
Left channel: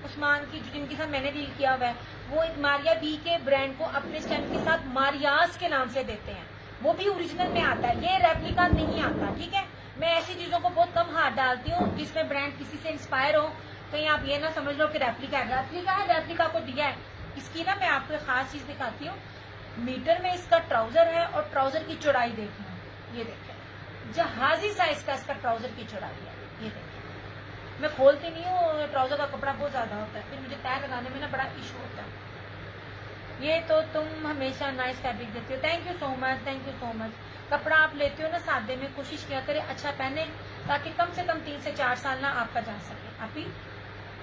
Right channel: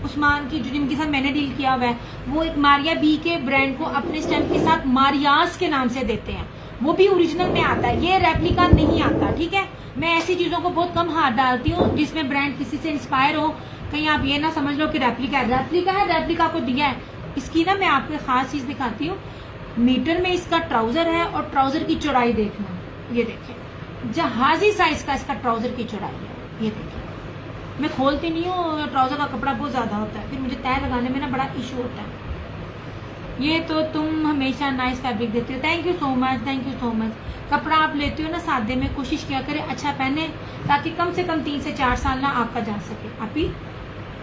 उस्मान की, जो जिनके साथ मैंने डील किया हुआ है, वो एक मारिया बी के ब्रांड को अपने स्टैम्प के साथ मारियास के नाम से देते हैं, वो भी ओरिजिनल में आता है, ये रेप्लिका नहीं आता। ठीक है, मैं ऐसी चीजों को बहुत कम हाथ डालती हूँ जिसमें ब्रांड किसी से इंस्पायर हो, कहीं आप ये ना समझ लो कि रेप्लिका है। रेप्लिका है, रेप्लिका को दिया है, इसकी ना मैं आपको एक खास चीज दिखाती हूँ। मीटर में इसका ट्राउजर है और ट्राउजर की चौड़ाई देखना, ये देखें जहाजी साइज का इसका ट्राउजर की चौड़ाई है, ये देखें। मैं खोलती नहीं हूँ, ट्राउजर का कपड़ा बहुत ज्यादा होता है, फिर मुझे तय लगाने में ना बड़ा इशू होता है। ये तो तुम हमेशा नाइस फैब्रिक देती हो, thank you so much, thank you so much. कपड़ा आप लेते हो ना सादे में, कोशिश किया करें अच्छा पहने, ताकि कम से कम 3 से 4 साल ना आपका जा सके। आप ही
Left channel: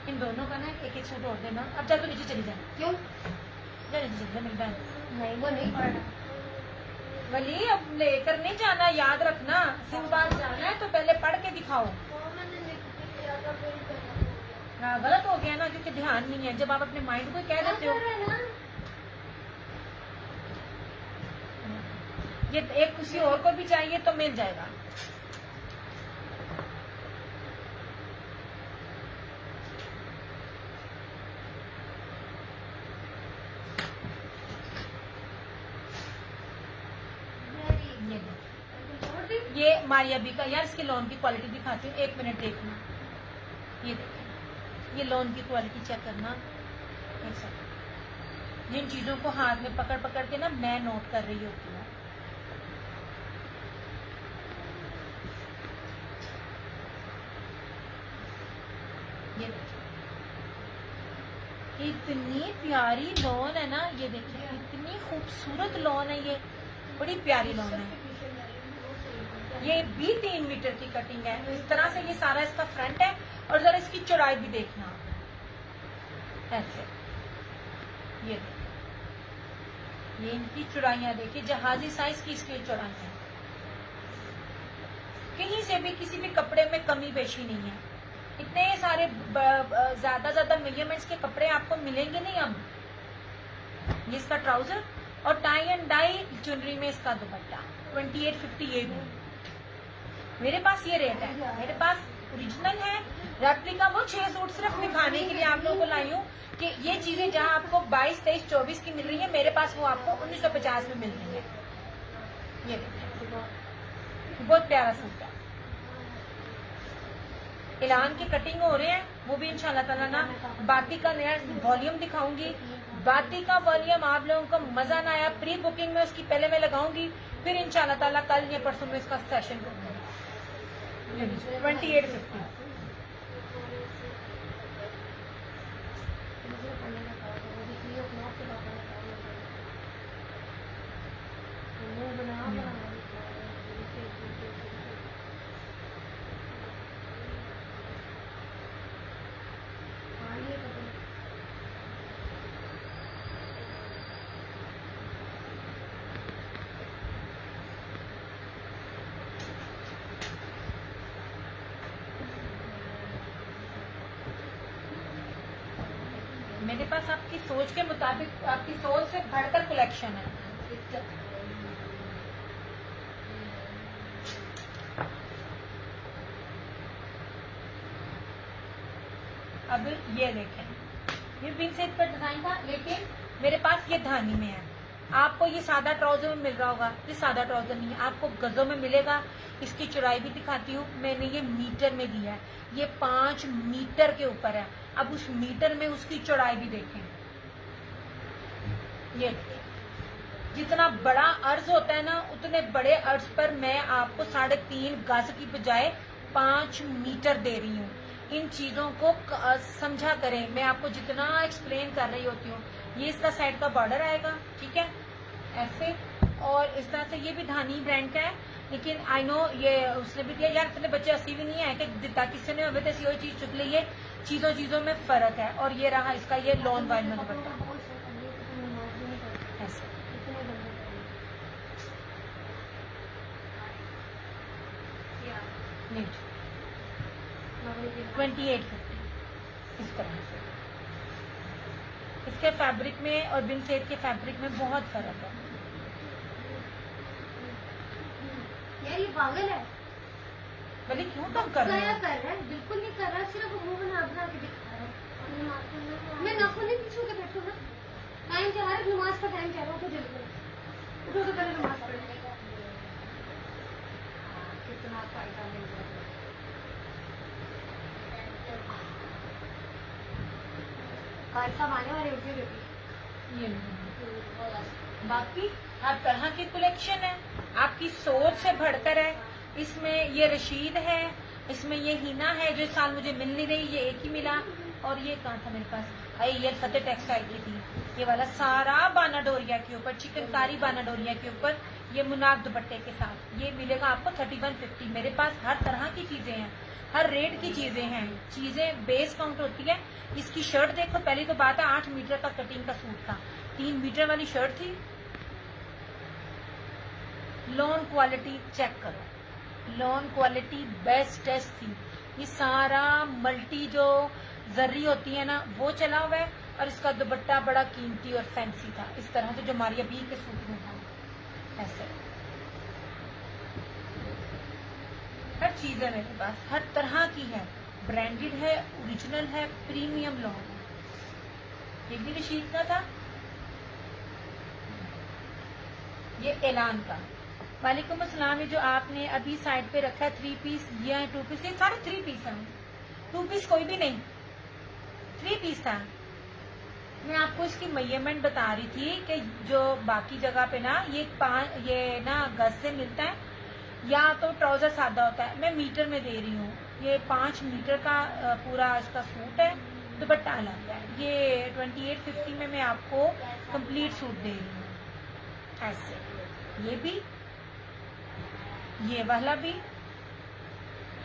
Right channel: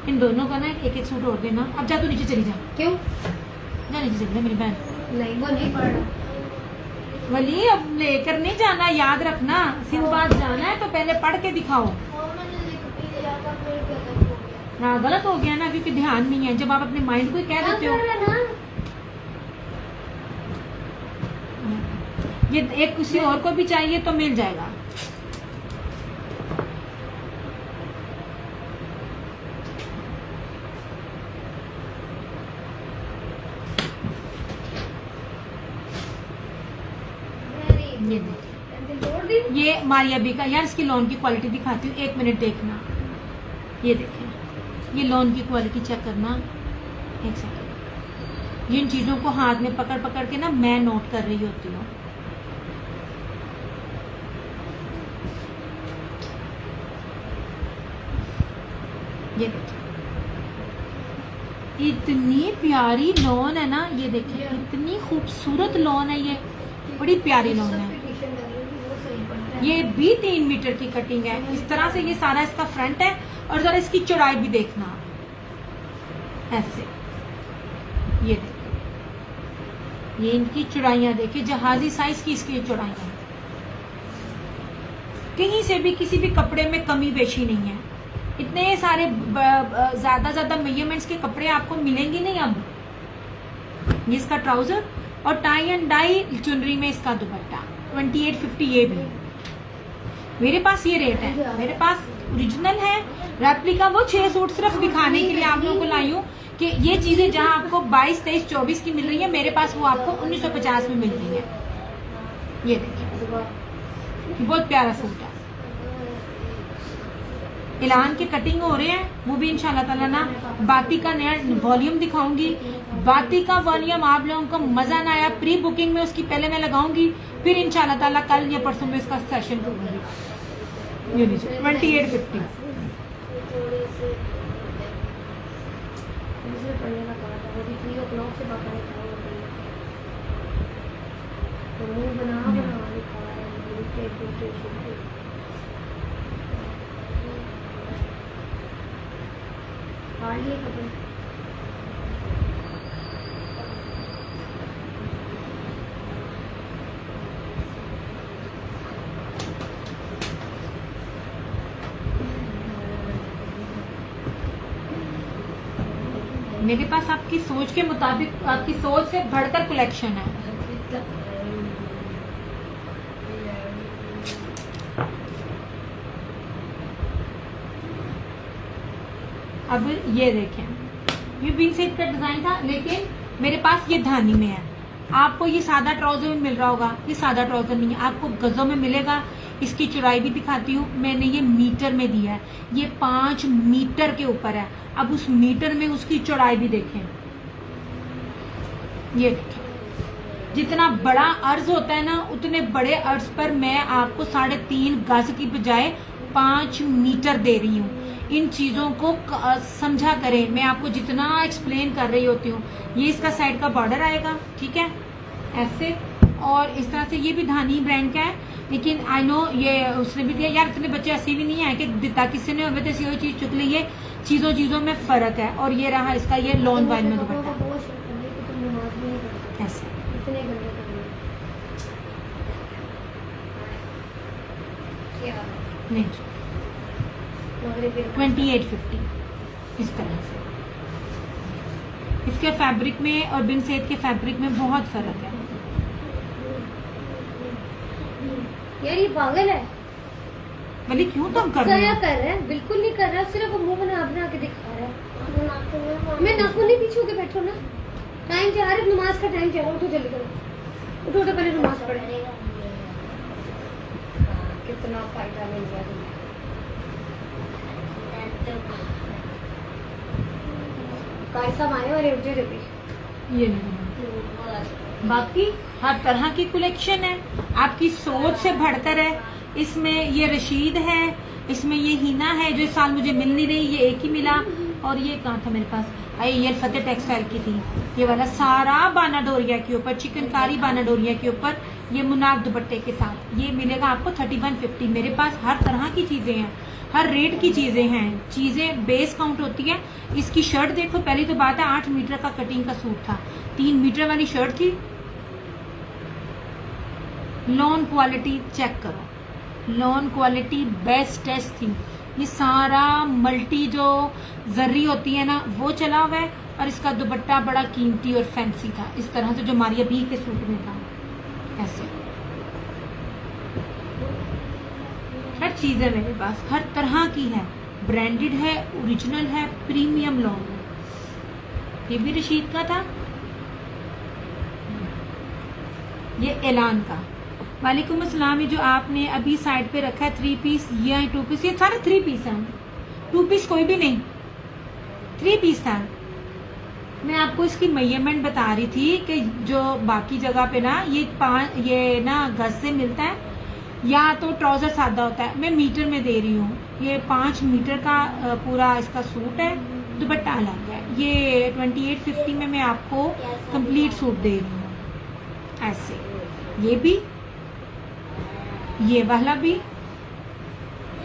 इन दोनों का ना एक एक सूट और देना। अब जा, तू नीचे चली जा। क्यों? जा नीचे चली जा मेरी बहन। नहीं, वो नहीं पड़ रहा। वली अब लेकर नहीं जाना, याद रखना, सिंधबाद जाना है तो पहले पढ़ के दिखाओ। हाँ गलत हो गया ना, क्योंकि ध्यान नहीं है। जब आप अपने माइंड को ही कह देते हो, ये एक किसी और को भी चाहिए तो मिल जाएगा। ये देखिए, ये मारिया बी का, यार इसकी लॉन की क्वालिटी दिखाती हूँ, 1 मिनट देखना। ये देखें, ये लॉन की क्वालिटी चेक करना, एक सेकंड। जिन चीजों को हाथ में पकड़ पकड़ के ना मैं नोट कर रही होती हूँ। ये देखिए, इतनी प्यारी लॉन है ना, ये देखिए इतनी खूबसूरत लॉन है, ये बड़ी प्यारी लॉन है। ये भी 3 मीटर की कटिंग है। इस तरह से ये सारा इसका फ्रंट है, और जरा इसकी चौड़ाई भी देखना, ऐसे ये देखिए, ये इनकी चौड़ाइयां देखिए, जहाजी साइज की इसकी चौड़ाइयां, कहीं से भी किसी भी कपड़े में कमी बेशी नहीं है। इतने सारे ज्यादा मेजरमेंट्स के कपड़े आपको मिलेंगे नहीं अब। ये इसका ट्राउजर और टाई एंड डाई चुनरी में इसका दुपट्टा 2850। ये भी मेरे पास ये रेट है, मेरे पास ओरिजिनल है, रेप्लिका वो 6 सूट सिर्फ दिखाने के लिए आप लोगों को लाई हूँ कि ये चीजें जहां आपको 22, 23, 24 की मिल रही है, मेरे पास वो आपको 1950 में मिल रही है। ये देखिए, बहुत प्यारा सूट है। इलान के कटिंग हो रहे हैं, वो भी इंशाल्लाह ताला ना बाती का नया वॉल्यूम दिखाऊंगी। बाती का वॉल्यूम आप लोगों को मजा ना आया, प्री बुकिंग में उसकी पहले मैं लगाऊंगी, फिर इंशाल्लाह ताला कल या परसों में इसका सेशन करूंगी। ये लीजिए 2850। मेरे पास आपकी सोच के मुताबिक, आपकी सोच से बढ़कर कलेक्शन है। अब ये देखें, ये बिन सेट का डिजाइन था, लेकिन मेरे पास ये धानी में है। आपको ये सादा ट्राउजर में मिल रहा होगा, ये सादा ट्राउजर नहीं है, आपको गजों में मिलेगा। इसकी चौड़ाई भी दिखाती हूँ, मैंने ये मीटर में दिया है, ये 5 मीटर के ऊपर है। अब उस मीटर में उसकी चौड़ाई भी देखें, ये देखें, जितना बड़ा अर्ज होता है ना, उतने बड़े अर्ज पर मैं आपको 3.5 गज की बजाय 5 मीटर दे रही हूँ। इन चीजों को समझा करें, मैं आपको जितना एक्सप्लेन कर रही होती हूँ। ये इसका साइड का बॉर्डर आएगा, ठीक है, ऐसे, और इस तरह से। ये भी धानी ब्रांड का है, लेकिन आई नो ये उसने भी दिया। यार इतने बच्चे ऐसे भी नहीं है कि दिता किसी ने हमें तो ये चीज चुक ली है, चीजों में फर्क है। और ये रहा इसका ये लॉन वाइल में दुपट्टा, ऐसे नहीं 2850 इस तरह से। इसके फैब्रिक में और बिन सेट के फैब्रिक में बहुत फर्क है। यार ये पागल है, भले क्यों तुम कर रहे हो? कर रहा है, बिल्कुल नहीं कर रहा, सिर्फ मुंह बना के दिखा रहा है। मैं नाखून नहीं पीछे होके बैठो ना, टाइम जा रहा है, नमाज का टाइम चल रहा है, उठो जल्दी करो, उठो तो पहले नमाज पढ़े। कितना फायदा मिल गया तुम्हें। कारी साहब आने वाले, उठ जाओ जल्दी। ये नहीं, बाकी हर तरह की कलेक्शन है, आपकी सोच से बढ़कर है। इसमें ये रशीद है, इसमें ये हिना है जो इस साल मुझे मिल नहीं रही, ये एक ही मिला। और ये कहाँ था मेरे पास, ये फतेह टेक्सटाइल की थी, ये वाला सारा बाना डोरिया के ऊपर, चिकनकारी बाना डोरिया के ऊपर, ये मुनाफ दुपट्टे के साथ। ये मिलेगा आपको 3150। मेरे पास हर तरह की चीजें हैं, हर रेट की चीजें हैं, चीजें बेस काउंट होती है। इसकी शर्ट देखो, पहली तो बात है 8 मीटर का कटिंग का सूट था, 3 मीटर वाली शर्ट थी। लॉन क्वालिटी चेक करो, लॉन क्वालिटी बेस्ट टेस्ट थी। ये सारा मल्टी जो जर्री होती है ना वो चला हुआ है, और इसका दुपट्टा बड़ा कीमती और फैंसी था, इस तरह से जो मारिया बी के सूट में था। ऐसे हर चीज है मेरे पास, हर तरह की है, ब्रांडेड है, ओरिजिनल है, प्रीमियम लॉन है। ये भी रशीद का था, ये ऐलान का। वालेकुम अस्सलाम। ये जो आपने अभी साइड पे रखा है 3 पीस या 2 पीस, ये सारे 3 पीस हैं, 2 पीस कोई भी नहीं, 3 पीस था। मैं आपको इसकी मेजरमेंट बता रही थी कि जो बाकी जगह पे ना ये ना गज से मिलता है, या तो ट्राउजर सादा होता है, मैं मीटर में दे रही हूँ। ये 5 मीटर का पूरा इसका सूट है, दुपट्टा अलग है। ये 2850 में मैं आपको कंप्लीट सूट दे रही हूँ। ऐसे ये भी, ये वाला भी,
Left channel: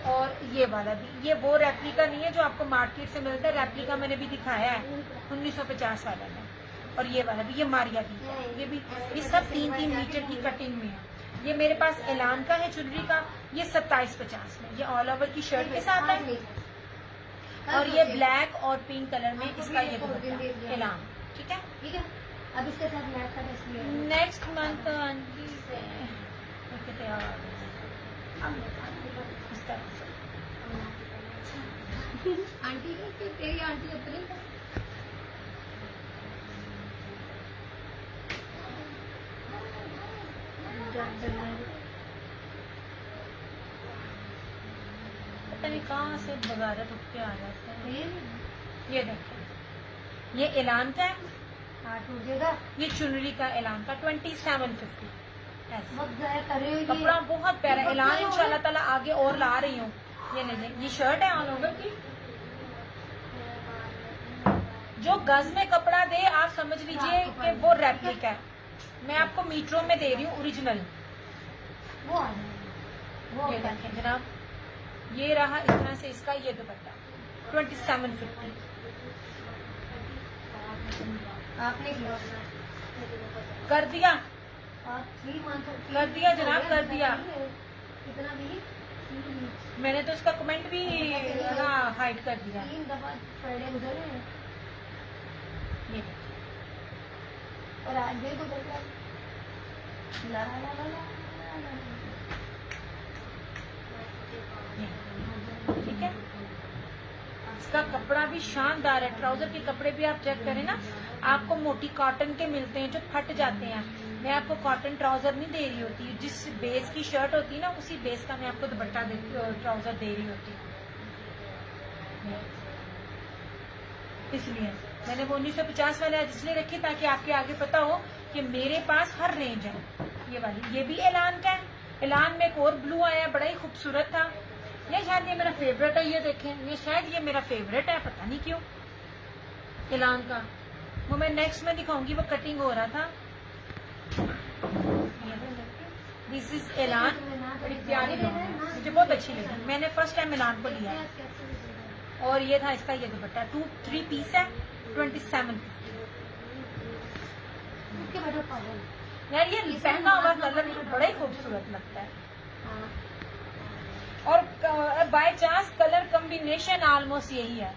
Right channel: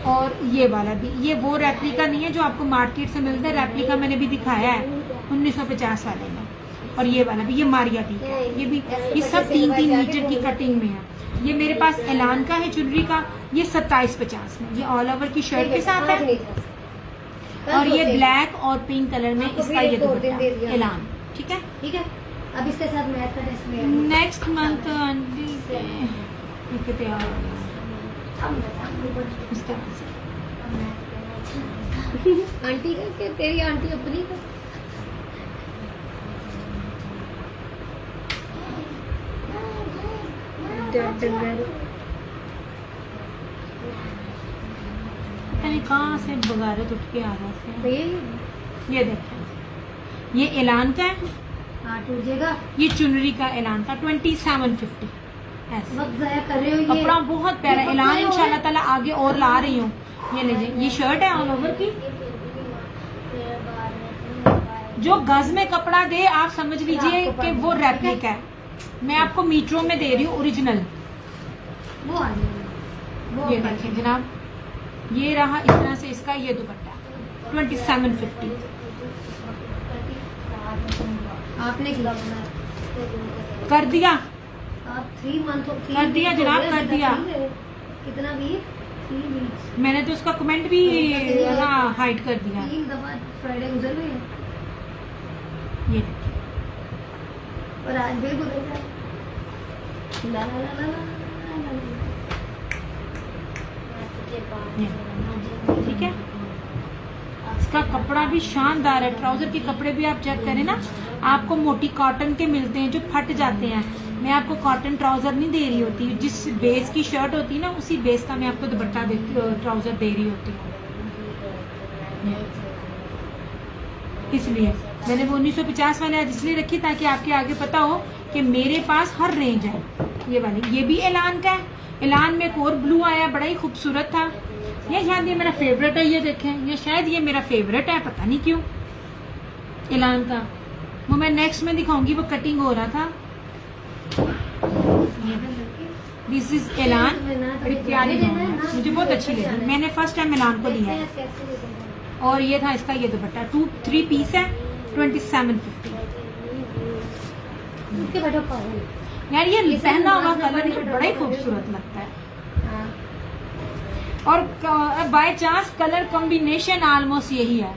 और ये वाला भी। ये वो रेप्लिका नहीं है जो आपको मार्केट से मिलता है, रेप्लिका मैंने भी दिखाया है 1950 वाले में। और ये वाला भी, ये मारिया भी है, ये भी, ये सब 3-3 मीटर की कटिंग में है। ये मेरे पास ऐलान का है ज्वेलरी का, ये 2750 में, ये ऑल ओवर की शर्ट के साथ है। और ये ब्लैक और पिंक कलर में इसका ये दुपट्टा ऐलान। ठीक है, ठीक है। अब इसके साथ मैथ का टेस्ट में नेक्स्ट मंथ आंटी तैयार हो गया इस तरह से। आंटी का कि तेरी आंटी अपनी का? पता नहीं कहाँ से बगारत उठ के आ रहा है। ये देखें, ये ऐलान का है, हाँ टूट जाएगा। ये चुनरी का ऐलान का 2750। वक्त ज़ाया कर रहे हो। ये कपड़ा बहुत प्यारा ऐलान, इंशाल्लाह ताला आगे और ला रही हूँ। ये लीजिए, ये शर्ट है ऑल ओवर की। जो गज में कपड़ा दे आप समझ लीजिए कि वो रेप्लिका है। मैं आपको मीटरों में दे रही हूँ ओरिजिनल। वो आ जाएगा। ये देखें जनाब, ये रहा इस तरह से इसका ये दुपट्टा 2750। आपने किया कर दिया, आप 3 मंथ कर दिया जनाब, कर दिया। कितना भी 3 वीक्स मैंने तो उसका कमेंट भी ना हाइड कर दिया। 3 दफा फ्राइडे गुजर गई है ये देखिए, और आज भी गुजर गया। ला ला ला ला ला ठीक है। इसका कपड़ा भी शानदार है, ट्राउजर के कपड़े भी आप चेक करें ना, आपको मोटी कॉटन के मिलते हैं जो फट जाते हैं। मैं आपको कॉटन ट्राउजर नहीं दे रही होती, जिस बेस की शर्ट होती है ना उसी बेस का मैं आपको दुपट्टा ट्राउजर दे रही होती हूँ। इसलिए मैंने वो 1950 वाले आज इसलिए रखी ताकि आपके आगे पता हो कि मेरे पास हर रेंज है। ये वाली, ये भी ऐलान का है। ऐलान में एक और ब्लू आया, बड़ा ही खूबसूरत था। ये शायद ये मेरा फेवरेट है, ये देखें, ये शायद ये मेरा फेवरेट है, पता नहीं क्यों। ऐलान का वो मैं नेक्स्ट में दिखाऊंगी, वो कटिंग हो रहा था। दिस इज ऐलान, बड़ी प्यारी है, मुझे बहुत अच्छी लगी, मैंने फर्स्ट टाइम ऐलान को लिया है। और ये था इसका ये दुपट्टा 3 पीस है 2750। यार ये पहना हुआ कलर बड़ा ही खूबसूरत लगता है, और by chance colour combination almost यही है।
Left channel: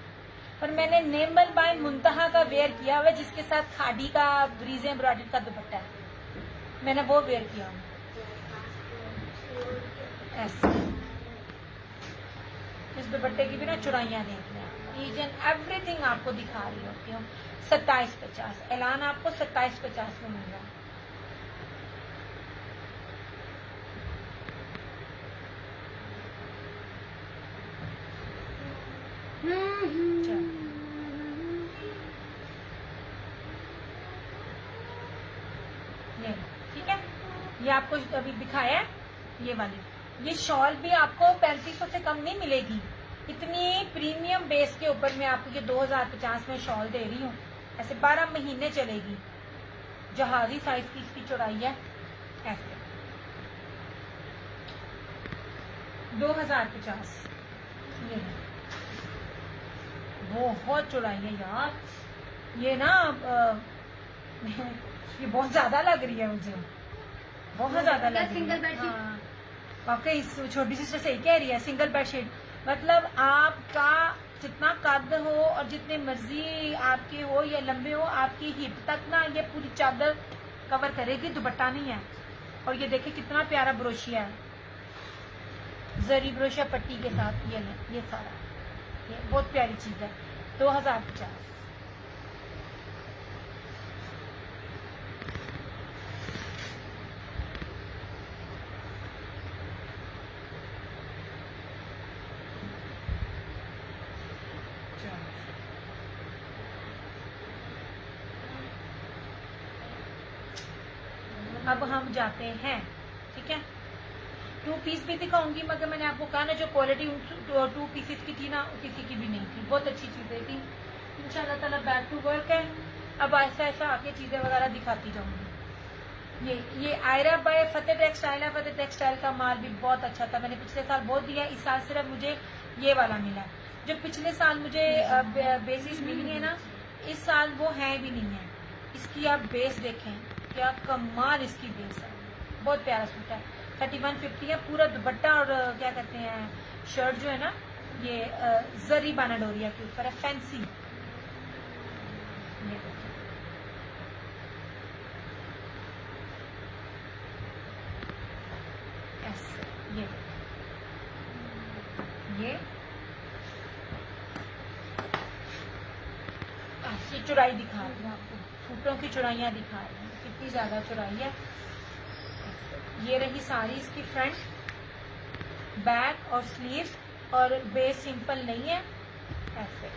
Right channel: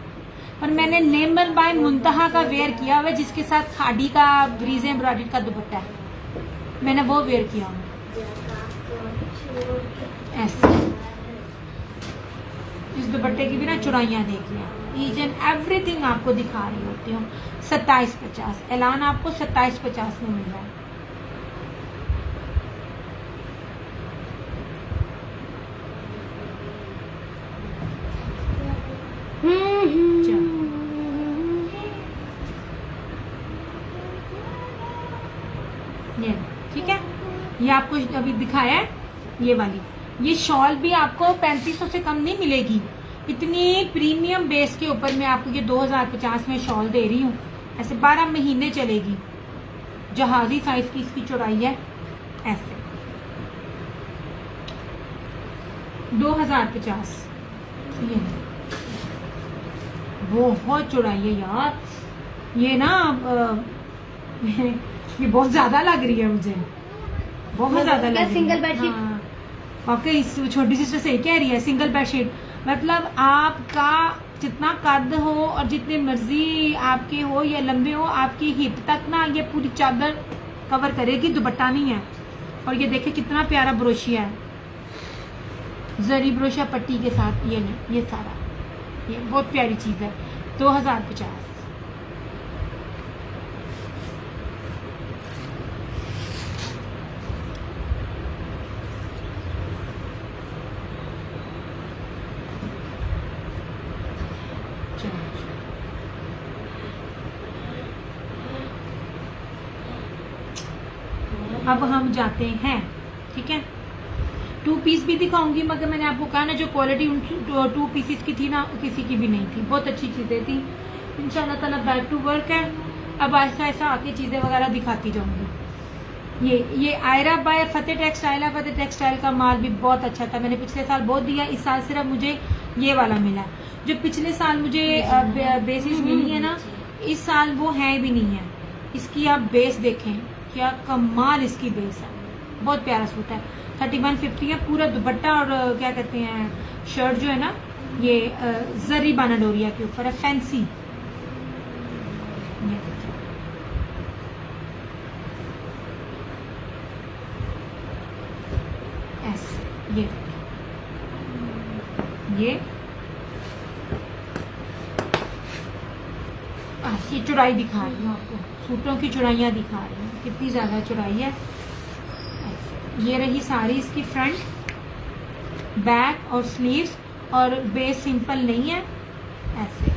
पर मैंने नेमर बाय मुंतहा का वेयर किया हुआ जिसके साथ खाड़ी का ब्रीज एम्ब्रॉयडरी का दुपट्टा है, मैंने वो वेयर किया हुआ ऐसे। इस दुपट्टे की भी ना चुराइयाँ देख लें, ईच एंड एवरीथिंग आपको दिखा रही होती हूँ। 2750 ऐलान आपको 2750 में मिल रहा है। ये ठीक है, ये आपको अभी दिखाया है ये वाली। ये शॉल भी आपको 3500 से कम नहीं मिलेगी। इतनी प्रीमियम बेस के ऊपर मैं आपको ये 2050 में शॉल दे रही हूँ। ऐसे 12 महीने चलेगी। जहाजी साइज की इसकी चौड़ाई है, ऐसे 2050। ये बहुत चौड़ाई है यार, ये ना ये बहुत ज्यादा लग रही है मुझे, बहुत ज्यादा लग रही है। Single bedsheet. हाँ, आपके इस छोटी सिस्टर सही कह रही है, सिंगल बेडशीट मतलब आपका जितना कद हो और जितने मर्जी आपके हो या लंबे हो, आपकी हिप तक ना ये पूरी चादर कवर करेगी, दुपट्टा नहीं है। और ये देखिए कितना प्यारा ब्रोशिया है, जरी ब्रोशिया पट्टी के साथ। ये नहीं, ये सारा, ये बहुत प्यारी चीज है। 2050। अब हम जाते हैं, ठीक है, 2 पीस भी दिखाऊंगी, मगर मैंने आपको कहा ना जो क्वालिटी 2 पीसेस की थी ना किसी की भी नहीं थी, बहुत अच्छी चीज़ें थी। इंशाल्लाह ताला बैक टू वर्क है। अब ऐसा ऐसा आके चीज़ें वगैरह दिखाती जाऊंगी। ये आयरा बाय फतेह टेक्सटाइल है। फतेह टेक्सटाइल का माल भी बहुत अच्छा था, मैंने पिछले साल बहुत दिया, इस साल सिर्फ मुझे ये वाला मिला। जो पिछले साल मुझे बेसिस मिली है ना, इस साल वो है भी नहीं है। इसकी आप बेस देखें, क्या कमाल इसकी बेस है, बहुत प्यारा सूट है। 3150 है। पूरा दुपट्टा और क्या कहते हैं शर्ट जो है ना, ये जरी बाना डोरिया के ऊपर है, फैंसी। ये देखिए, ऐसे ये ये चौड़ाई दिखा रही हूँ आपको, सूटों की चौड़ाइयाँ दिखा रही हूँ, कितनी ज़्यादा चौड़ाई है। ये रही सारी इसकी फ्रंट, बैक और स्लीव्स, और बेस सिंपल नहीं है, ऐसे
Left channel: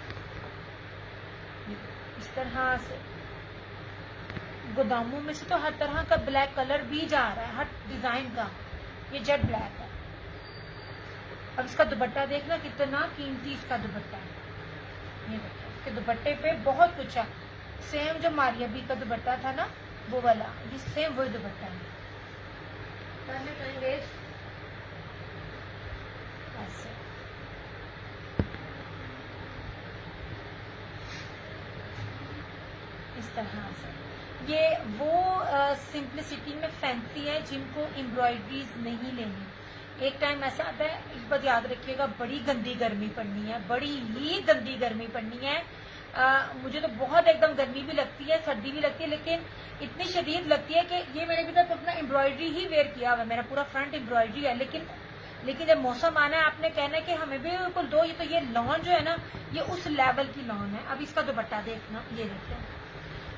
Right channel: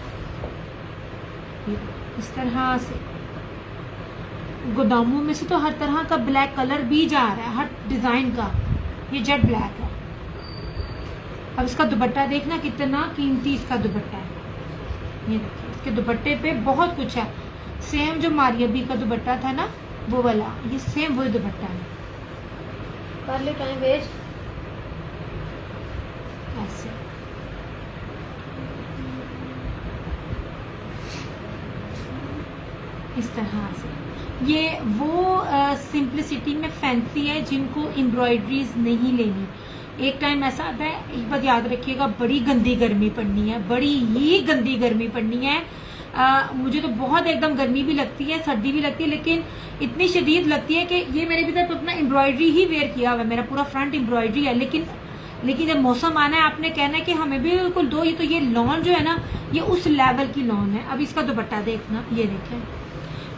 इस तरह से। गोदामों में से तो हर तरह का ब्लैक कलर भी जा रहा है, हर डिजाइन का। ये जेट ब्लैक है। अब इसका दुपट्टा देखना कितना कीमती इसका दुपट्टा है। ये देखिए, इसके दुपट्टे पे बहुत कुछ है। सेम जो मारियबी का दुपट्टा था ना, वो वाला, ये सेम वही दुपट्टा है। कर लो टाइम वेस्ट। ऐसे इस तरह से। ये वो सिंप्लिसिटी में फैंसी है जिनको एम्ब्रॉयडरीज नहीं लेनी। एक टाइम ऐसा आता है, एक बात याद रखिएगा, बड़ी गंदी गर्मी पड़नी है, बड़ी ही गंदी गर्मी पड़नी है। मुझे तो बहुत एकदम गर्मी भी लगती है, सर्दी भी लगती है, लेकिन इतनी शदीद लगती है कि ये मैंने अभी तक अपना एम्ब्रॉयडरी ही वेयर किया हुआ है, मेरा पूरा फ्रंट एम्ब्रॉयडरी है। लेकिन जब मौसम आना है, आपने कहना है कि हमें भी बिल्कुल दो। ही तो ये लॉन जो है ना, ये उस लेवल की लॉन है। अब इसका दुपट्टा देखना, ये देखें,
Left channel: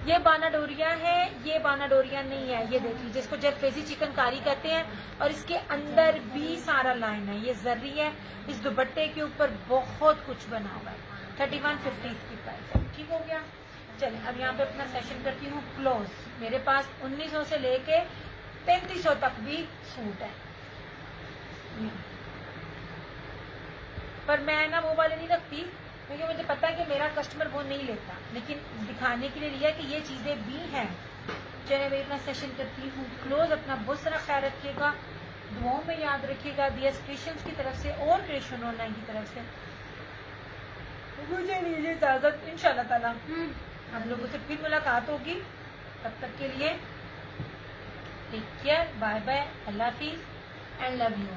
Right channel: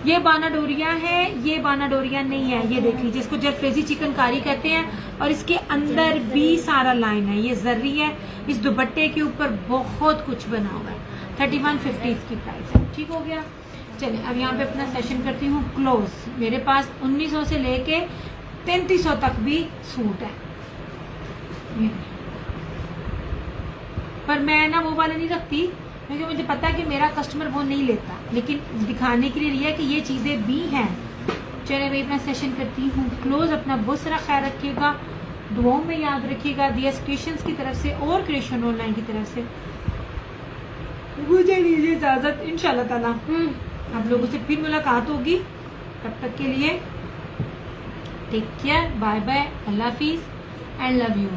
ये बाना डोरिया है, ये बाना डोरिया नहीं है। ये देख लीजिए, इसको जरफेजी चिकनकारी कहते हैं, और इसके अंदर भी सारा लाइन है, ये जर्री है। इस दुपट्टे के ऊपर बहुत कुछ बना हुआ है। 3150 इसकी प्राइस है। ठीक हो गया। चलिए अब यहाँ पे अपना सेशन करती हूँ क्लोज। मेरे पास 1900 से लेके 3300 तक भी सूट है, पर मैं ना वो वाले नहीं रखती, क्योंकि मुझे पता है कि मेरा कस्टमर वो नहीं लेता, लेकिन दिखाने के लिए लिया कि ये चीज़ें भी हैं। चलिए मैं अपना सेशन करती हूँ क्लोज। अपना बहुत सारा ख्याल रखिएगा, दुआओं में याद रखिएगा। दियस क्रिएशंस की तरफ से और क्रिएशन ऑनलाइन की तरफ से मुझे दीजिए इजाज़त। इंशाल्लाह ताला आप लोगों से फिर मुलाकात होगी। तब तक के लिए टेक केयर, बाय बाय, अल्लाह हाफिज़ एंड लव यू।